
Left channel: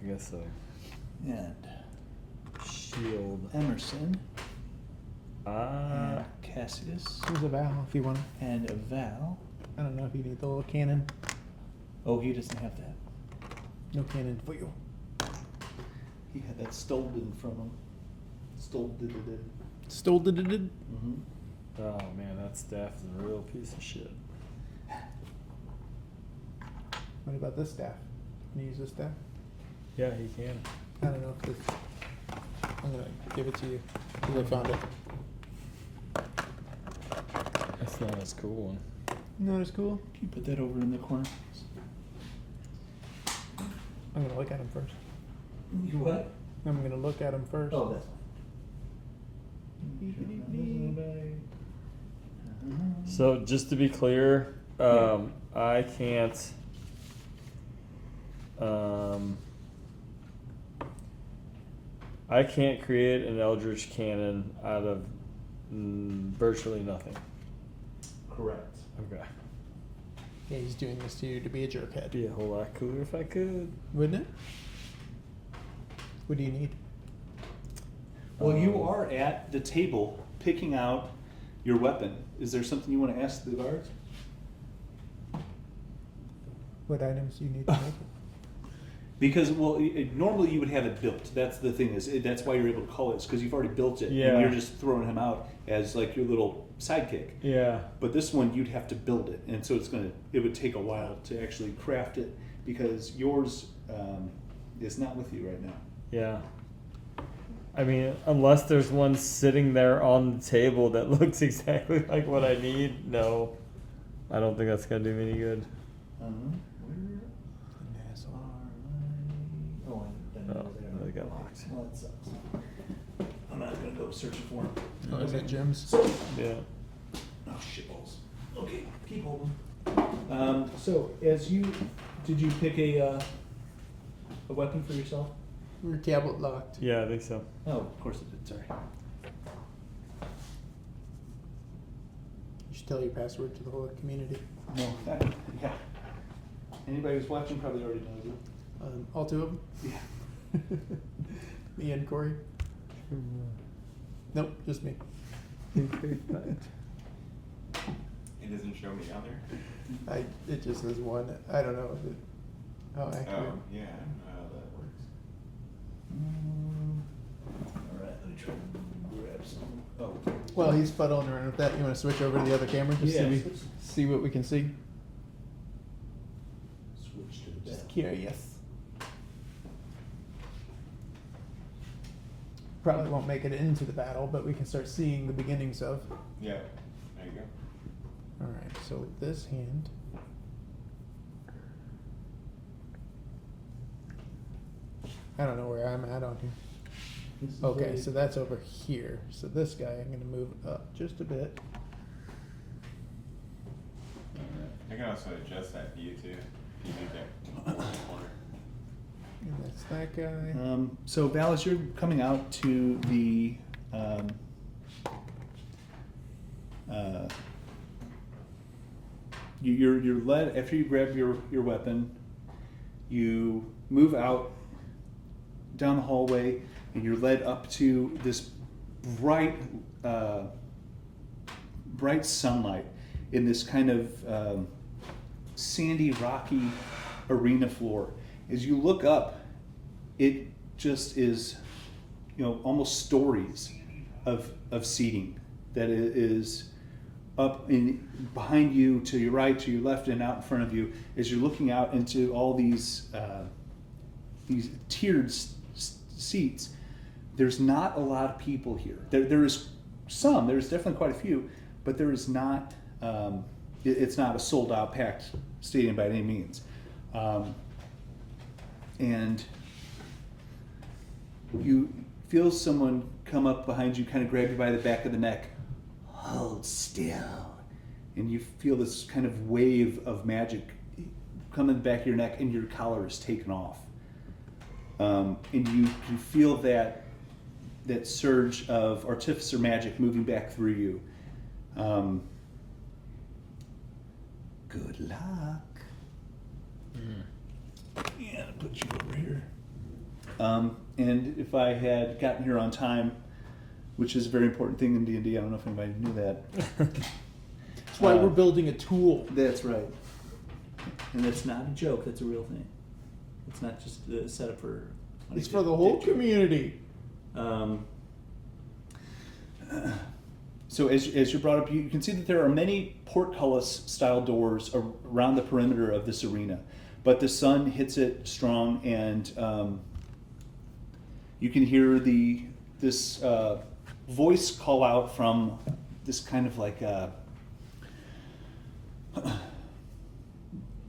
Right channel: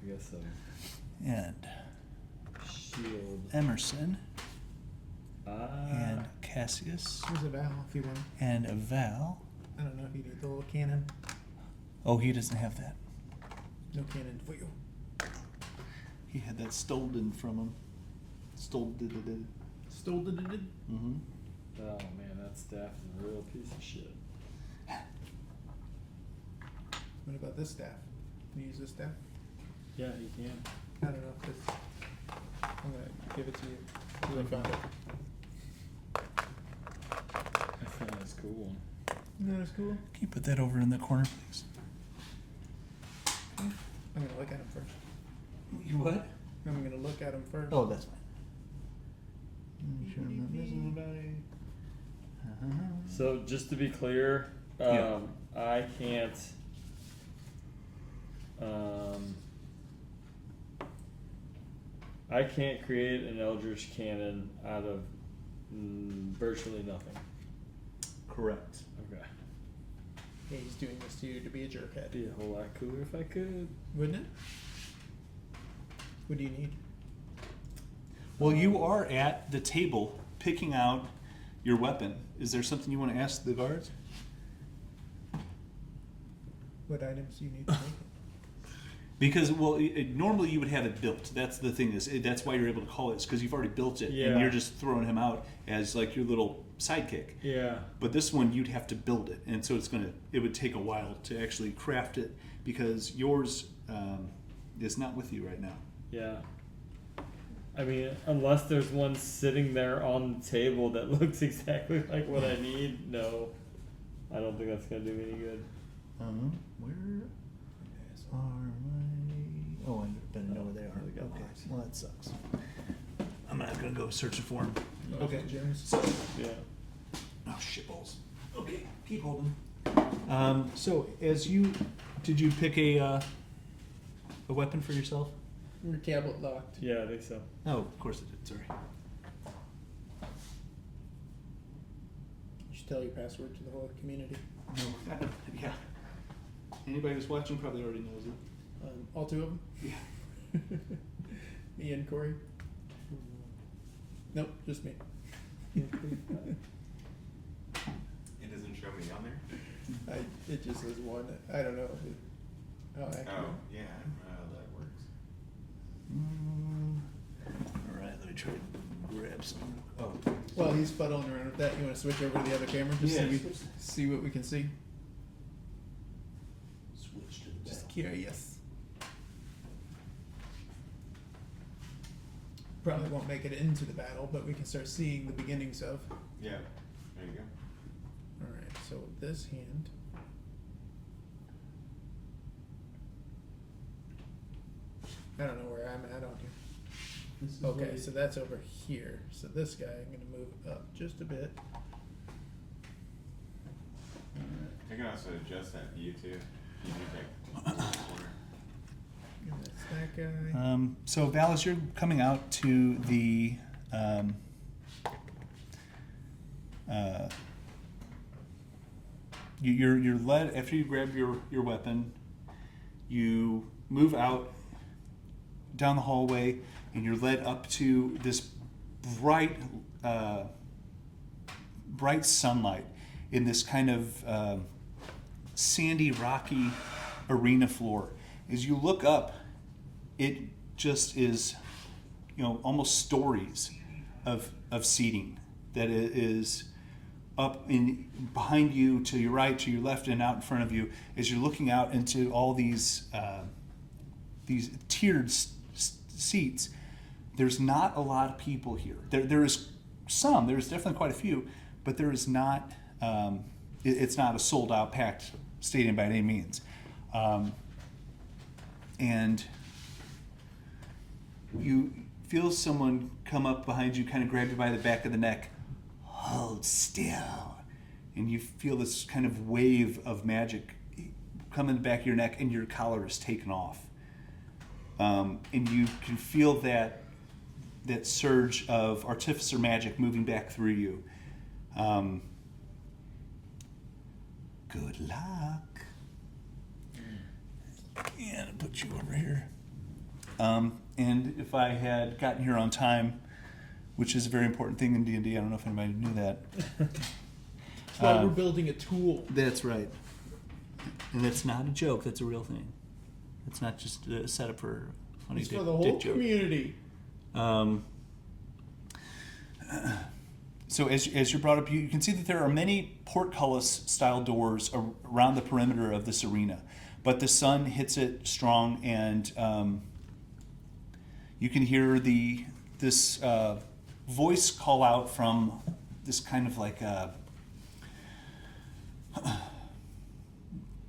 I guess so. And Shield. Emerson. Ah. And Cassius. There's a Val if you want. And a Val. I don't know if you need the little cannon. Oh, he doesn't have that. No cannon for you. He had that stolen from him. Stolen. Stole did. Mm-hmm. Oh man, that staff is a real piece of shit. What about this staff? Can you use this staff? Yeah, he can. I don't know if it's. I'm gonna give it to you. I found it. That's not as cool one. Not as cool. Can you put that over in the corner, please? I'm gonna look at him first. You what? I'm gonna look at him first. Oh, that's fine. Make sure I'm not missing anybody. So just to be clear, Yeah. I can't. I can't create an Eldritch Cannon out of virtually nothing. Correct. Okay. Yeah, he's doing this to you to be a jerkhead. Be a whole lot cooler if I could. Wouldn't it? What do you need? Well, you are at the table picking out your weapon. Is there something you want to ask the guards? What items do you need to make? Because, well, normally you would have it built. That's the thing that's why you're able to call it, because you've already built it, Yeah. and you're just throwing him out as like your little sidekick. Yeah. But this one you'd have to build it, and so it would take a while to actually craft it because yours is not with you right now. Yeah. I mean, unless there's one sitting there on the table that looks exactly like what I need, no. I don't think that's gonna do me any good. Where are my? Oh, I bet Oh, they are. they got Okay. locked. Well, that sucks. I'm not gonna go searching for them. Oh, is that gems? Yeah. Oh, shitballs. Okay, keep holding. So, did you pick a weapon for yourself? Your tablet locked. Yeah, I think so. No, of course I did. Sorry. You should tell your password to the whole community. No. Yeah. Anybody who's watching probably already knows it. All two of them? Yeah. Me and Corey? Nope, just me. It doesn't show me on there? It just says one. I don't know if it. Oh, accurate. Oh, yeah, that works. All right, let me try to grab some. Oh. Well, he's fuddling around with that. You want to switch over to the other camera just Yeah. so we see what we can see? Switch to the Just back. curious. Probably won't make it into the battle, but we can start seeing the beginnings of. Yeah, there you go. Alright, so with this hand. I don't know where I'm at on here. This is Okay, where so that's over here. So this guy, I'm gonna move up just a bit. I can also adjust that view too. Okay. And that's that guy. So Val, as you're coming out to the you're led after you grab your weapon. You move out down the hallway, and you're led up to this bright sunlight in this kind of sandy, rocky arena floor. As you look up, it just is, almost stories of seating that is up in behind you, to your right, to your left, and out in front of you. As you're looking out into all these tiered seats, there's not a lot of people here. There is some. There's definitely quite a few, but there is not. It's not a sold out, packed stadium by any means. And you feel someone come up behind you, kind of grab you by the back of the neck. Hold still. And you feel this kind of wave of magic come in the back of your neck, and your collar is taken off. And you can feel that surge of artificer magic moving back through you. Good luck. And I'll put you over here. And if I had gotten here on time, which is a very important thing in D&D, I don't know if anybody knew that. That's why we're building a tool. That's right. And that's not a joke, that's a real thing. It's not just a setup for... It's for the whole community. So as you're brought up, you can see that there are many portcullis-style doors around the perimeter of this arena. But the sun hits it strong, and you can hear this voice call out from this kind of like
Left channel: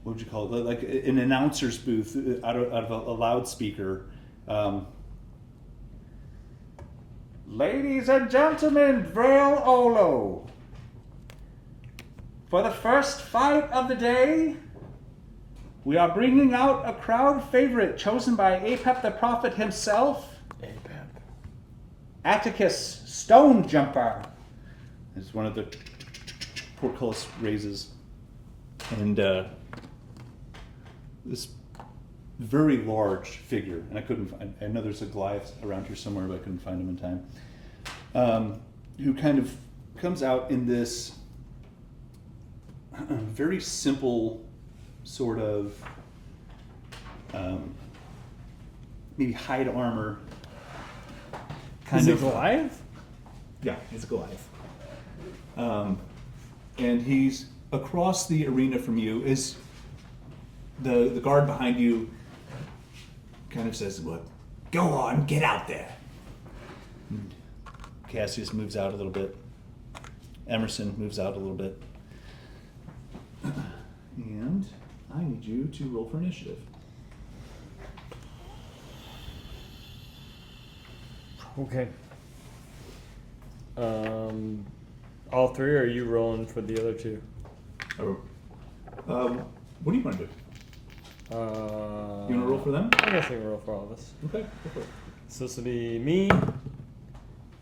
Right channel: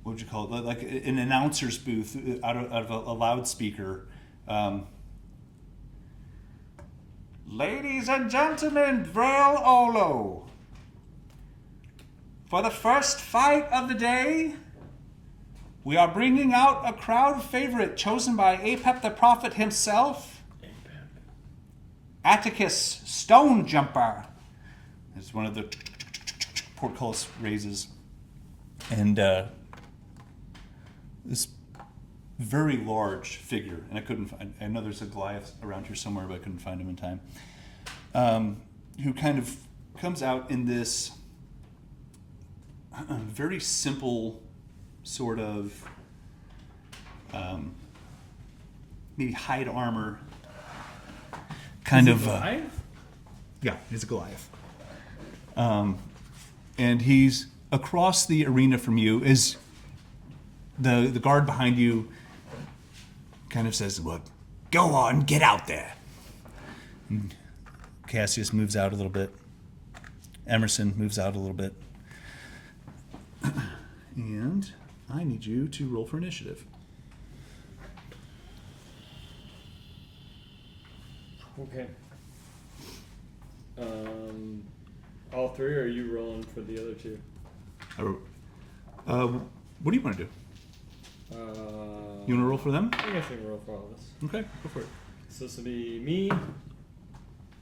what would you call it? Like an announcer's booth out of a loudspeaker. Ladies and gentlemen, Vrael Olo. For the first fight of the day, we are bringing out a crowd favorite chosen by Apep the Prophet himself. Atticus Stone Jumper. It's one of the portcullis raises. And this very large figure, and I know there's a Goliath around here somewhere, but I couldn't find him in time, who kind of comes out in this very simple sort of maybe hide armor kind of Goliath? Yeah, he's a Goliath. And he's across the arena from you. Is the guard behind you kind of says, "Well, go on, get out there." And Cassius moves out a little bit. Emerson moves out a little bit. And I need you to roll for initiative. Okay. All three, or are you rolling for the other two? What do you want to do? You want to roll for them? I'm going to roll for all of us. Okay, go for it. So this will be me.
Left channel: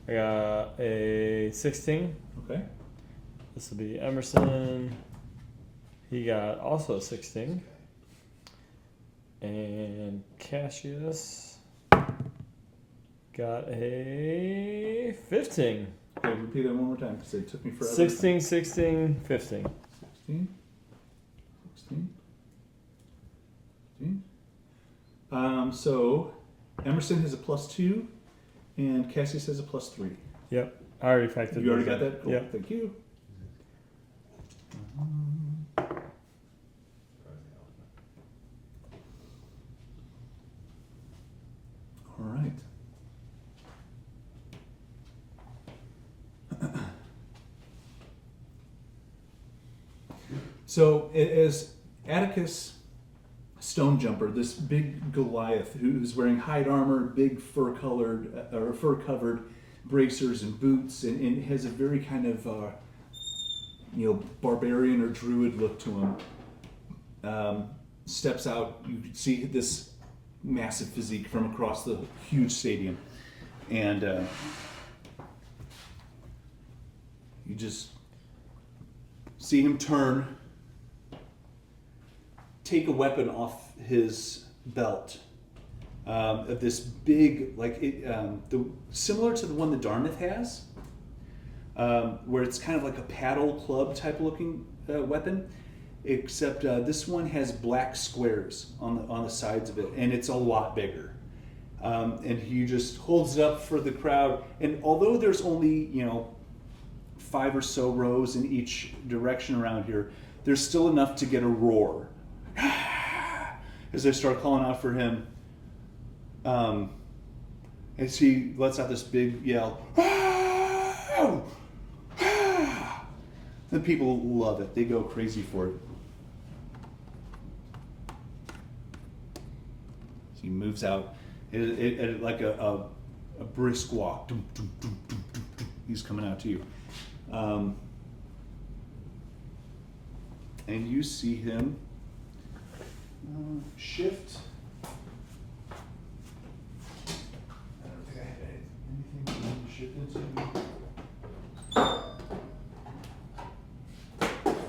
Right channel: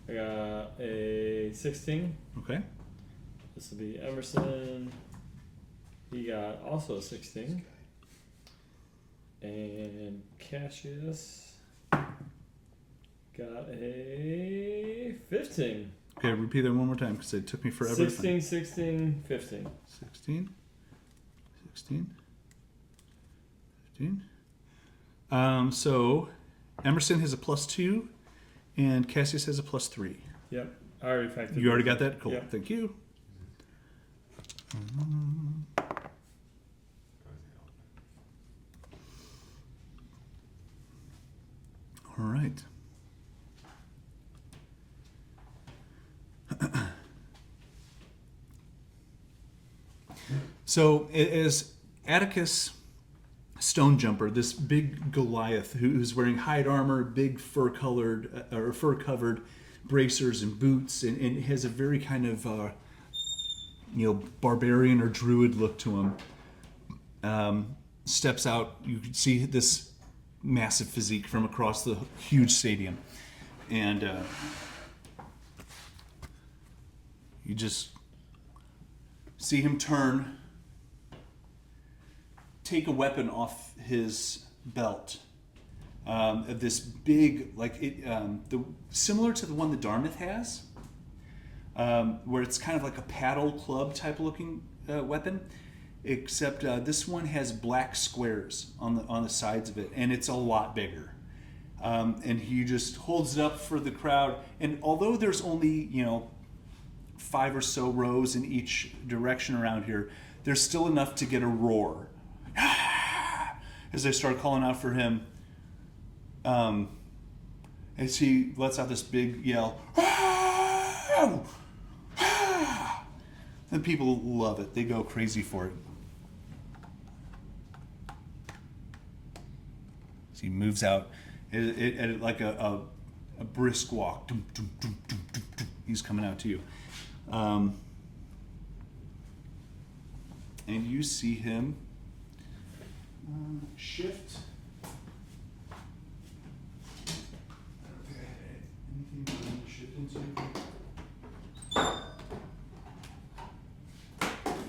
I got a 16. Okay. This will be Emerson. He got also a 16. And Cassius got a 15. Okay, repeat that one more time because it took me forever. 16, 16, 15. 16, 16, 15. So Emerson has a +2 and Cassius has a +3. Yep. I already factored. You already got that? Cool. Yep. Thank you. All right. So as Atticus Stone Jumper, this big Goliath who's wearing hide armor, big fur-covered bracers and boots, and has a very kind of barbarian or druid look to him, steps out. You can see this massive physique from across the huge stadium, and you just see him turn, take a weapon off his belt, of this big, similar to the one that Darmythe has, where it's kind of like a paddle club type looking weapon, except this one has black squares on the sides of it, and it's a lot bigger. And he just holds it up for the crowd, and although there's only 5 or so rows in each direction around here, there's still enough to get a roar as they start calling out for him. And he lets out this big yell. And people love it. They go crazy for it. So he moves out at like a brisk walk. He's coming out to you. And you see him shift. I don't think I had anything for him to shift into.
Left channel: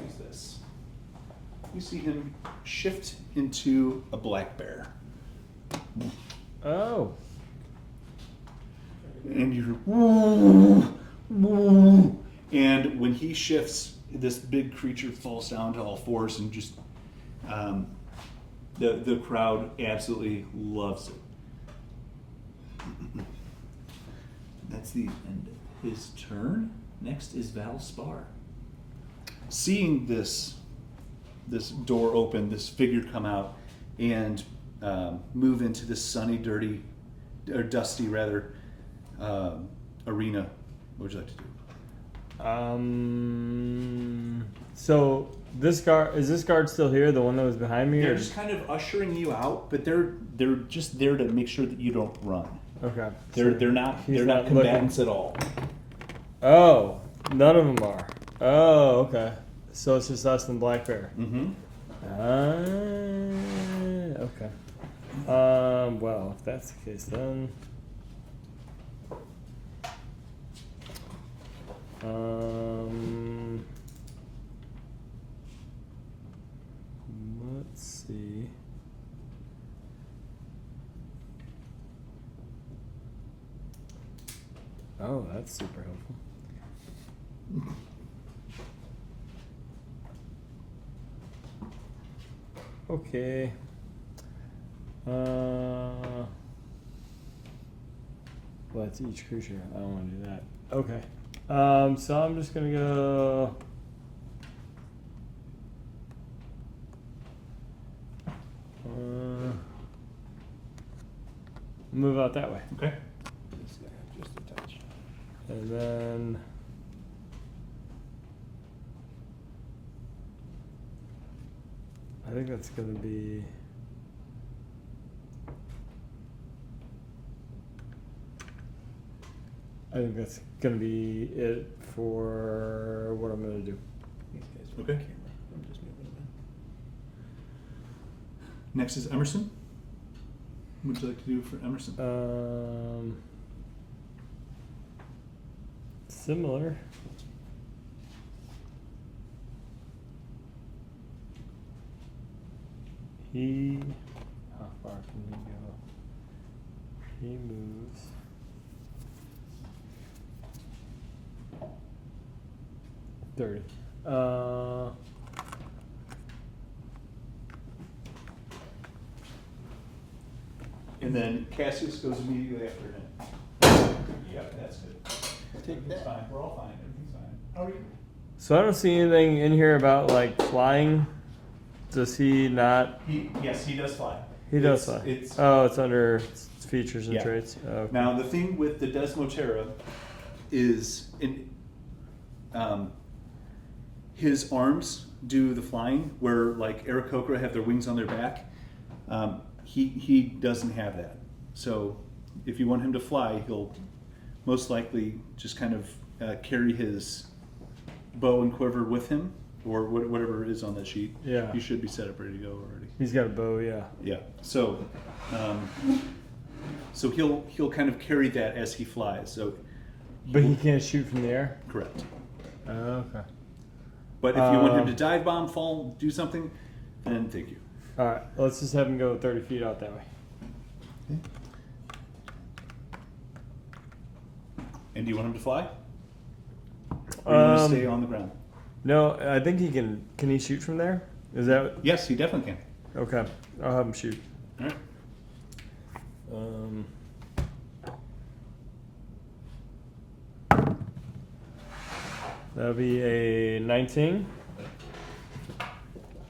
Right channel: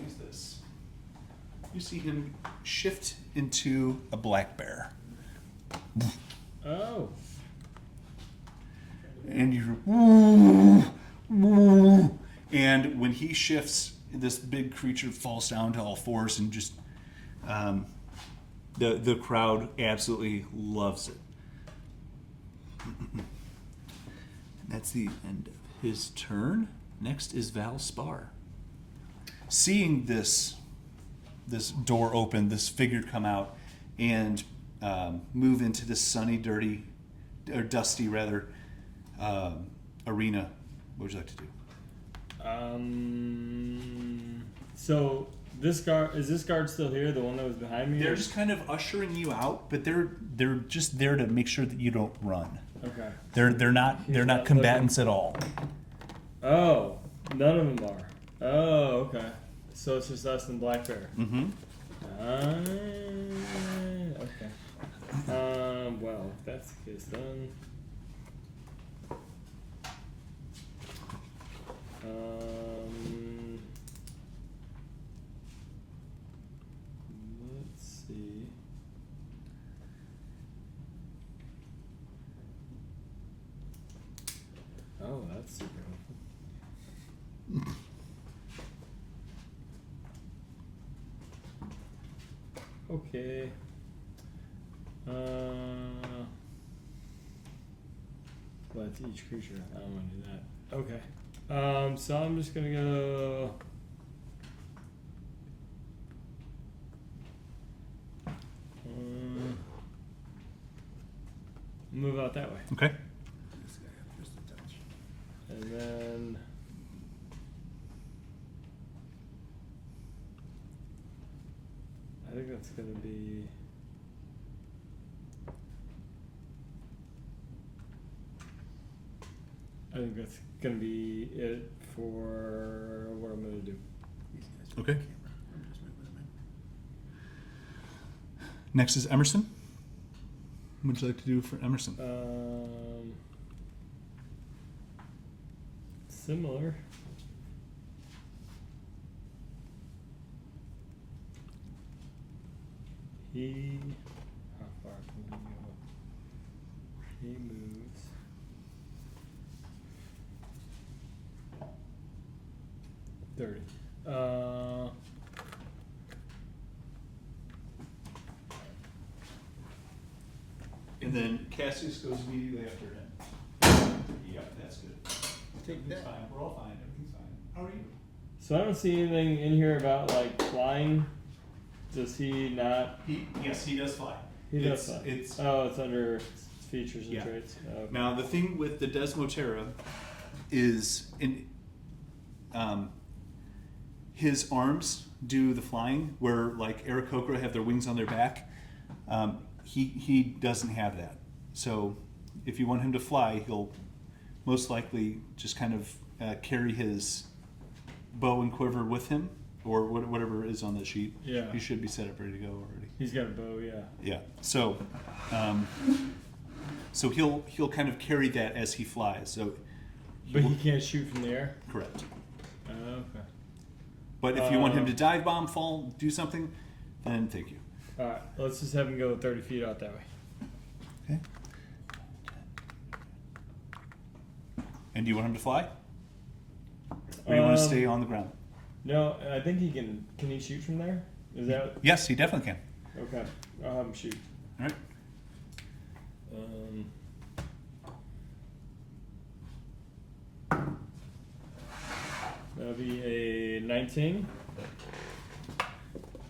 Use this. You see him shift into a black bear. Oh, go. And you're, and when he shifts, this big creature falls down to all fours and just, the crowd absolutely loves it. That's the end of his turn. Next is Val Spar. Seeing this door open, this figure come out and move into this sunny, dirty, or dusty rather, arena, what would you like to do? So this guard, is this guard still here? The one that was behind me? They're or- just kind of ushering you out, but they're just there to make sure that you don't run. Okay. They're not He's not combatants at all. Oh, none of them are. Oh, okay. So it's just us and Black Bear. Mm-hmm. Okay. Well, if that's the case, then. Let's see. Oh, that's super helpful. Okay. Well, that's each creature. I don't want to do that. Okay. So I'm just gonna go. Move out that way, Okay. This guy just a touch. and then. I think that's gonna be. I think that's gonna be it for what I'm gonna do. These guys are Okay. on camera. I'm just moving them in. Next is Emerson. What would you like to do for Emerson? Similar. How far can he go? He moves. There. And then Cassius goes immediately after him. Yep, that's good. Take It's that. fine. We're all fine. Everything's fine. How are you? So I don't see anything in here about like flying. Does he not? Yes, he does fly. He does fly. It's Oh, it's under features and Yeah. traits. Oh, okay. Now, the thing with the Desmotera is his arms do the flying, where like Aarakocra have their wings on their back. He doesn't have that. So if you want him to fly, he'll most likely just kind of carry his bow and quiver with him, or whatever is on that sheet. Yeah. You should be set up ready to go already. He's got a bow, yeah. Yeah. So he'll kind of carry that as he flies. So But he can't shoot from the air? correct. Okay. But if you want him to dive bomb, fall, do something, then thank you. Alright, let's just have him go 30 feet out that way. Okay. And do you want him to fly? Or you want to stay on the ground? No, I think he can. Can he shoot from there? Is that Yes, he definitely can. okay? I'll have him shoot. All right. That'll be a 19.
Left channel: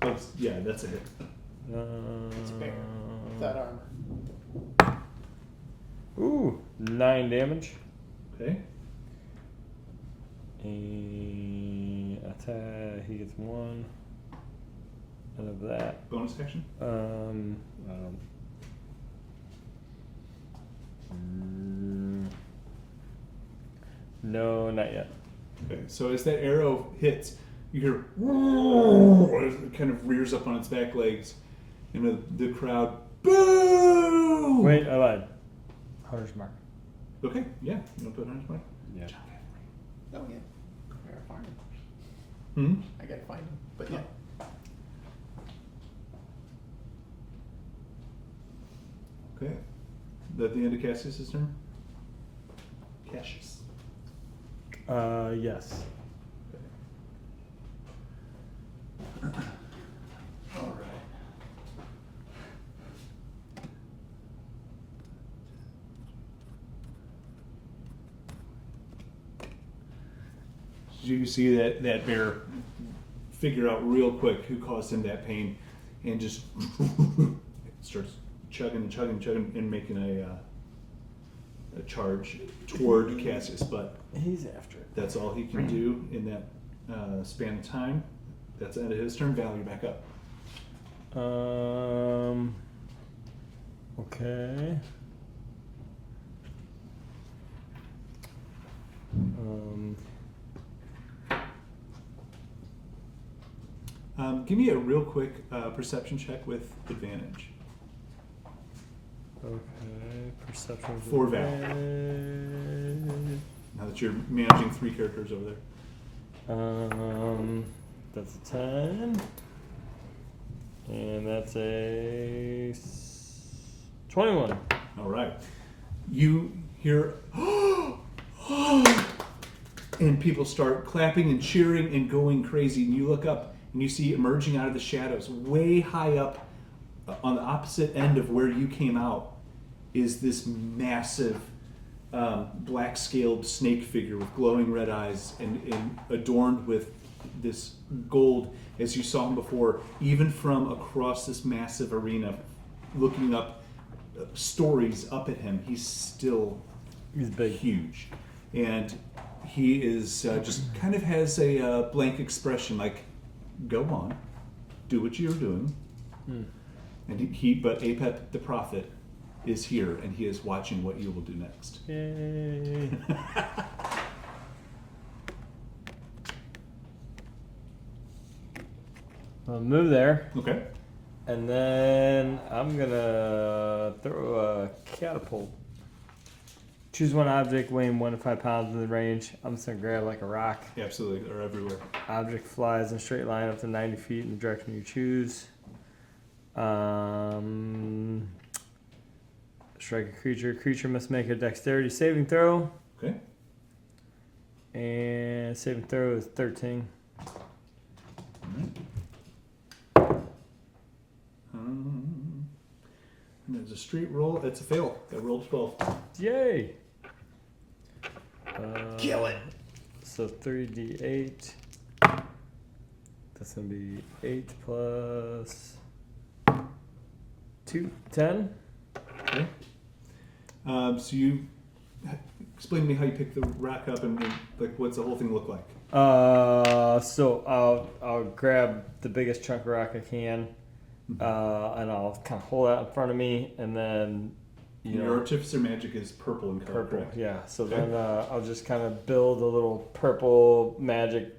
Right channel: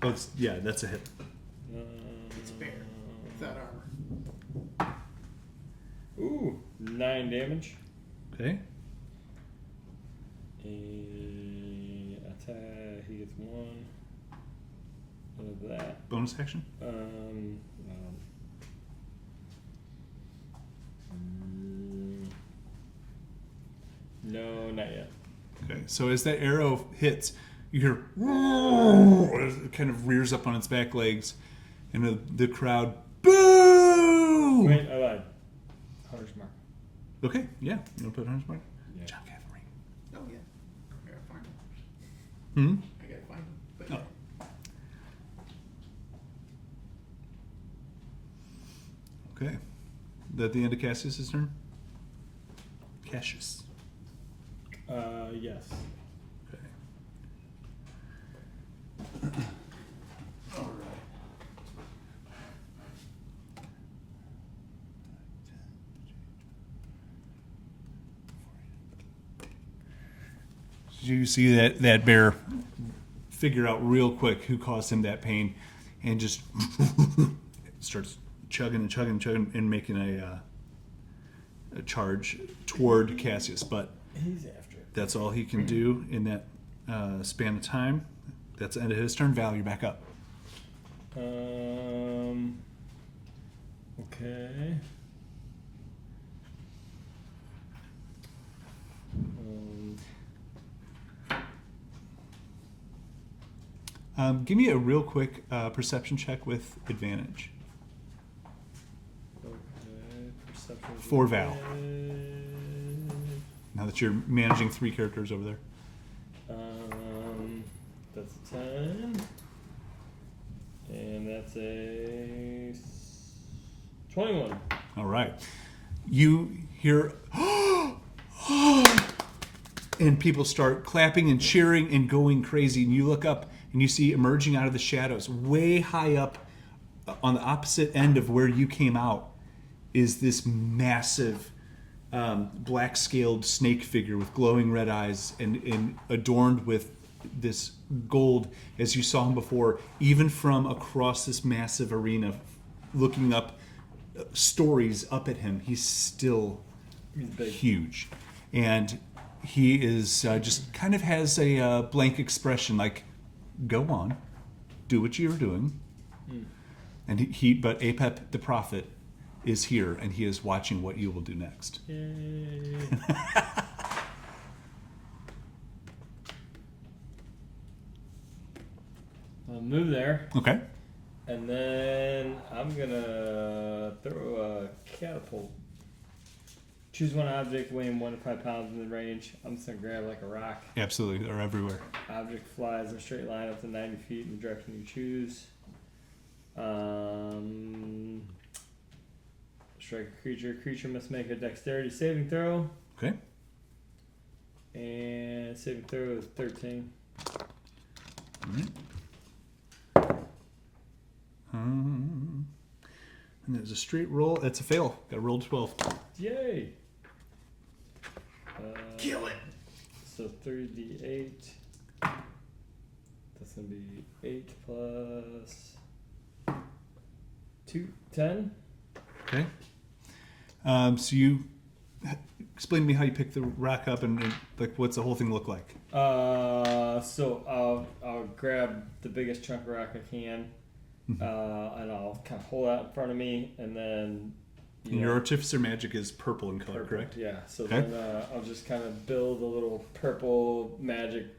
That's a hit. It's a bear without armor. Ooh, 9 damage. Okay. Attack. He gets 1 out of that. Bonus action. No, not yet. Okay. So as that arrow hits, you hear as it kind of rears up on its back legs, and the crowd boo. Wait, I lied. Hunter's mark. Okay. Yeah. You want to put Hunter's mark? Yeah. John Cavalry. Oh yeah. I gotta find him. Hmm. I gotta find him. But yeah. Okay. that the end of Cassius's turn? Cassius. Yes. Okay. All right. You see that bear figure out real quick who caused him that pain, and just starts chugging and making a charge toward Cassius. But He's after it. that's all he can do in that span of time. That's the end of his turn. Val, you're back up. Okay. Give me a real quick perception check with advantage. Okay. Perception. For Val. Now that you're managing 3 characters over there. That's a 10. And that's a 21. All right. You hear, and people start clapping and cheering and going crazy. And you look up and you see emerging out of the shadows, way high up on the opposite end of where you came out, is this massive black scaled snake figure with glowing red eyes and adorned with this gold, as you saw him before, even from across this massive arena, looking up stories up at him. He's still big. huge. And he is just kind of has a blank expression, like, go on, do what you're doing. And but Apep the prophet is here, and he is watching what you will do next. Yay. I'll move there. Okay. And then I'm gonna throw a catapult. Choose one object weighing 1 to 5 pounds in the range. I'm just gonna grab like a rock. Absolutely, they're everywhere. Object flies in a straight line up to 90 feet in the direction you choose. Strike a creature. Creature must make a dexterity saving throw. Okay. And saving throw is 13. And there's a straight roll. That's a fail. That rolled 12. Yay! Kill it. So 3d8. That's gonna be 8 plus 2, 10. Okay. So you explain to me how you pick the rock up and like what's the whole thing look like? So I'll grab the biggest chunk of rock I can, and I'll kind of hold that in front of me, and then Your artificer magic is purple in color, purple, correct? yeah. So Okay. then I'll just kind of build a little purple magic,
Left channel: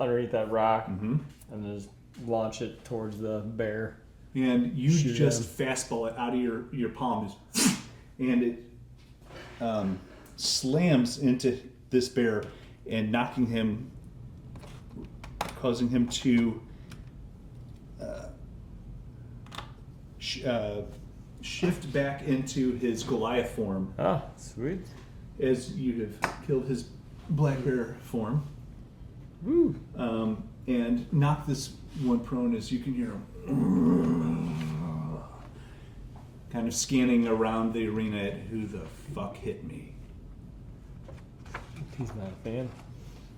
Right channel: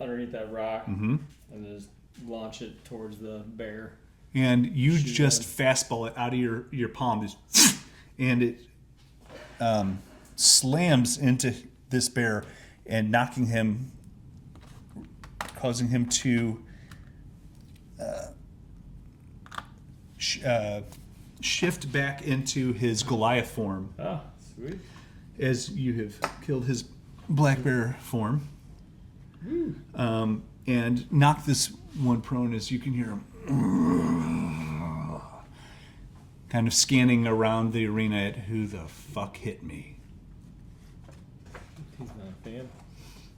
underneath that rock, Mm-hmm. and then just launch it towards the bear. And you Shoot just him. fastball it out of your palm, and it slams into this bear and knocking him, causing him to shift back into his Goliath form Ah, sweet. as you have killed his black bear form. Woo. And knock this one prone as you can hear him kind of scanning around the arena at who the fuck hit me. He's not a fan.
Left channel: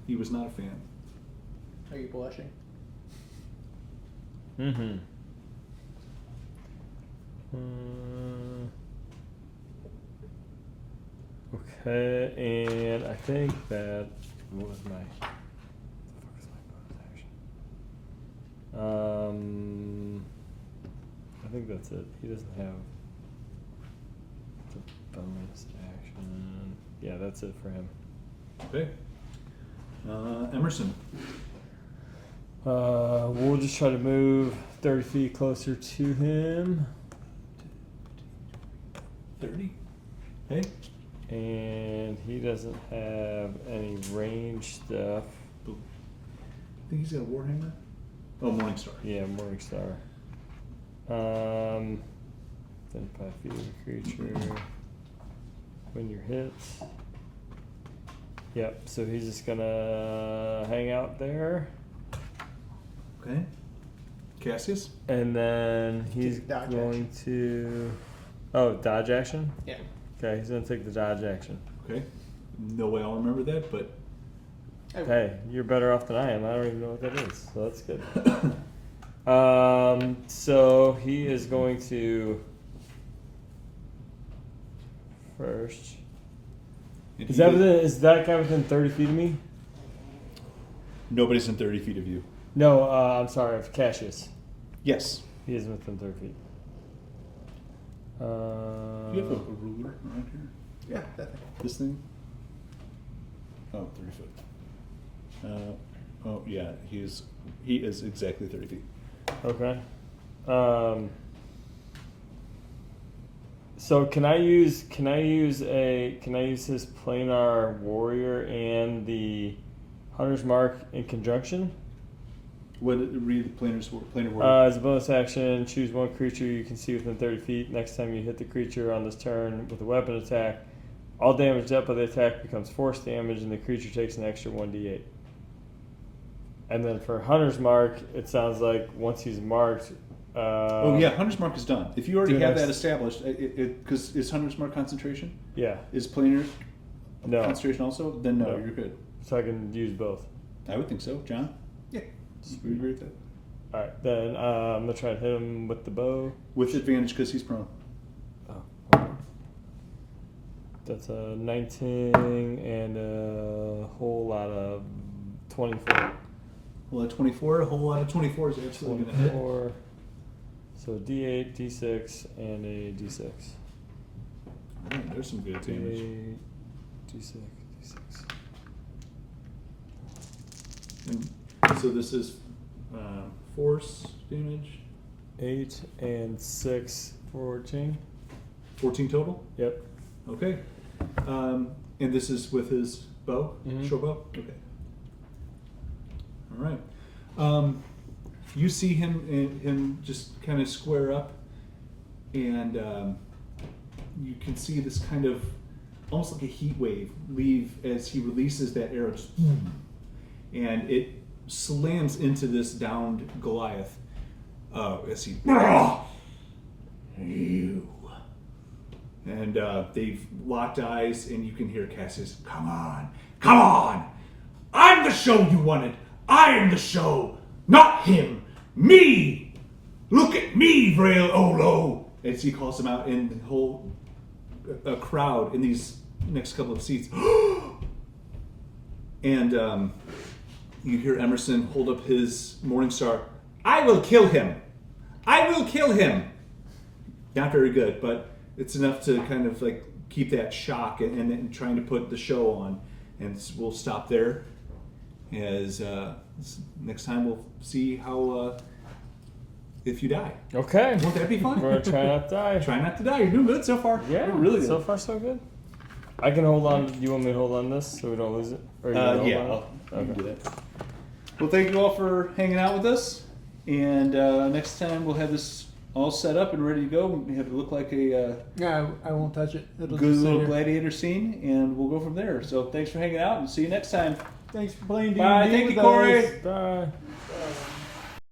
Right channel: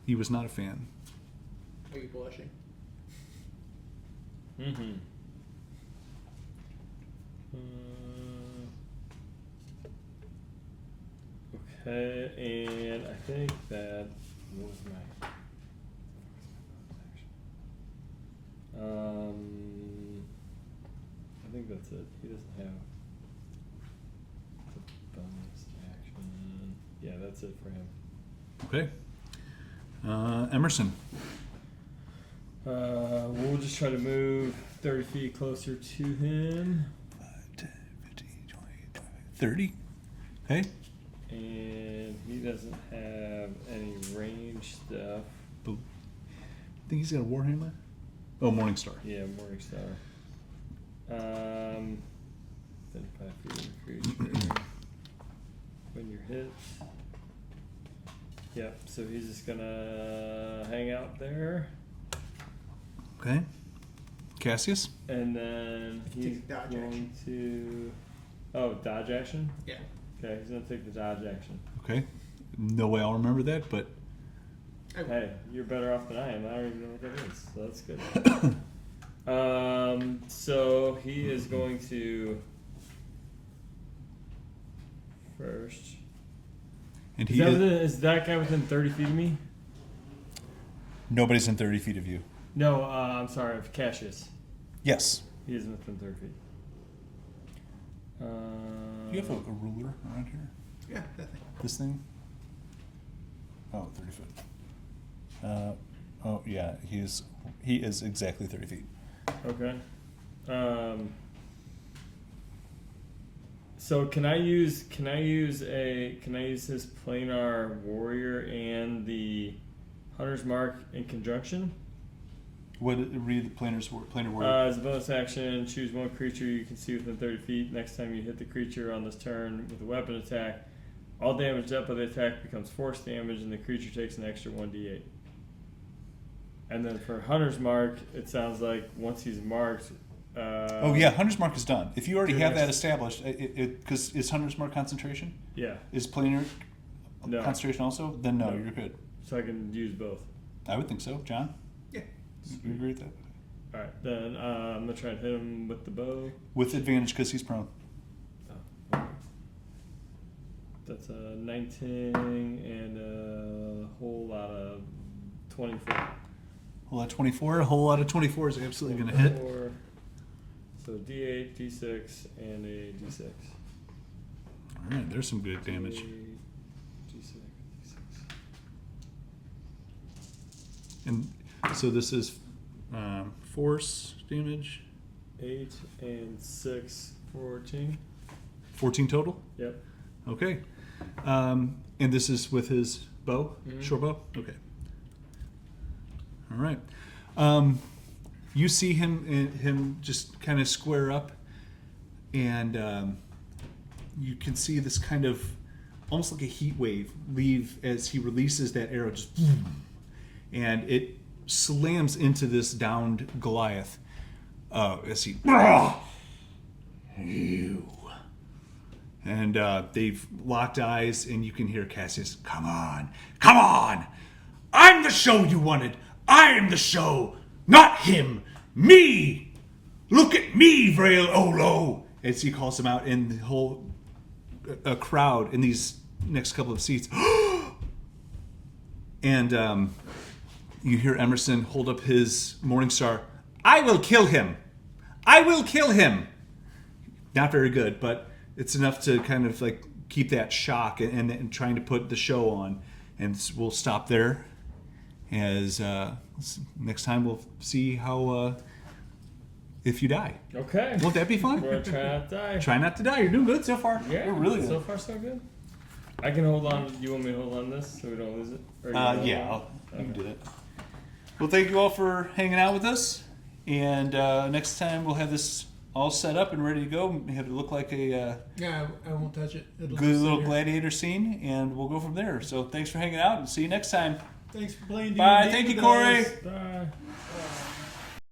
He was not a fan. Are you blushing? Mm-hmm. Okay, and I think that what was my I think that's it. He doesn't have the bonus action. Yeah, that's it for him. Okay. Emerson. We'll just try to move 30 feet closer to him. 10, 15, 20, 30. Okay. And he doesn't have any range stuff. I think he's got a Warhammer. Oh, Morningstar. Yeah, Morningstar. Then 5 feet creature. when you're hit. Yep, so he's just gonna hang out there. Okay. Cassius? And then Take he's a dodge going to... Oh, dodge action? Yeah. Okay, he's gonna take the dodge action. Okay. No way I'll remember that, but Hey, you're better off than I am. I don't even know what that is, so that's good. So he is going to first. and Is that guy within 30 feet of me? nobody's in 30 feet of you. No, I'm sorry, of Cassius. Yes. He is within 30 feet. You have a ruler around here? Yeah, that thing. This thing? Oh, 30 foot. Oh yeah, he is exactly 30 feet. Okay. So can I use his planar warrior and the hunter's mark in conjunction? What read the planar word? As a bonus action, choose one creature you can see within 30 feet. Next time you hit the creature on this turn with a weapon attack, all damage dealt by the attack becomes force damage, and the creature takes an extra 1d8. And then for hunter's mark, it sounds like once he's marked. Oh yeah, Hunter's Mark is done. If you already have that next- established, because is Hunter's Mark concentration? Yeah, Is planar No. concentration also? Then no, No. you're good. so I can use both. I would think so. John? Yeah. You agree with that? All right, then I'm gonna try and hit him with the bow. With advantage because he's prone. That's a 19 and a whole lot of 24. A whole lot of 24. A whole lot of 24 is absolutely going to hit. 24. So D8, D6, and a D6. All right, there's some good damage. D6, D6. And so this is force damage. 8 and 6, 14. 14 total. Yep. Okay. And this is with his bow, Mhm. short bow. Okay. All right. You see him just kind of square up, and you can see this kind of almost like a heat wave leave as he releases that arrow, just, and it slams into this downed Goliath as he. You. And they've locked eyes, and you can hear Cassius, come on, come on! I'm the show you wanted! I am the show, not him! Me! Look at me, Vrael Olo! As he calls him out, and the whole crowd in these next couple of seats. And you hear Emerson hold up his Morningstar. I will kill him! I will kill him! Not very good, but it's enough to kind of like keep that shock and trying to put the show on. And we'll stop there. As next time we'll see how if you die. Okay. Won't that be fun? Or try not to die. Try not to die. You're doing good so far. Yeah, really so far so good. I can hold on. You want me to hold on this so we don't lose it? Or you wanna hold Yeah, on? you can Okay. do that. Well, thank you all for hanging out with us. And next time we'll have this all set up and ready to go. We have it look like a Yeah, I won't touch it. It'll good just little sit here. gladiator scene, and we'll go from there. So thanks for hanging out, and see you next time. Thanks for playing. Bye. D&D Thank you, with Corey. us. Bye.